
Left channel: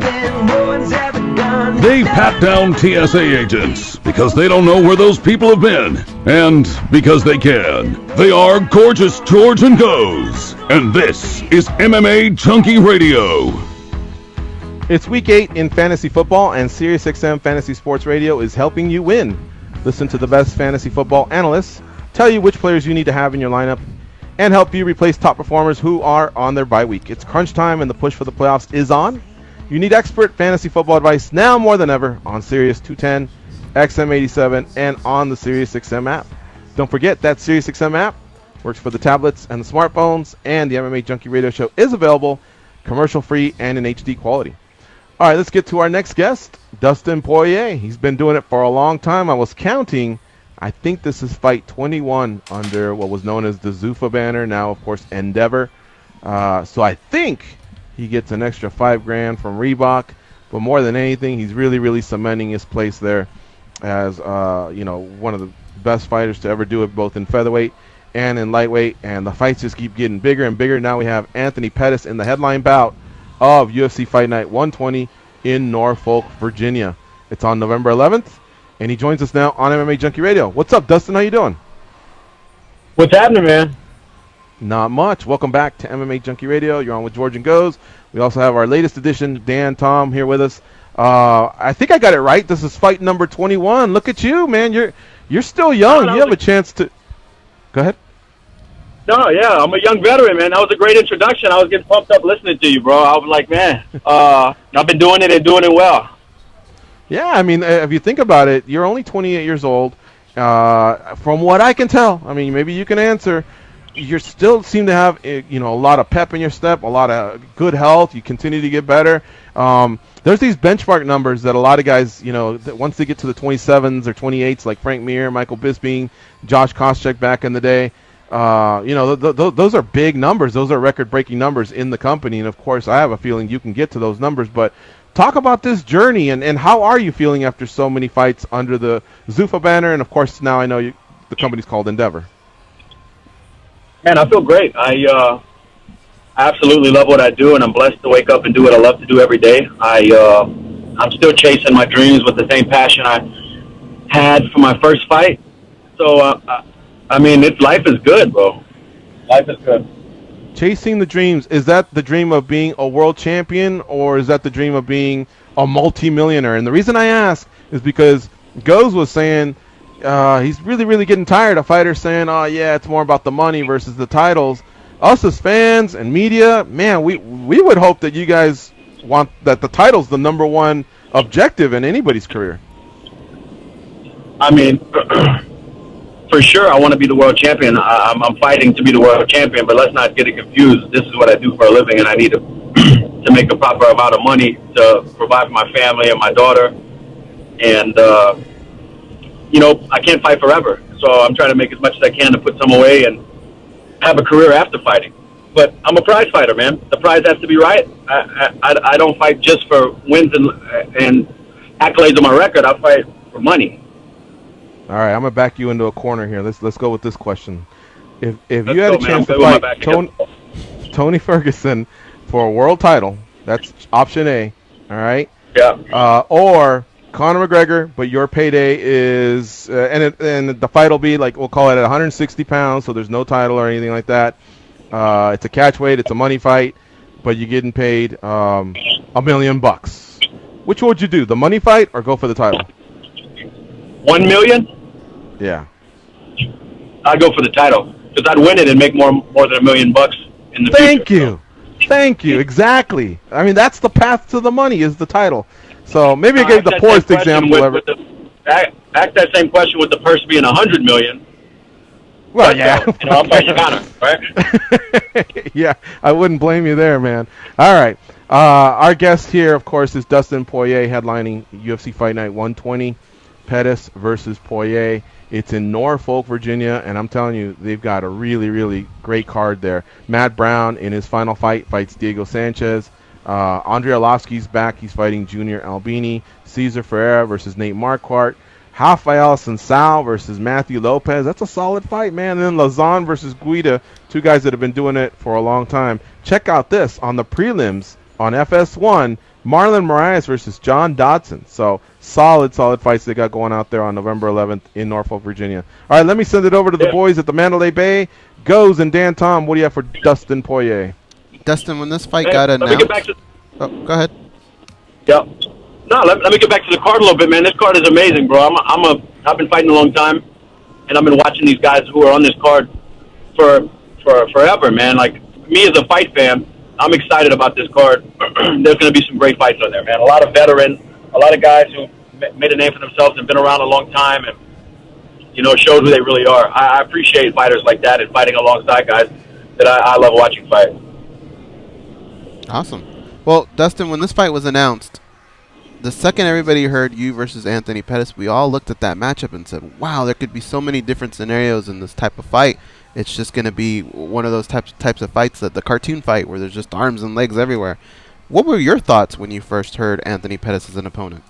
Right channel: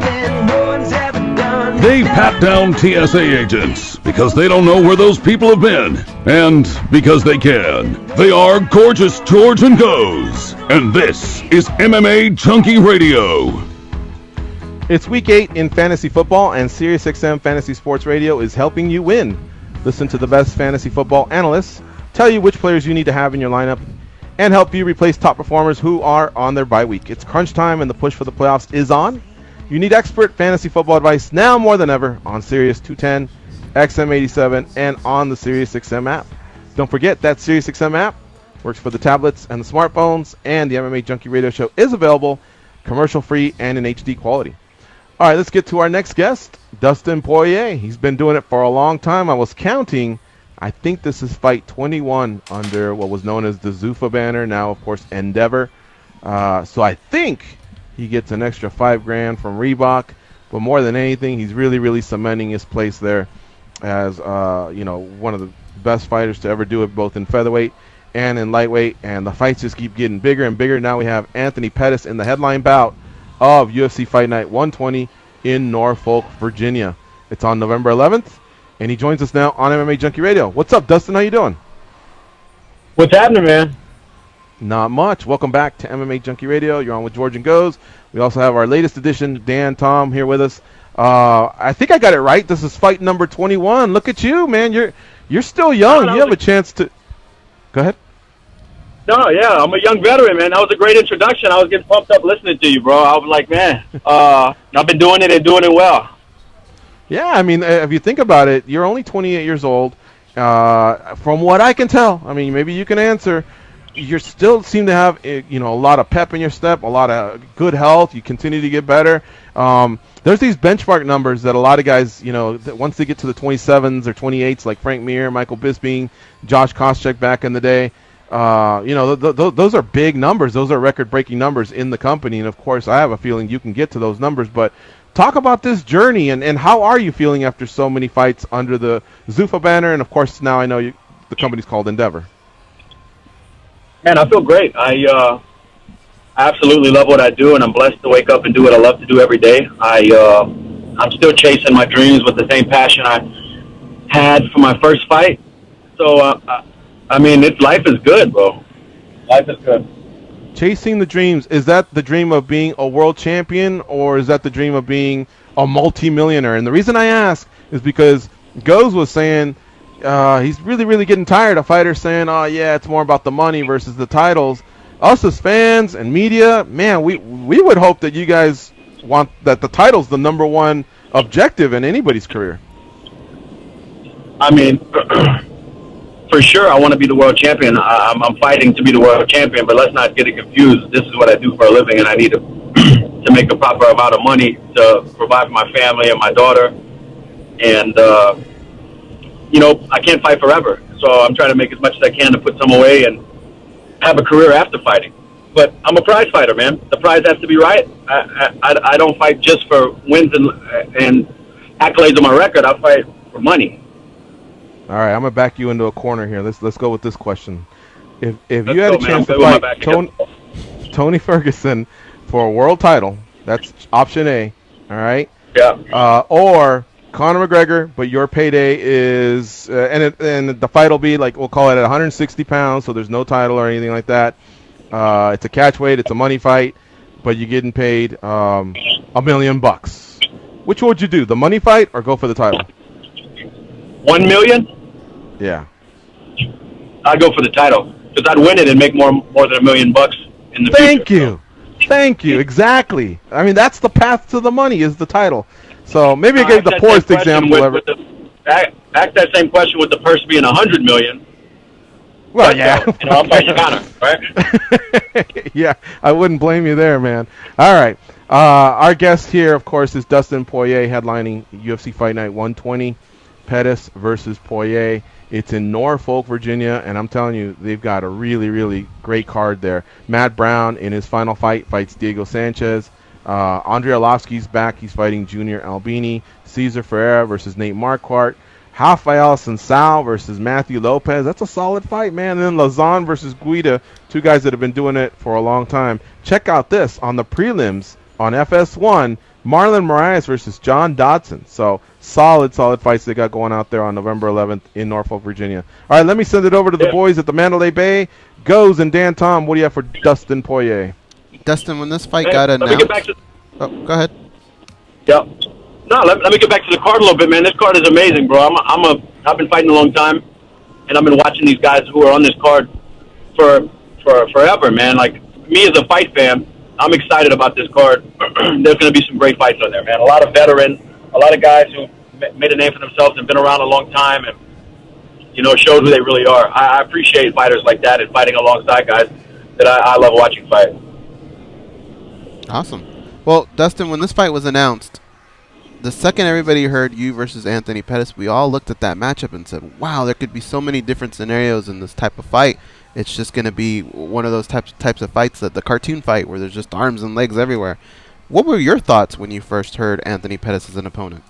something no one's ever done. They pat down TSA agents because they don't know where those people have been, and because they can. They are Gorgeous George and Goes, and this is MMA Junkie Radio. It's week 8 in fantasy football, and SiriusXM Fantasy Sports Radio is helping you win. Listen to the best fantasy football analysts tell you which players you need to have in your lineup and help you replace top performers who are on their bye week. It's crunch time and the push for the playoffs is on. You need expert fantasy football advice now more than ever on Sirius 210, XM87, and on the SiriusXM app. Don't forget that SiriusXM app works for the tablets and the smartphones, and the MMA Junkie Radio Show is available commercial-free and in HD quality. All right, let's get to our next guest, Dustin Poirier. He's been doing it for a long time. I was counting. I think this is fight 21 under what was known as the Zuffa banner, now, of course, Endeavor. So I think he gets an extra $5,000 from Reebok. But more than anything, he's really cementing his place there as one of the best fighters to ever do it, both in featherweight and in lightweight. And the fights just keep getting bigger and bigger. Now we have Anthony Pettis in the headline bout of UFC Fight Night 120 in Norfolk, Virginia. It's on November 11th, and he joins us now on MMA Junkie Radio. What's up, Dustin? How you doing? What's happening, man? Not much. Welcome back to MMA Junkie Radio. You're on with George and Goes. We also have our latest edition, Dan Tom, here with us. I think I got it right. This is fight number 21. Look at you, man. You're still young. You have a chance to... Go ahead. No, yeah, I'm a young veteran, man. That was a great introduction. I was getting pumped up listening to you, bro. I was like, man, I've been doing it and doing it well. Yeah, I mean, if you think about it, you're only 28 years old. From what I can tell, I mean, maybe you can answer, you still seem to have, a lot of pep in your step, a lot of good health. You continue to get better. There's these benchmark numbers that a lot of guys, that once they get to the 27s or 28s, like Frank Mir, Michael Bisping, Josh Koscheck back in the day, those are big numbers. Those are record-breaking numbers in the company, and of course, I have a feeling you can get to those numbers. But talk about this journey, and how are you feeling after so many fights under the Zuffa banner, and of course, now I know the company's called Endeavor. Man, I feel great. I absolutely love what I do, and I'm blessed to wake up and do what I love to do every day. I'm still chasing my dreams with the same passion I had for my first fight. So, I mean, life is good, bro. Life is good. Chasing the dreams, is that the dream of being a world champion, or is that the dream of being a multi-millionaire? And the reason I ask is because Goes was saying he's really getting tired of fighters saying, oh, yeah, it's more about the money versus the titles. Us as fans and media, man, we would hope that you guys want that the title's the number one objective in anybody's career. I mean... For sure, I want to be the world champion. I'm fighting to be the world champion, but let's not get it confused. This is what I do for a living, and I need to make a proper amount of money to provide for my family and my daughter. And, I can't fight forever. So I'm trying to make as much as I can to put some away and have a career after fighting. But I'm a prize fighter, man. The prize has to be right. I don't fight just for wins and accolades on my record. I fight for money. All right, I'm gonna back you into a corner here. Let's go with this question. If you had a chance to fight Tony Ferguson for a world title, that's option A. All right. Yeah. Or Conor McGregor, but your payday is and the fight will be like, we'll call it at 160 pounds, so there's no title or anything like that. It's a catch weight. It's a money fight, but you're getting paid $1 million. Which would you do? The money fight or go for the title? $1 million? Yeah. I'd go for the title because I'd win it and make more than $1 million in the future. Thank you. Exactly. I mean, that's the path to the money is the title. So maybe I gave the poorest example ever. Ask that same question with the purse being $100 million. Well, yeah. I'll fight you on it, right? Yeah, I wouldn't blame you there, man. All right. Our guest here, of course, is Dustin Poirier, headlining UFC Fight Night 120, Pettis versus Poirier. It's in Norfolk, Virginia, and I'm telling you, they've got a really great card there. Matt Brown, in his final fight, fights Diego Sanchez. Andrei Arlovsky's back. He's fighting Junior Albini. Cesar Ferreira versus Nate Marquardt. Rafael Sansal versus Matthew Lopez. That's a solid fight, man. And then Lazan versus Guida, two guys that have been doing it for a long time. Check out this on the prelims on FS1. Marlon Moraes versus John Dodson. So solid fights they got going out there on November 11th in Norfolk, Virginia. All right, let me send it over to the boys at the Mandalay Bay. Goes and Dan Tom, what do you have for Dustin Poirier? Dustin, when this fight got announced... Oh, go ahead. Yeah. No, let me get back to the card a little bit, man. This card is amazing, bro. I've been fighting a long time, and I've been watching these guys who are on this card for forever, man. Like, me as a fight fan, I'm excited about this card. There's going to be some great fights on there, man. A lot of veterans, a lot of guys who made a name for themselves and been around a long time, and, you know, it shows who they really are. I appreciate fighters like that and fighting alongside guys that I love watching fight. Awesome. Well, Dustin, when this fight was announced, the second everybody heard you versus Anthony Pettis, we all looked at that matchup and said, wow, there could be so many different scenarios in this type of fight. It's just going to be one of those types of fights, that the cartoon fight where there's just arms and legs everywhere. What were your thoughts when you first heard Anthony Pettis as an opponent?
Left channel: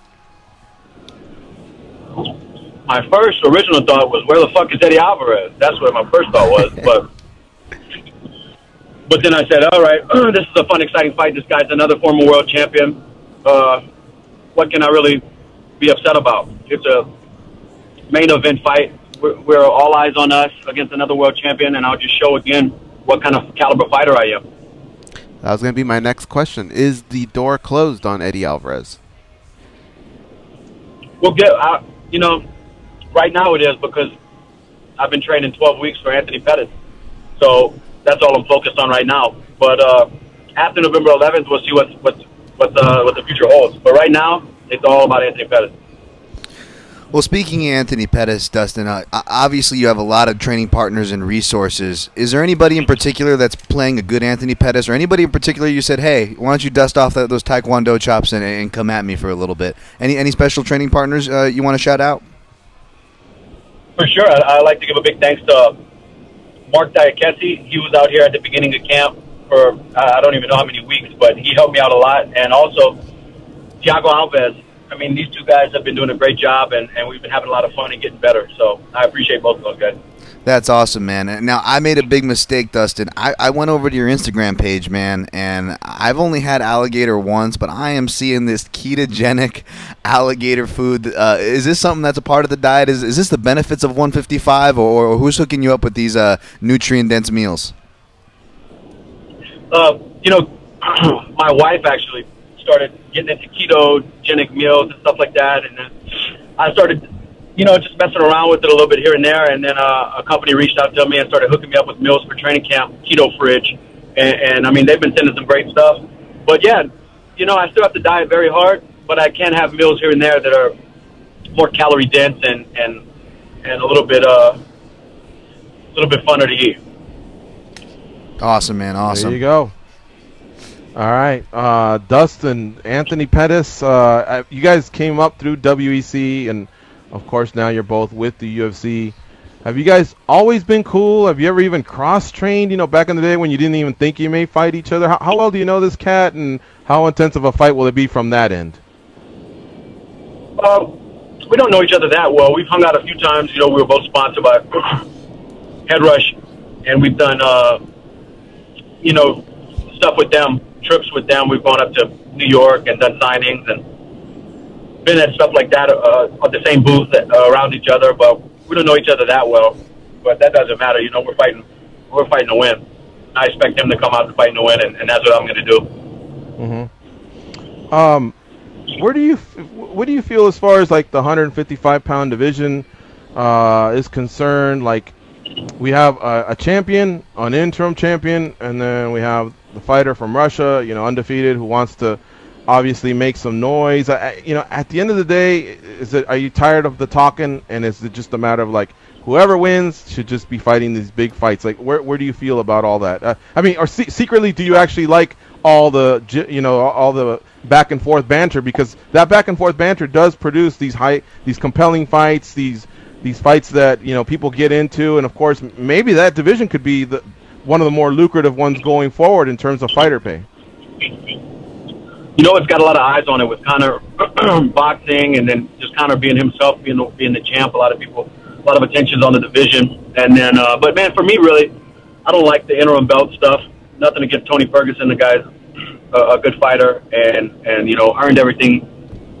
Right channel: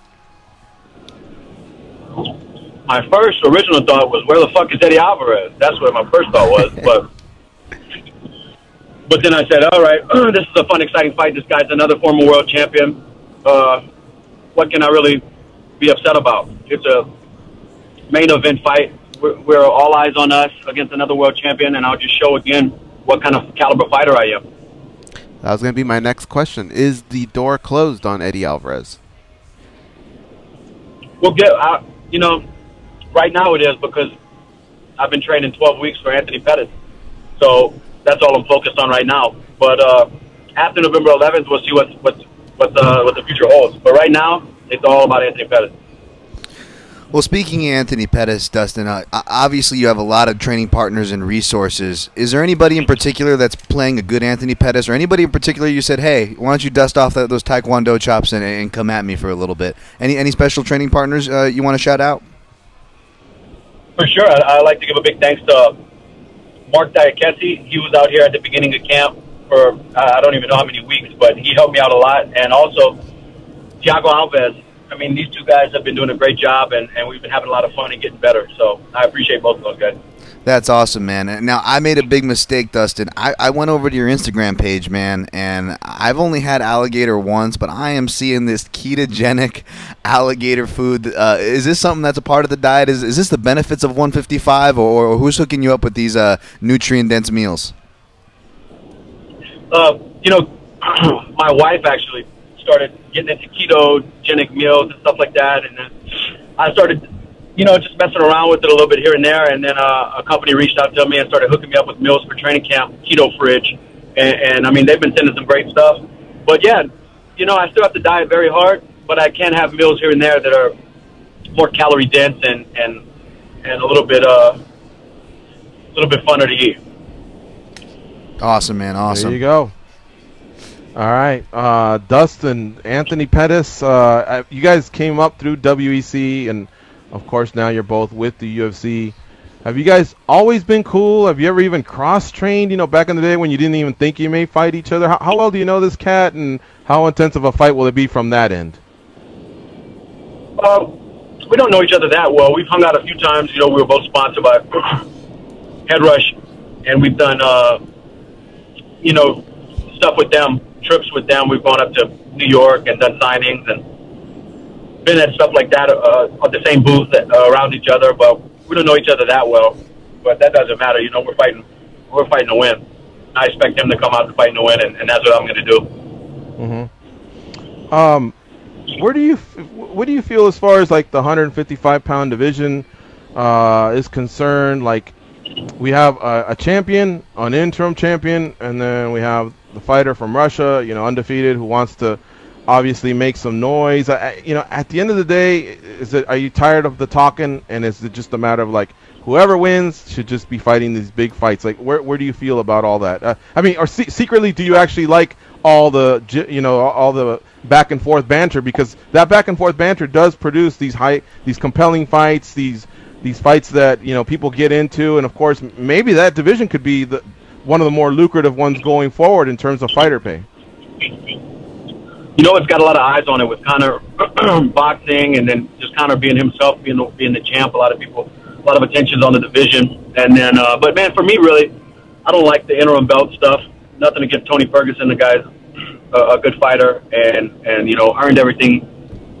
My first original thought was, where the fuck is Eddie Alvarez? That's what my first thought was. But then I said, all right, this is a fun, exciting fight. This guy's another former world champion. What can I really be upset about? It's a main event fight. We're all eyes on us against another world champion, and I'll just show again what kind of caliber fighter I am. That was going to be my next question. Is the door closed on Eddie Alvarez? We'll get, you know, right now it is, because I've been training 12 weeks for Anthony Pettis. So that's all I'm focused on right now. But after November 11th, we'll see what the future holds. But right now, it's all about Anthony Pettis. Well, speaking of Anthony Pettis, Dustin, obviously you have a lot of training partners and resources. Is there anybody in particular that's playing a good Anthony Pettis, or anybody in particular you said, hey, why don't you dust off those Taekwondo chops and come at me for a little bit? Any special training partners you want to shout out? For sure. I'd like to give a big thanks to Mark Diakesi. He was out here at the beginning of camp for I don't even know how many weeks, but he helped me out a lot. And also Thiago Alves. I mean, these two guys have been doing a great job, and we've been having a lot of fun and getting better. So I appreciate both of those guys. That's awesome, man. Now, I made a big mistake, Dustin. I went over to your Instagram page, man, and I've only had alligator once, but I am seeing this ketogenic alligator food. Is this something that's a part of the diet? Is this the benefits of 155, or who's hooking you up with these nutrient-dense meals? You know, my wife actually started getting into ketogenic meals and stuff like that, and then I started, you know, just messing around with it a little bit here and there, and then a company reached out to me and started hooking me up with meals for training camp, Keto Fridge, and I mean, they've been sending some great stuff. But yeah, you know, I still have to diet very hard, but I can have meals here and there that are more calorie dense and a little bit funner to eat. Awesome, man. Awesome. There you go. All right, Dustin, Anthony Pettis, you guys came up through WEC, and of course now you're both with the UFC. Have you guys always been cool? Have you ever even cross-trained, you know, back in the day when you didn't even think you may fight each other? How well do you know this cat, and how intense of a fight will it be from that end? We don't know each other that well. We've hung out a few times. You know, we were both sponsored by Head Rush, and we've done, you know, stuff with them. Trips with them. We've gone up to New York and done signings and been at stuff like that at the same booth around each other. But we don't know each other that well. But that doesn't matter. You know, we're fighting to win. I expect him to come out and fight to win, and that's what I'm going to do. Mm-hmm. What do you feel as far as like the 155-pound division is concerned? Like, we have a champion, an interim champion, and then we have the fighter from Russia, you know, undefeated, who wants to obviously make some noise. You know, at the end of the day, are you tired of the talking, and is it just a matter of like whoever wins should just be fighting these big fights? Like, where do you feel about all that? I mean, or secretly, do you actually like all the, you know, all the back and forth banter? Because that back and forth banter does produce these compelling fights, these fights that, you know, people get into, and of course maybe that division could be one of the more lucrative ones going forward in terms of fighter pay. You know, it's got a lot of eyes on it with Conor boxing, and then just Conor being himself, being the champ. A lot of attention's on the division, and then but man, for me, really, I don't like the interim belt stuff. Nothing against Tony Ferguson. The guy's a good fighter and you know earned everything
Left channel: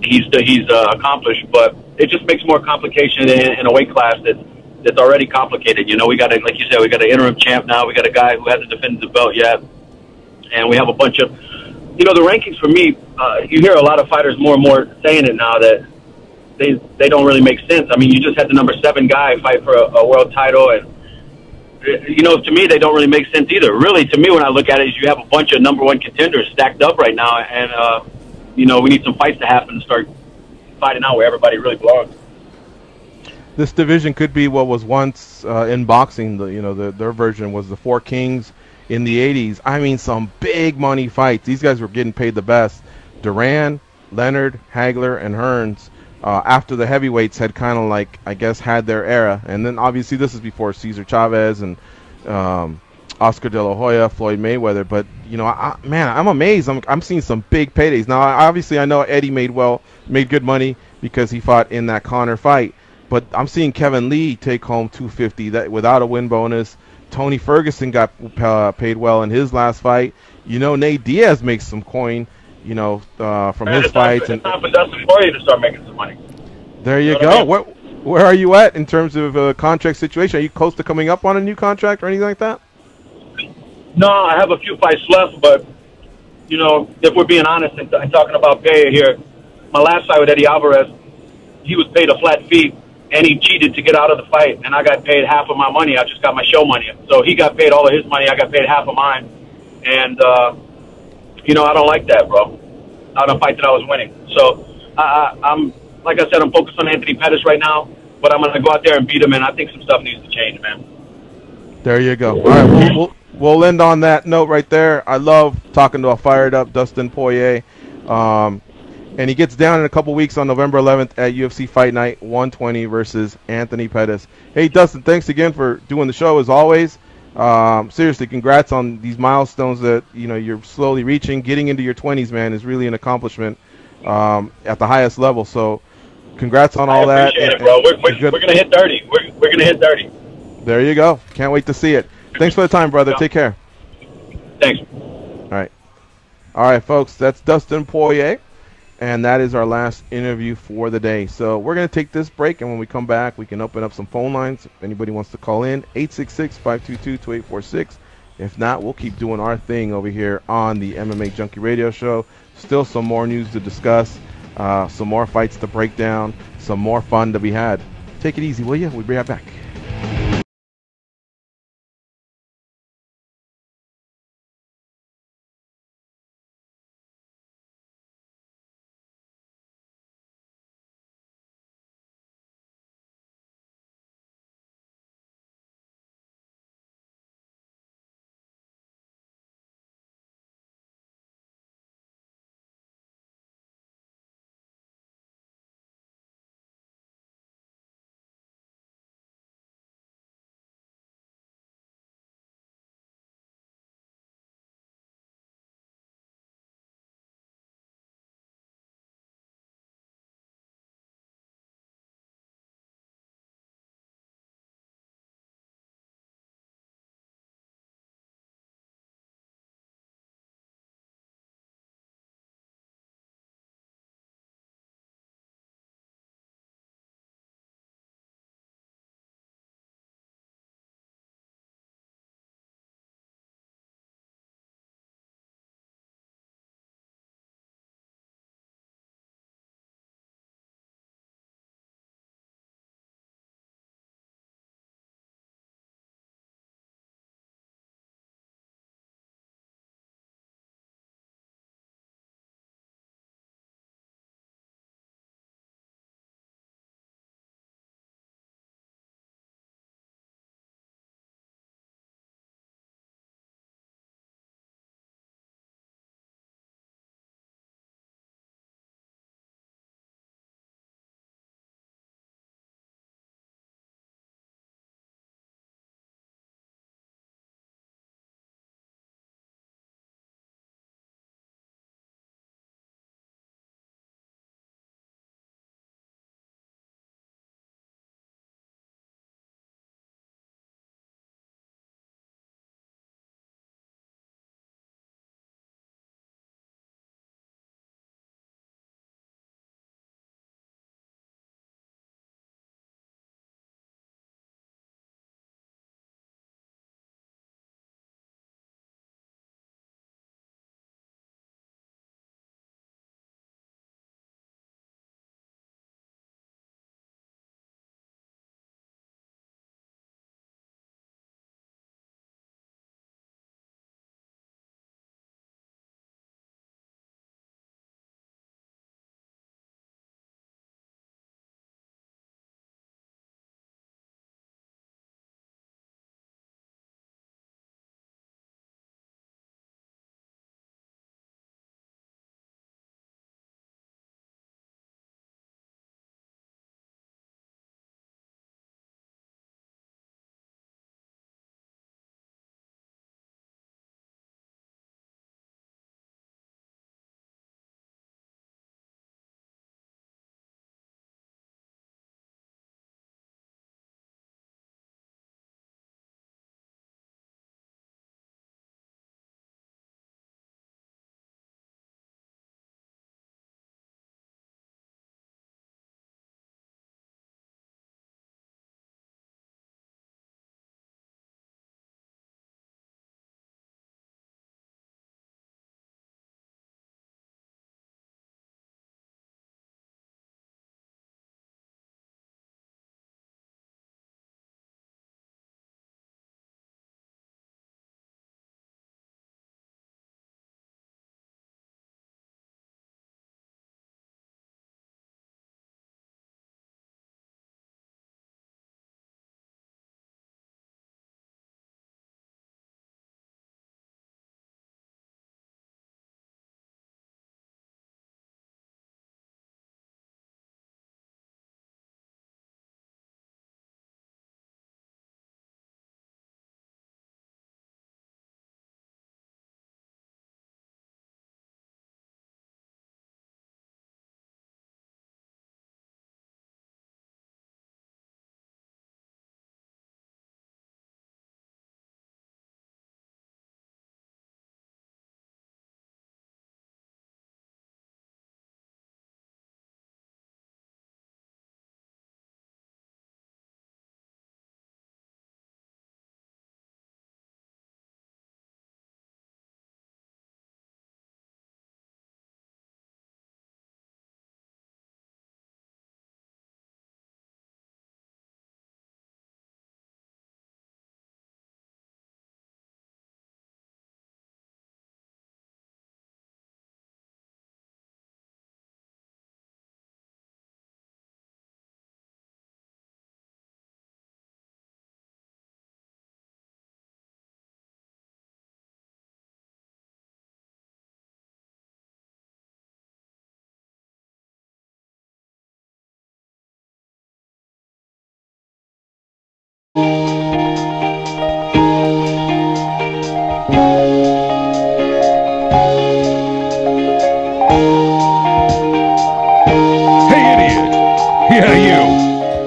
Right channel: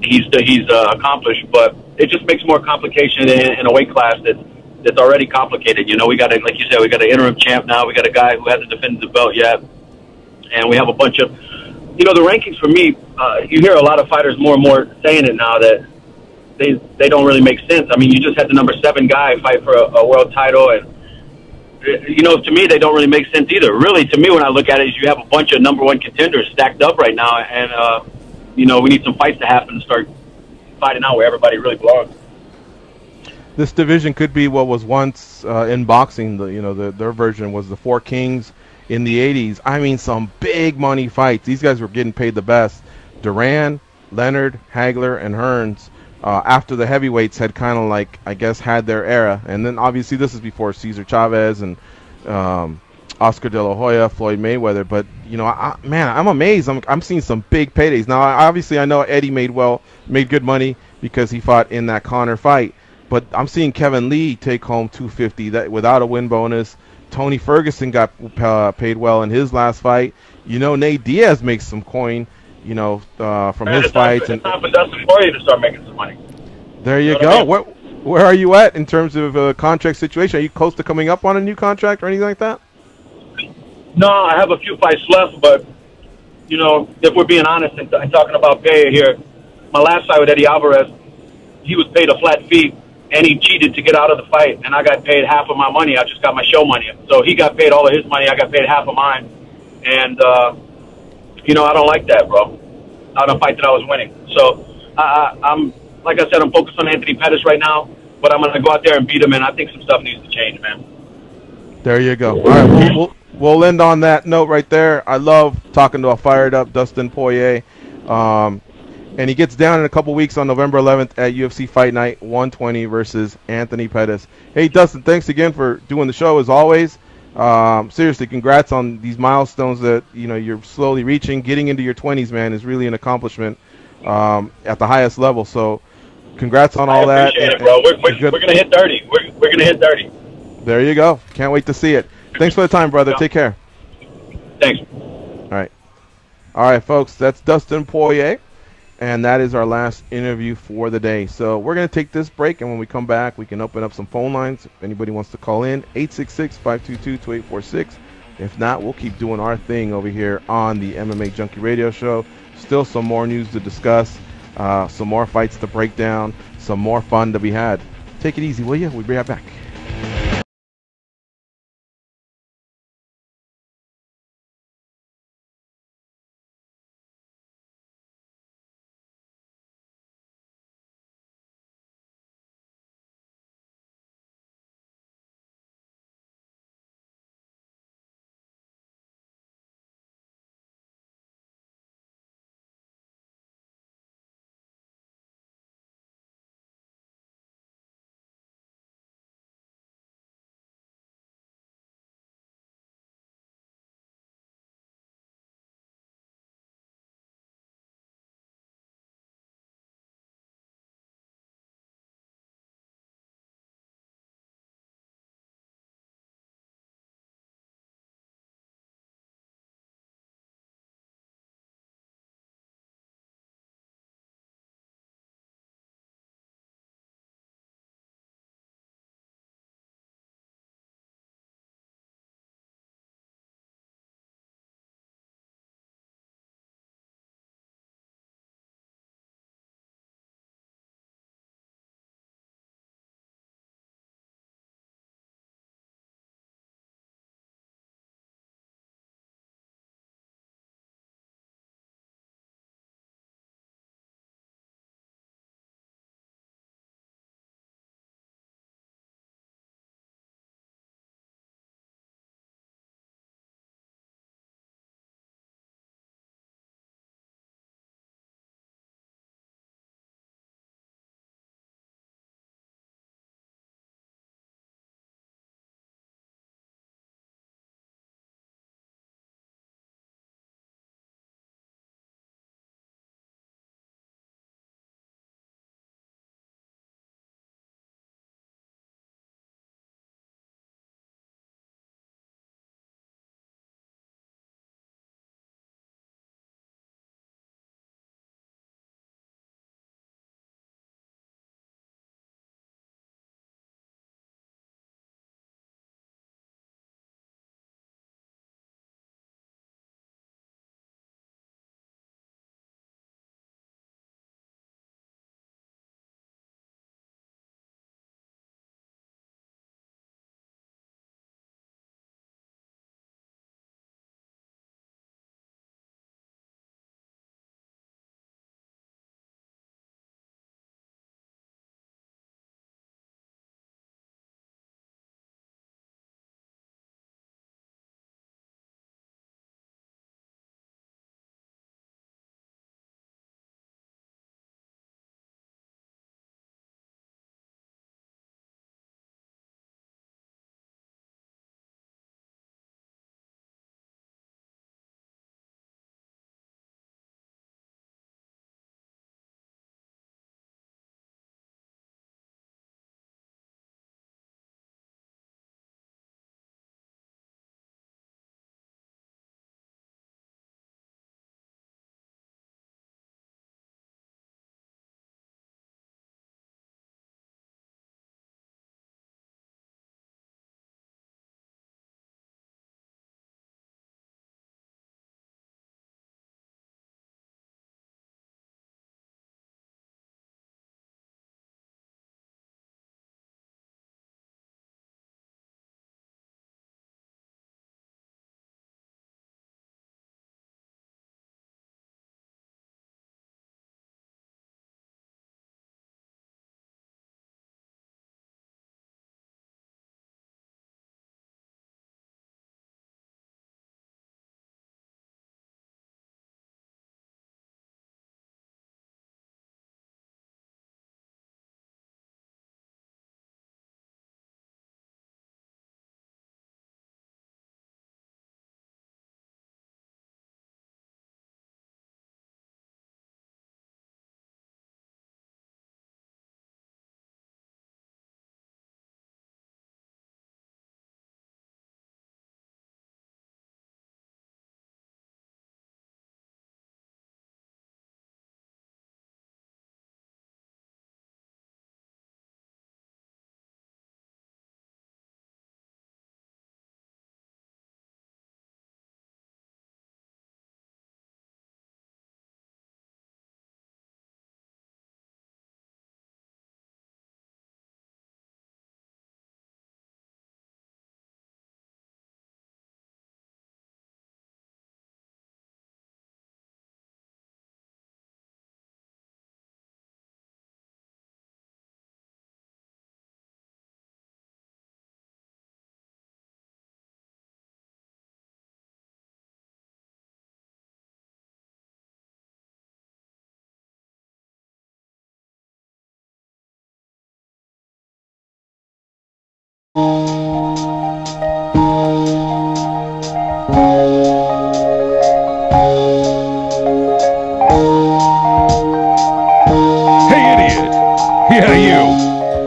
he's accomplished. But it just makes more complication in a weight class that's already complicated. You know, we got like you said, we got an interim champ now. We got a guy who hasn't defended the belt yet, and we have a bunch of, you know, the rankings for me. You hear a lot of fighters more and more saying it now that they don't really make sense. I mean, you just had the number 7 guy fight for a world title, and you know, to me, they don't really make sense either. Really, to me, when I look at it, is you have a bunch of number 1 contenders stacked up right now, and you know, we need some fights to happen to start fighting out where everybody really belongs. This division could be what was once in boxing. Their version was the 4 Kings in the 80s. I mean, some big money fights. These guys were getting paid the best. Duran, Leonard, Hagler, and Hearns. After the heavyweights had kind of like, I guess, had their era. And then obviously this is before Cesar Chavez and Oscar De La Hoya, Floyd Mayweather. But, you know, I'm amazed. I'm seeing some big paydays. Now, obviously I know Eddie made good money because he fought in that Conor fight. But I'm seeing Kevin Lee take home $250 that without a win bonus. Tony Ferguson got paid well in his last fight. You know, Nate Diaz makes some coin, you know, from his fights. It's time for Dustin Poirier to start making some money. There you go. Where are you at in terms of a contract situation? Are you close to coming up on a new contract or anything like that? No, I have a few fights left, but, you know, if we're being honest and talking about pay here, my last fight with Eddie Alvarez, he was paid a flat fee, and he cheated to get out of the fight, and I got paid half of my money. I just got my show money. So he got paid all of his money. I got paid half of mine. And, you know, I don't like that, bro, on a fight that I was winning. So I'm, like I said, I'm focused on Anthony Pettis right now, but I'm going to go out there and beat him, and I think some stuff needs to change, man. There you go. All right, we'll end on that note right there. I love talking to a fired-up Dustin Poirier. And he gets down in a couple weeks on November 11th at UFC Fight Night 120 versus Anthony Pettis. Hey, Dustin, thanks again for doing the show as always. Seriously, congrats on these milestones that, you know, you're slowly reaching. Getting into your 20s, man, is really an accomplishment at the highest level. So congrats on all that. I appreciate it, bro. We're going to hit 30. We're going to hit 30. There you go. Can't wait to see it. Thanks for the time, brother. Take care. Thanks. All right, folks. That's Dustin Poirier. And that is our last interview for the day. So we're going to take this break, and when we come back, we can open up some phone lines. If anybody wants to call in, 866-522-2846. If not, we'll keep doing our thing over here on the MMA Junkie Radio Show. Still some more news to discuss, some more fights to break down, some more fun to be had. Take it easy, will you? We'll be right back.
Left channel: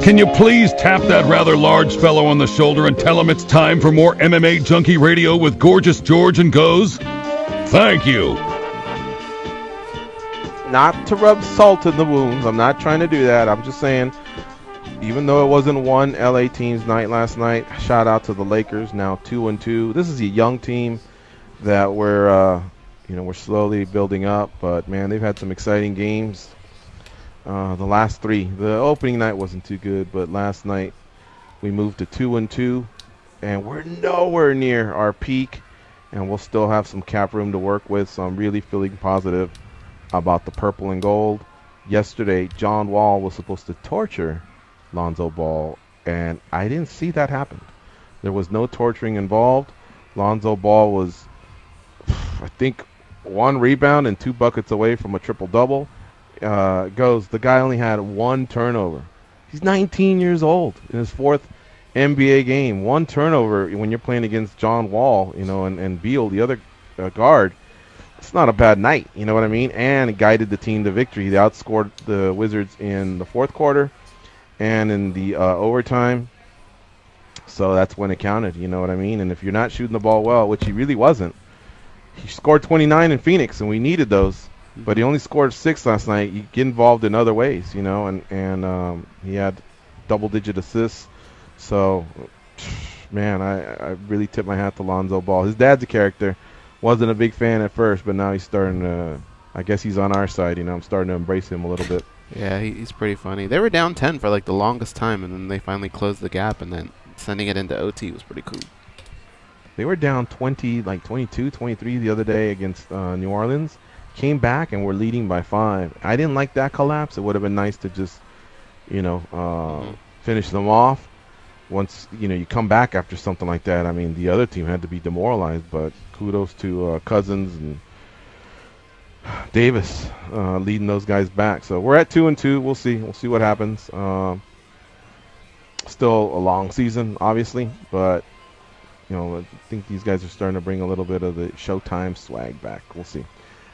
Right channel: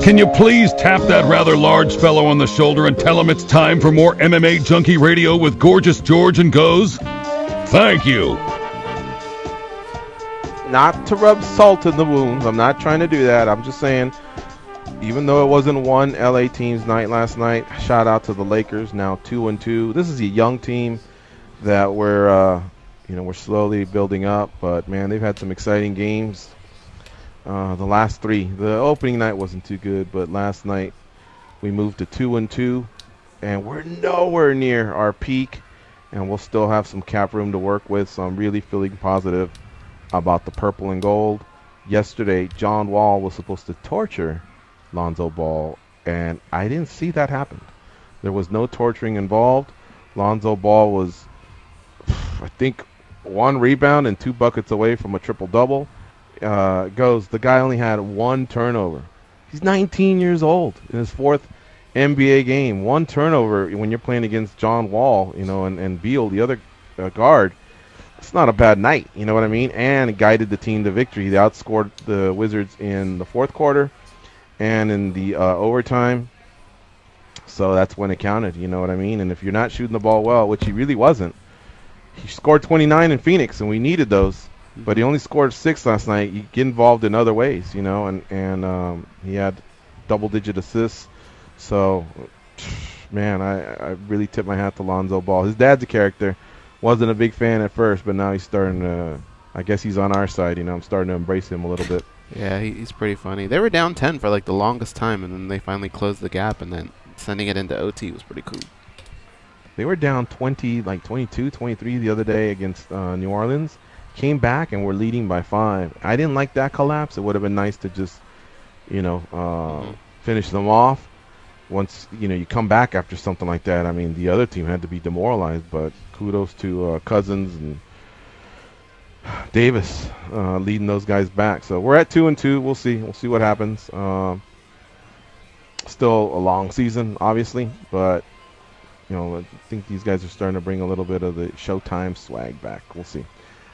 Can you please tap that rather large fellow on the shoulder and tell him it's time for more MMA Junkie Radio with Gorgeous George and Goes? Thank you. Not to rub salt in the wounds. I'm not trying to do that. I'm just saying, even though it wasn't one LA team's night last night, shout out to the Lakers, now 2-2. This is a young team that we're slowly building up, but man, they've had some exciting games. The last three, the opening night wasn't too good, but last night we moved to 2-2, and we're nowhere near our peak, and we'll still have some cap room to work with. So I'm really feeling positive about the purple and gold. Yesterday, John Wall was supposed to torture Lonzo Ball, and I didn't see that happen. There was no torturing involved. Lonzo Ball was, I think, 1 rebound and 2 buckets away from a triple-double. The guy only had 1 turnover. He's 19 years old in his 4th NBA game. 1 turnover when you're playing against John Wall, and Beal, the other guard. It's not a bad night, you know what I mean? And guided the team to victory. They outscored the Wizards in the 4th quarter and in the overtime. So that's when it counted, you know what I mean? And if you're not shooting the ball well, which he really wasn't, he scored 29 in Phoenix, and we needed those. But he only scored 6 last night. You get involved in other ways, and he had double-digit assists. So, man, I really tip my hat to Lonzo Ball. His dad's a character. Wasn't a big fan at first, but now he's starting to, I guess he's on our side, I'm starting to embrace him a little bit. Yeah, he's pretty funny. They were down 10 for like the longest time, and then they finally closed the gap, and then sending it into OT was pretty cool. They were down 22, 23 the other day against New Orleans. Came back and were leading by 5. I didn't like that collapse. It would have been nice to just, finish them off. Once, you come back after something like that, I mean, the other team had to be demoralized, but kudos to Cousins and Davis leading those guys back. So we're at 2-2. We'll see. We'll see what happens. Still a long season, obviously, but, I think these guys are starting to bring a little bit of the Showtime swag back. We'll see.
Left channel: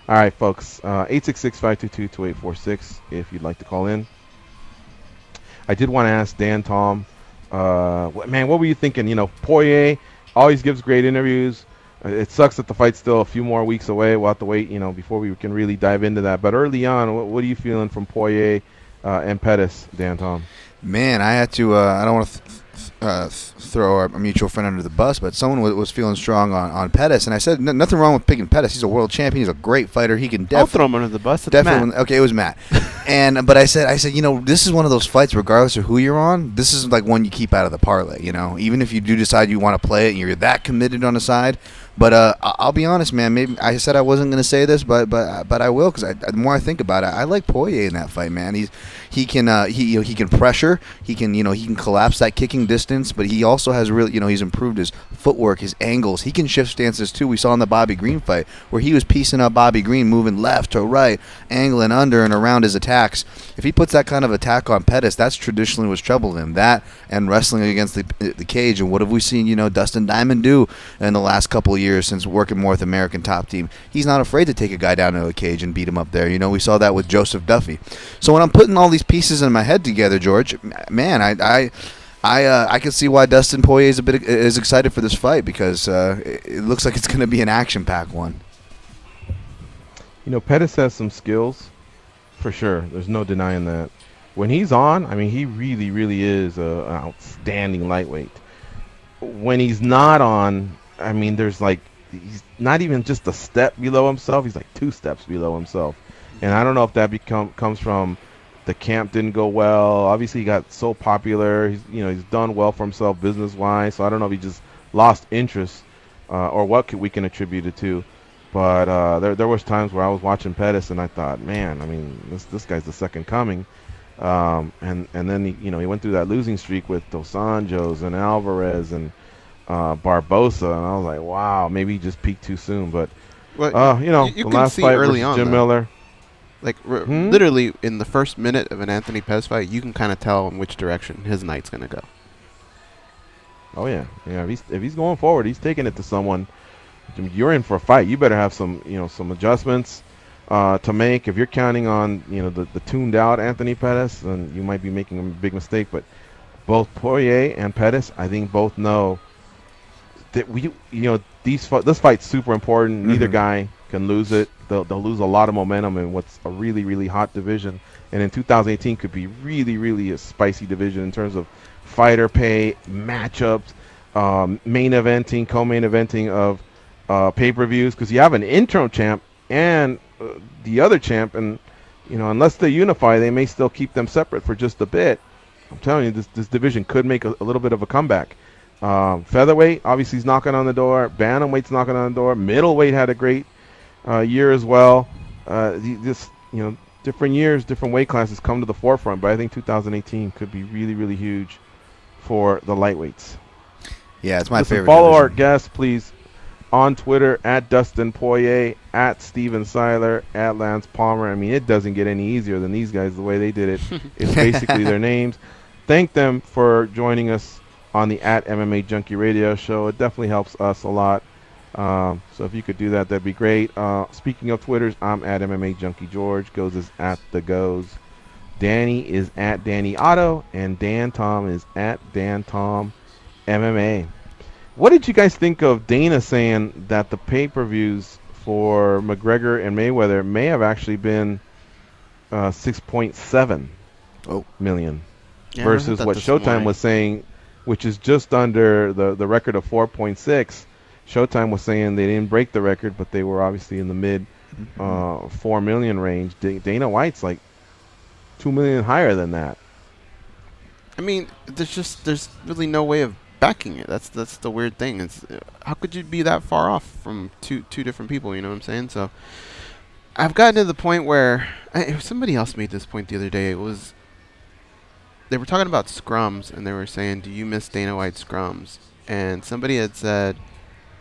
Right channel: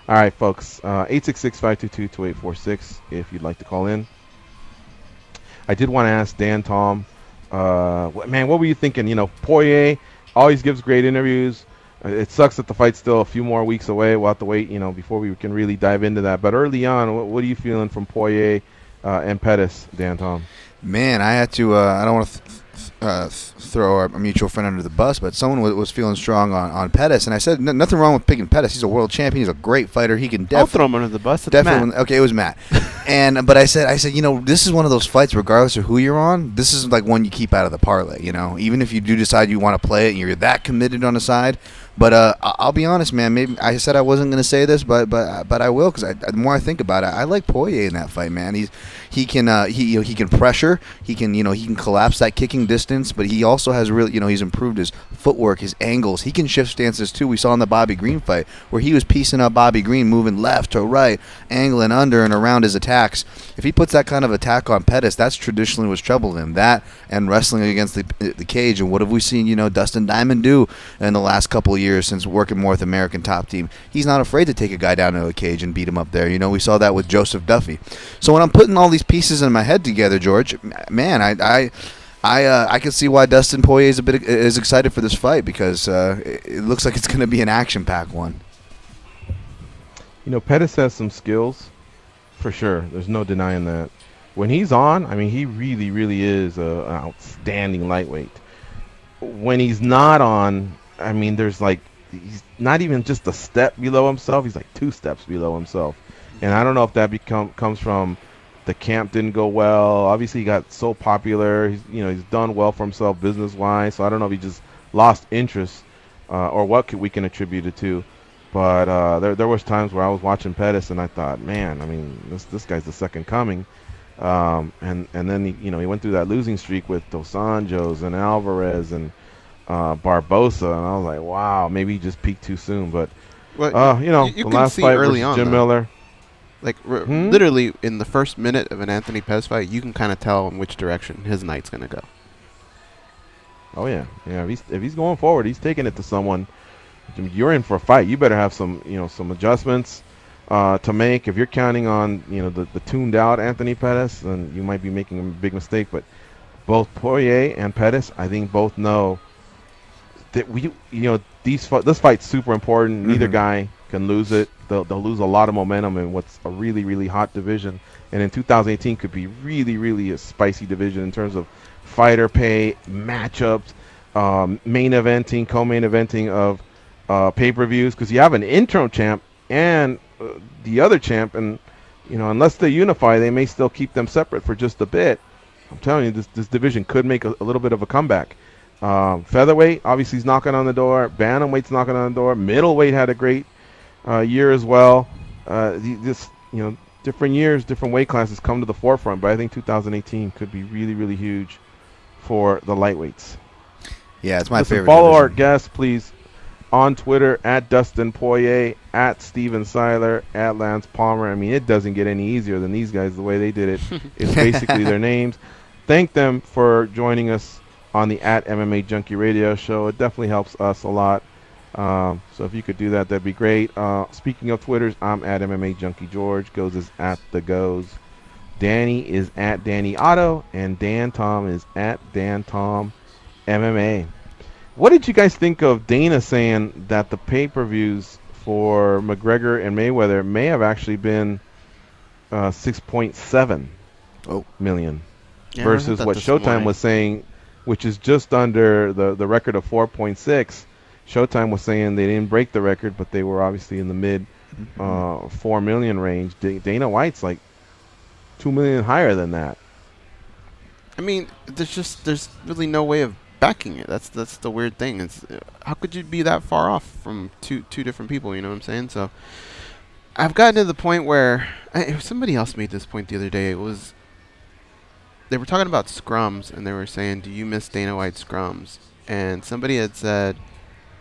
All right, folks, 866-522-2846 if you'd like to call in. I did want to ask Dan Tom, man, what were you thinking? Poirier always gives great interviews. It sucks that the fight's still a few more weeks away. We'll have to wait, before we can really dive into that. But early on, what are you feeling from Poirier and Pettis, Dan Tom? Man, I had to, I don't want to throw our mutual friend under the bus, but someone was feeling strong on Pettis, and I said nothing wrong with picking Pettis. He's a world champion. He's a great fighter. He can I'll throw him under the bus. It's definitely. Matt. Okay, it was Matt. But I said, this is one of those fights, regardless of who you're on, this is like one you keep out of the parlay. Even if you do decide you want to play it and you're that committed on the side. But I'll be honest, man. Maybe I said I wasn't going to say this, but I will, because the more I think about it, I like Poirier in that fight, man. He can pressure. He can collapse that kicking distance, but he also has really he's improved his footwork, his angles. He can shift stances too. We saw in the Bobby Green fight where he was piecing up Bobby Green, moving left to right, angling under and around his attacks. If he puts that kind of attack on Pettis, that's traditionally what's troubled him. That and wrestling against the cage. And what have we seen Dustin Diamond do in the last couple of years since working more with American Top Team? He's not afraid to take a guy down to a cage and beat him up there. We saw that with Joseph Duffy. So when I'm putting all these pieces in my head together, George, man, I can see why Dustin Poirier is excited for this fight, because it looks like it's going to be an action-packed one. Pettis has some skills, for sure. There's no denying that. When he's on, I mean, he really, really is an outstanding lightweight. When he's not on, I mean, he's not even just a step below himself. He's like 2 steps below himself. And I don't know if that comes from the camp didn't go well. Obviously, he got so popular. He's done well for himself business-wise. So I don't know if he just lost interest or what we can attribute it to. But there was times where I was watching Pettis and I thought, man, I mean, this guy's the second coming. And then he went through that losing streak with Dos Anjos and Alvarez and Barbosa, and I was like, wow, maybe he just peaked too soon. But you can see early on, Jim Miller, like literally in the first minute of an Anthony Pettis fight, you can kind of tell in which direction his night's gonna go. Oh yeah. If he's going forward, he's taking it to someone. You're in for a fight. You better have some adjustments. to make. If you're counting on the tuned out Anthony Pettis, then you might be making a big mistake. But both Poirier and Pettis, I think both know that this fight's super important. Neither guy can lose it. They'll lose a lot of momentum in what's a really, really hot division. And in 2018 could be really, really a spicy division in terms of fighter pay, matchups, main eventing, co-main eventing of pay-per-views. Because you have an interim champ and the other champ, and unless they unify, they may still keep them separate for just a bit. I'm telling you, this division could make a little bit of a comeback. Featherweight obviously is knocking on the door. Bantamweight's knocking on the door. Middleweight had a great year as well. Different years, different weight classes come to the forefront, but I think 2018 could be really, really huge for the lightweights. Yeah, it's my favorite Follow division. our guests, please, on Twitter at Dustin Poirier, at Steven Siler, at Lance Palmer. I mean, it doesn't get any easier than these guys the way they did it. It's basically their names. Thank them for joining us on the at MMA Junkie Radio show. It definitely helps us a lot. So if you could do that, that'd be great. Speaking of Twitters, I'm at MMA Junkie George. Goes is at the Goes. Danny is at Danny Otto, and Dan Tom is at Dan Tom MMA. What did you guys think of Dana saying that the pay-per-views for McGregor and Mayweather may have actually been 6.7 million versus what Showtime was saying, which is just under the record of 4.6. Showtime was saying they didn't break the record, but they were obviously in the mid 4 million range. Dana White's like 2 million higher than that. I mean, there's really no way of backing it. That's the weird thing. It's how could you be that far off from two different people? You know what I'm saying? So I've gotten to the point where somebody else made this point the other day. They were talking about scrums, and they were saying, "Do you miss Dana White's scrums?" And somebody had said,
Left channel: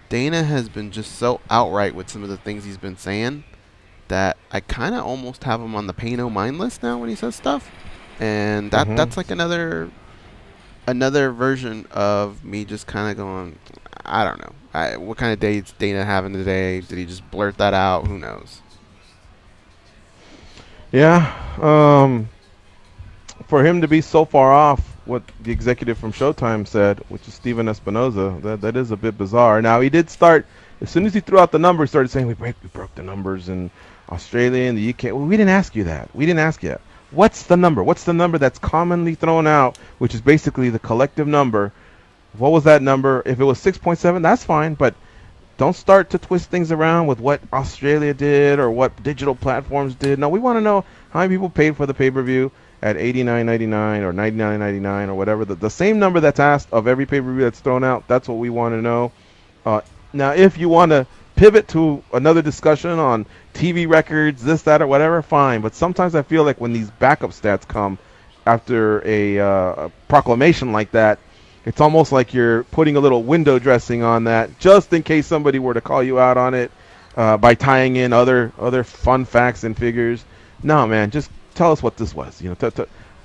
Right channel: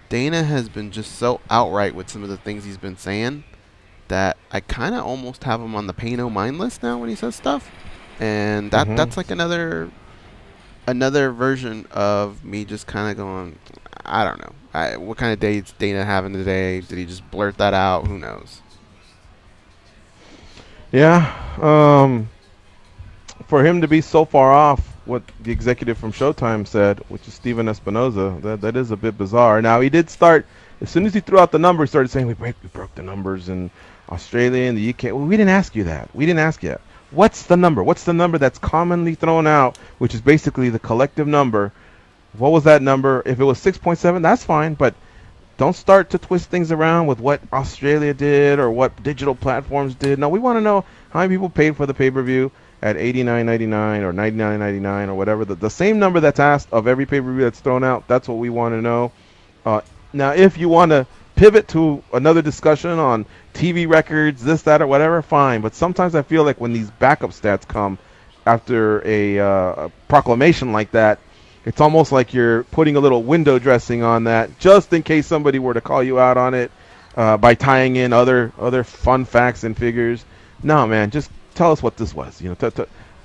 Dana has been just so outright with some of the things he's been saying that I kind of almost have him on the pay no mind list now when he says stuff, and that's like another version of me just kind of going, I don't know, what kind of day is Dana having today? Did he just blurt that out? Who knows? Yeah, for him to be so far off what the executive from Showtime said, which is Steven Espinoza, that is a bit bizarre. Now, he did start, as soon as he threw out the numbers, started saying, we broke the numbers in Australia and the UK. Well, we didn't ask you that. We didn't ask you that. What's the number? What's the number that's commonly thrown out, which is basically the collective number? What was that number? If it was 6.7, that's fine, but don't start to twist things around with what Australia did or what digital platforms did. No, we want to know how many people paid for the pay-per-view at $89.99 or $99.99 or whatever. The same number that's asked of every pay-per-view that's thrown out, that's what we want to know. Now, if you want to pivot to another discussion on TV records, this, that, or whatever, fine. But sometimes I feel like when these backup stats come after a proclamation like that, it's almost like you're putting a little window dressing on that just in case somebody were to call you out on it by tying in other fun facts and figures. No, man, just tell us what this was.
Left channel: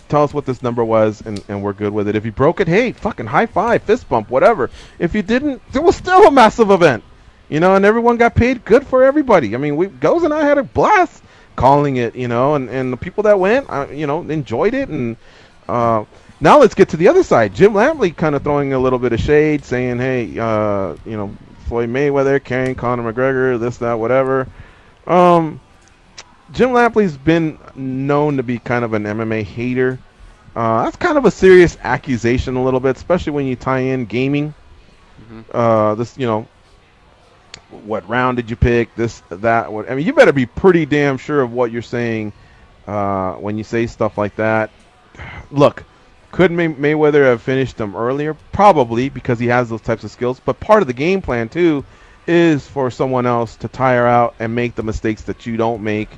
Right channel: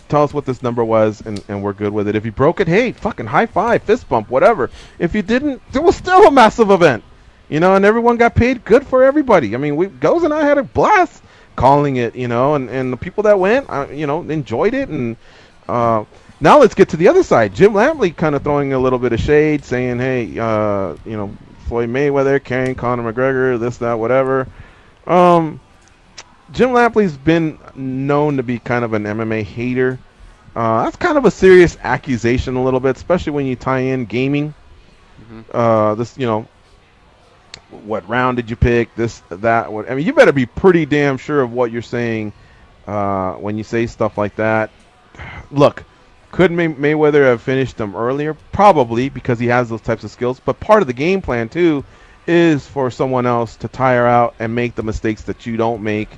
Tell us what this number was, and we're good with it. If you broke it, hey, fucking high five, fist bump, whatever. If you didn't, it was still a massive event. And everyone got paid. Good for everybody. I mean, Goes and I had a blast calling it, and the people that went, enjoyed it. And now let's get to the other side. Jim Lampley kind of throwing a little bit of shade, saying, hey, Floyd Mayweather carrying Conor McGregor, this, that, whatever. Jim Lampley's been known to be kind of an MMA hater. That's kind of a serious accusation a little bit, especially when you tie in gaming. What round did you pick? This, that. What, I mean, you better be pretty damn sure of what you're saying when you say stuff like that. Look, could Mayweather have finished him earlier? Probably, because he has those types of skills. But part of the game plan, too, is for someone else to tire out and make the mistakes that you don't make.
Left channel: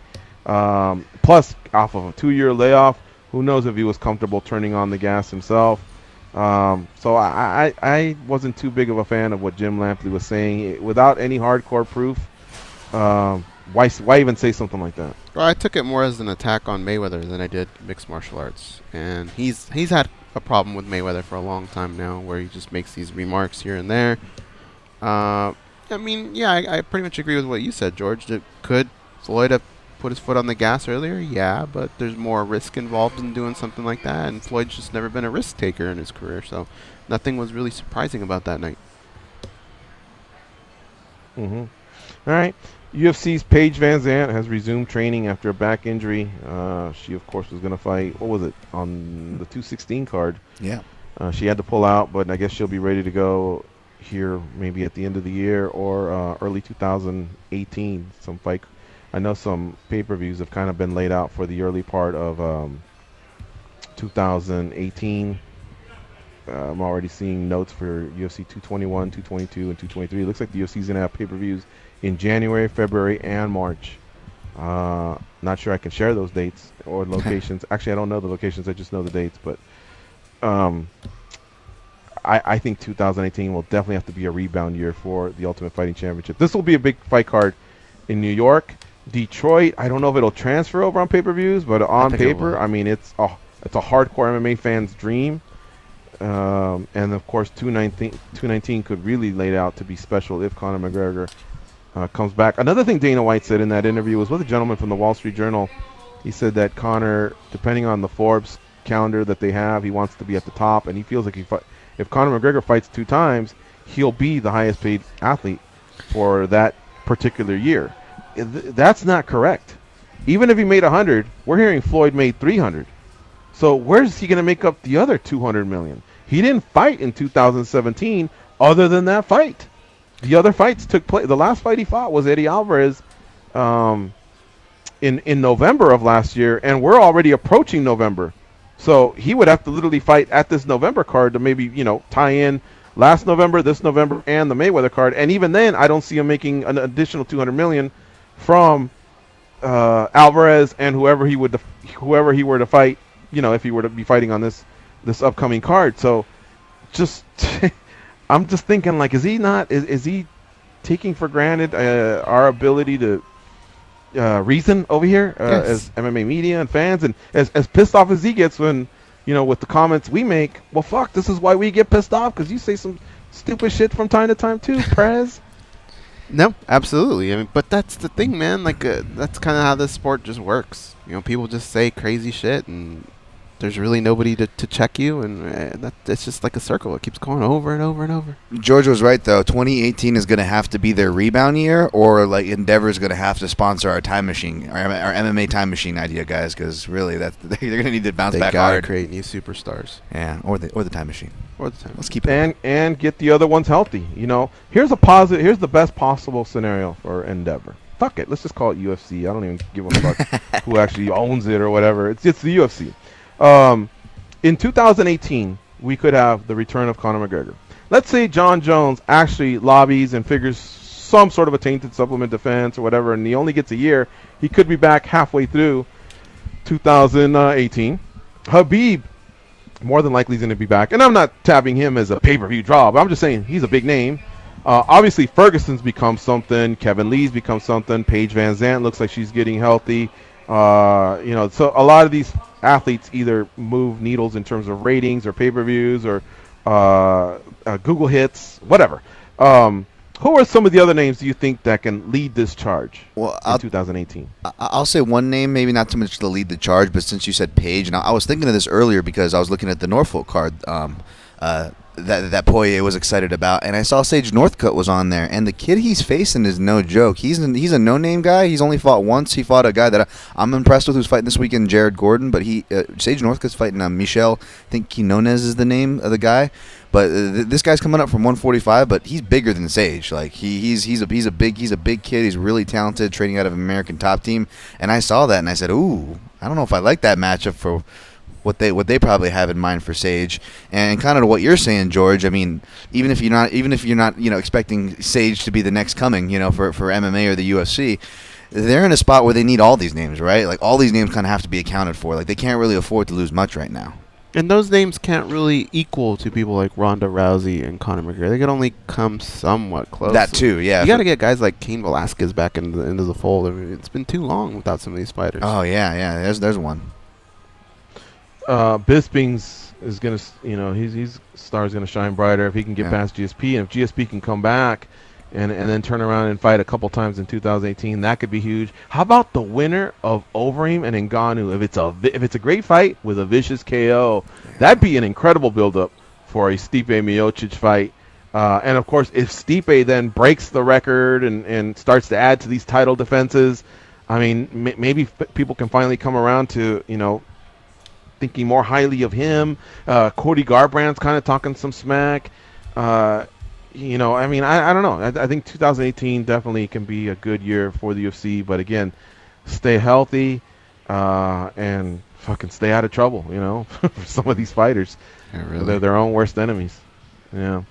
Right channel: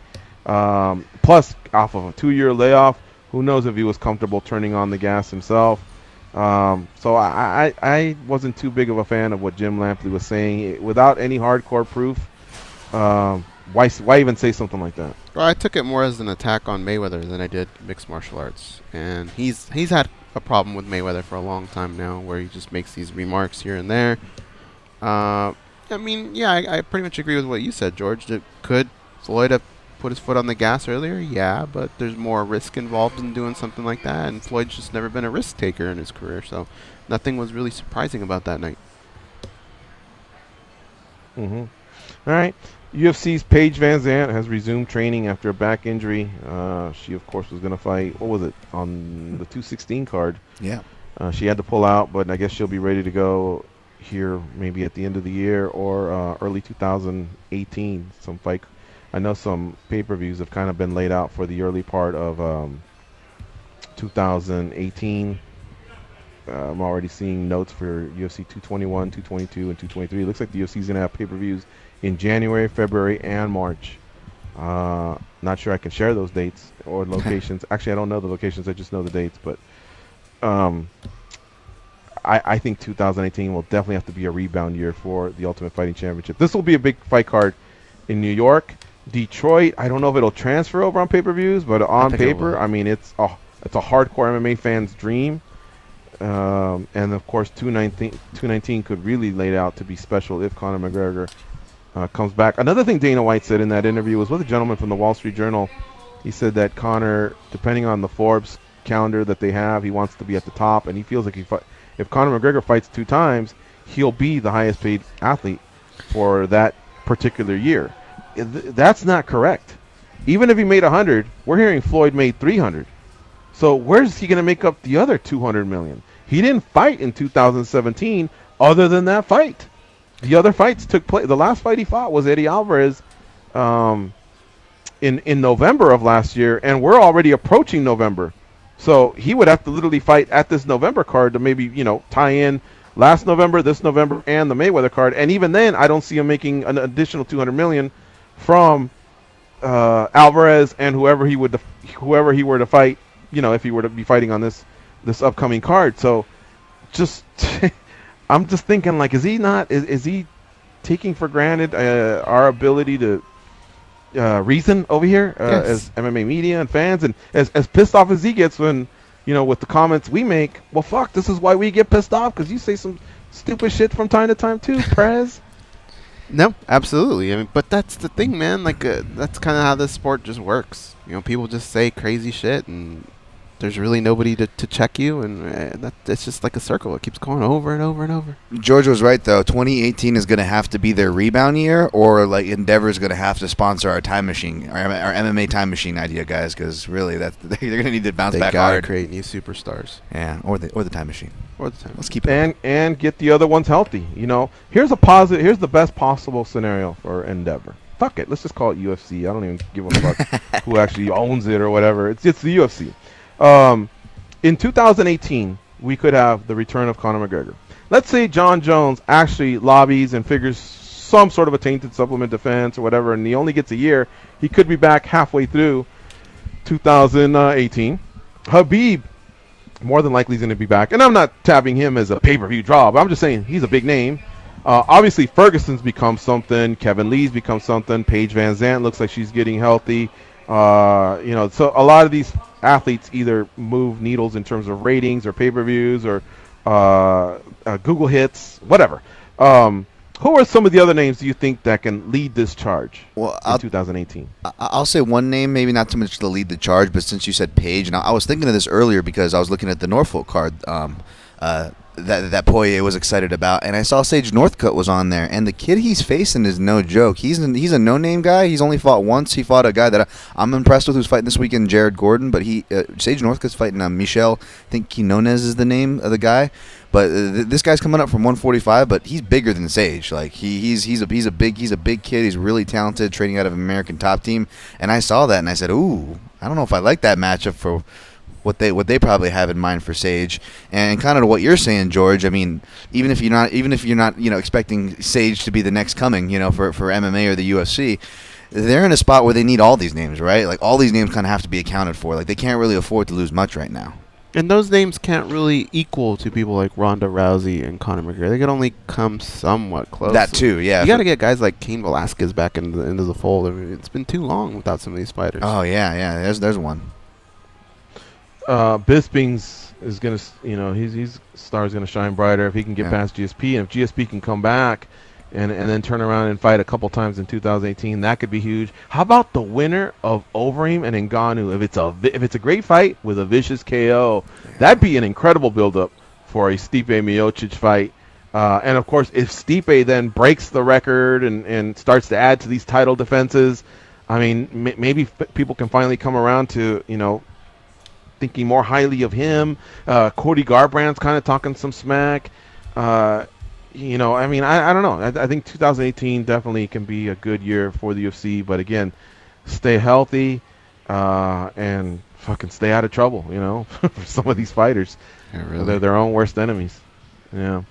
Plus, off of a 2-year layoff, who knows if he was comfortable turning on the gas himself. So I wasn't too big of a fan of what Jim Lampley was saying. Without any hardcore proof, why even say something like that? Well, I took it more as an attack on Mayweather than I did mixed martial arts. And he's had a problem with Mayweather for a long time now, where he just makes these remarks here and there. I mean, yeah, I pretty much agree with what you said, George. Could Floyd have put his foot on the gas earlier? Yeah, but there's more risk involved in doing something like that, and Floyd's just never been a risk taker in his career, so nothing was really surprising about that night. All right. UFC's Paige Van Zandt has resumed training after a back injury. She, of course, was going to fight, what was it, on the 216 card. Yeah. She had to pull out, but I guess she'll be ready to go here maybe at the end of the year or early 2018. Some fight. I know some pay-per-views have kind of been laid out for the early part of 2018. I'm already seeing notes for UFC 221, 222, and 223. It looks like the UFC's going to have pay-per-views in January, February, and March. Not sure I can share those dates or locations. Actually, I don't know the locations. I just know the dates. But I think 2018 will definitely have to be a rebound year for the Ultimate Fighting Championship. This will be a big fight card in New York. Detroit, I don't know if it'll transfer over on pay-per-views, but on paper, I mean, it's a hardcore MMA fan's dream. And of course, 219 could really lay out to be special if Conor McGregor comes back. Another thing Dana White said in that interview was with a gentleman from the Wall Street Journal. He said that Conor, depending on the Forbes calendar that they have, he wants to be at the top, and he feels like if Conor McGregor fights 2 times, he'll be the highest paid athlete for that particular year. That's not correct. Even if he made 100, we're hearing Floyd made 300. So where's he going to make up the other 200 million? He didn't fight in 2017 other than that fight. The other fights took place. The last fight he fought was Eddie Alvarez in November of last year, and we're already approaching November. So he would have to literally fight at this November card to maybe, tie in last November, this November, and the Mayweather card. And even then, I don't see him making an additional 200 million from Alvarez and whoever he were to fight. If he were to be fighting on this upcoming card. So just I'm just thinking, like, is he taking for granted our ability to reason over here as MMA media and fans, and as pissed off as he gets when, with the comments we make? Well, fuck, this is why we get pissed off, because you say some stupid shit from time to time too, Prez. No, absolutely. I mean, but that's the thing, man. Like, that's kind of how this sport just works. People just say crazy shit, and there's really nobody to check you, and it's just like a circle. It keeps going over and over and over. George was right, though. 2018 is going to have to be their rebound year, or like Endeavor is going to have to sponsor our time machine, our MMA time machine idea, guys, because really they're going to need to bounce back hard. They got to create new superstars. Yeah, or the time machine. Let's keep it and get the other ones healthy. Here's the best possible scenario for Endeavor. Fuck it, let's just call it UFC. I don't even give a fuck who actually owns it or whatever. It's the UFC. In 2018, we could have the return of Conor McGregor. Let's say John Jones actually lobbies and figures some sort of a tainted supplement defense or whatever, and he only gets a year. He could be back halfway through 2018. Khabib more than likely is going to be back, and I'm not tabbing him as a pay-per-view draw, but I'm just saying he's a big name. Obviously, Ferguson's become something. Kevin Lee's become something. Paige Van Zandt looks like she's getting healthy. So a lot of these athletes either move needles in terms of ratings or pay-per-views or Google hits, whatever. Who are some of the other names do you think that can lead this charge in 2018? I'll say one name, maybe not so much to lead the charge, but since you said Paige, and I was thinking of this earlier because I was looking at the Norfolk card that Poirier was excited about, and I saw Sage Northcutt was on there, and the kid he's facing is no joke. He's a no-name guy. He's only fought once. He fought a guy that I'm impressed with who's fighting this weekend, Jared Gordon, but Sage Northcutt's fighting Michel, I think Quinones is the name of the guy. But this guy's coming up from 145, but he's bigger than Sage. Like he's a big kid. He's really talented, training out of an American Top Team. And I saw that and I said, ooh, I don't know if I like that matchup for what they probably have in mind for Sage. And kind of what you're saying, George. I mean, even if you're not expecting Sage to be the next coming, for MMA or the UFC, they're in a spot where they need all these names, right? Like all these names kind of have to be accounted for. Like they can't really afford to lose much right now. And those names can't really equal to people like Ronda Rousey and Conor McGregor. They can only come somewhat close. That too, yeah. You got to get guys like Cain Velasquez back into the fold. I mean, it's been too long without some of these fighters. Oh yeah. There's one. Bisping's is gonna, his star's gonna shine brighter if he can get past GSP, and if GSP can come back and then turn around and fight a couple times in 2018. That could be huge. How about the winner of Overeem and Ngannou? If it's a great fight with a vicious KO, that'd be an incredible build-up for a Stipe Miocic fight. And of course, if Stipe then breaks the record and starts to add to these title defenses, I mean, maybe people can finally come around to, you know, thinking more highly of him. Cody Garbrandt's kind of talking some smack. You know, I mean, I don't know. I think 2018 definitely can be a good year for the UFC. But again, stay healthy and fucking stay out of trouble, you know, for some of these fighters. Yeah, really. They're their own worst enemies. Yeah.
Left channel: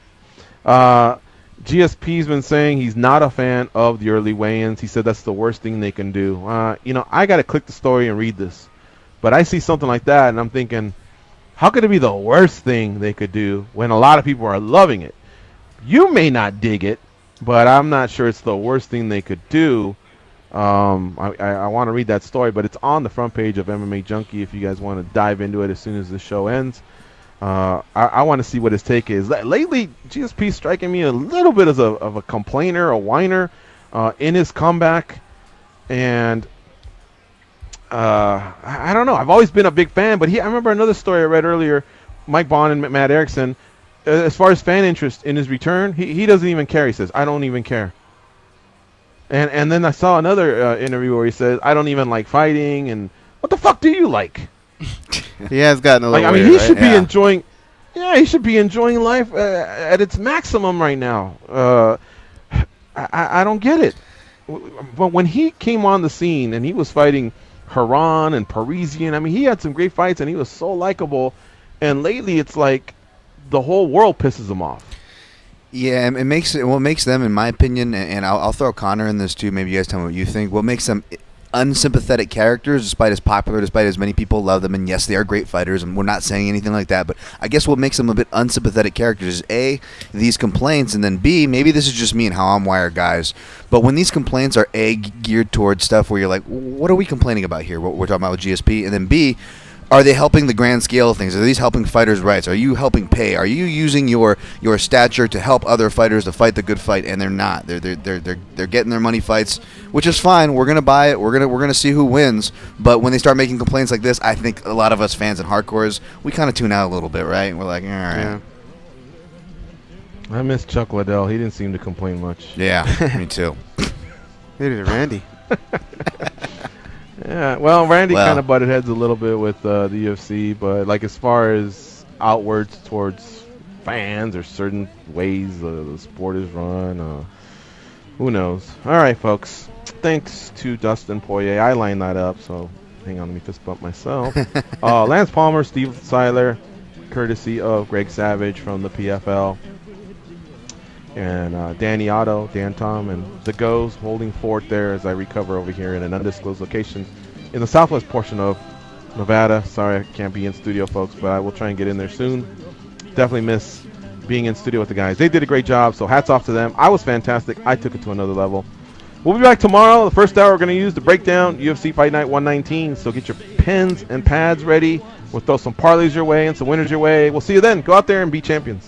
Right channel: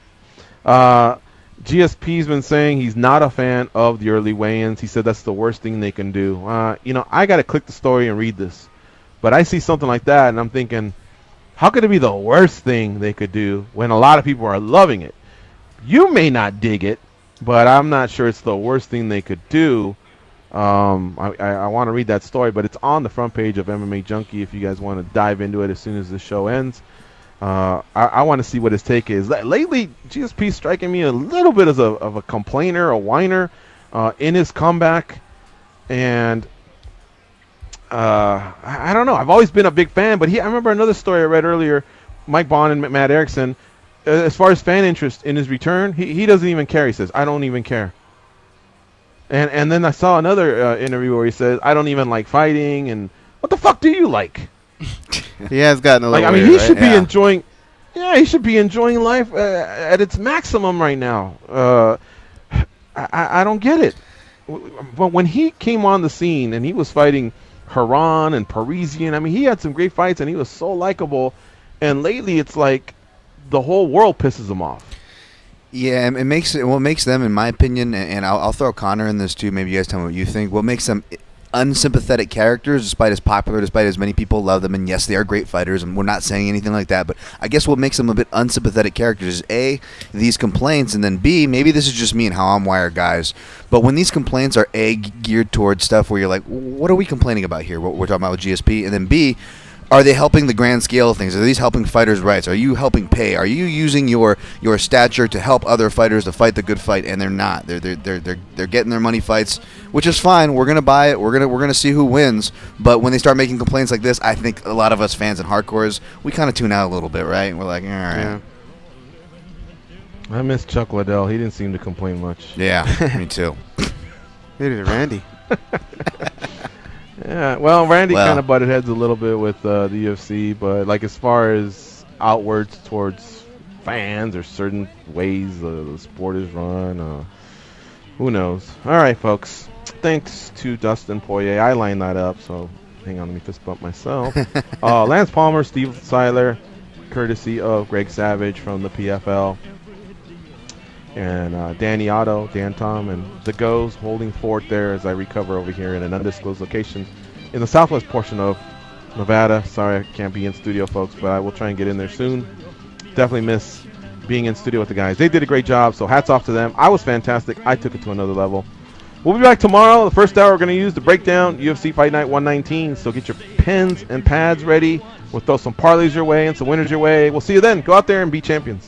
GSP's been saying he's not a fan of the early weigh-ins. He said that's the worst thing they can do. You know, I got to click the story and read this. But I see something like that, and I'm thinking, how could it be the worst thing they could do when a lot of people are loving it? You may not dig it, but I'm not sure it's the worst thing they could do. I want to read that story, but it's on the front page of MMA Junkie if you guys want to dive into it as soon as the show ends. I want to see what his take is. Lately, GSP's striking me a little bit as of a complainer, a whiner in his comeback. And I don't know. I've always been a big fan, but I remember another story I read earlier, Mike Bond and Matt Erickson. As far as fan interest in his return, he doesn't even care. He says, I don't even care. And then I saw another interview where he says, I don't even like fighting. And what the fuck do you like? He has gotten a little weird, he right? should be enjoying. Yeah, he should be enjoying life at its maximum right now. I don't get it. But when he came on the scene and he was fighting Haran and Parisian, I mean, he had some great fights and he was so likable. And lately, it's like the whole world pisses him off. Yeah, and what makes them, in my opinion, and I'll throw Connor in this too. Maybe you guys tell me what you think. What makes them unsympathetic characters, despite as popular, despite as many people love them, and yes, they are great fighters, and we're not saying anything like that, but I guess what makes them a bit unsympathetic characters is A, these complaints, and then B, maybe this is just me and how I'm wired, guys, but when these complaints are A, geared towards stuff where you're like, what are we complaining about here, what we're talking about with GSP, and then B, are they helping the grand scale of things? Are these helping fighters' rights? Are you helping pay? Are you using your stature to help other fighters to fight the good fight? And they're not. They're getting their money fights, which is fine. We're gonna buy it. We're gonna see who wins. But when they start making complaints like this, I think a lot of us fans and hardcores, we kind of tune out a little bit, right? And we're like, all right. Yeah. I miss Chuck Liddell. He didn't seem to complain much. Yeah, me too. Maybe Randy. Yeah, well, Randy kind of butted heads a little bit with the UFC, but like as far as outwards towards fans or certain ways the sport is run, who knows? All right, folks. Thanks to Dustin Poirier. I lined that up, so hang on, let me fist bump myself. Lance Palmer, Steven Siler, courtesy of Greg Savage from the PFL. And Danny Otto, Dan Tom, and the Goes holding fort there as I recover over here in an undisclosed location in the southwest portion of Nevada. Sorry I can't be in studio, folks, but I will try and get in there soon. Definitely miss being in studio with the guys. They did a great job, so hats off to them. I was fantastic. I took it to another level. We'll be back tomorrow. The first hour we're going to use to break down UFC Fight Night 119, so get your pens and pads ready. We'll throw some parlays your way and some winners your way. We'll see you then. Go out there and be champions.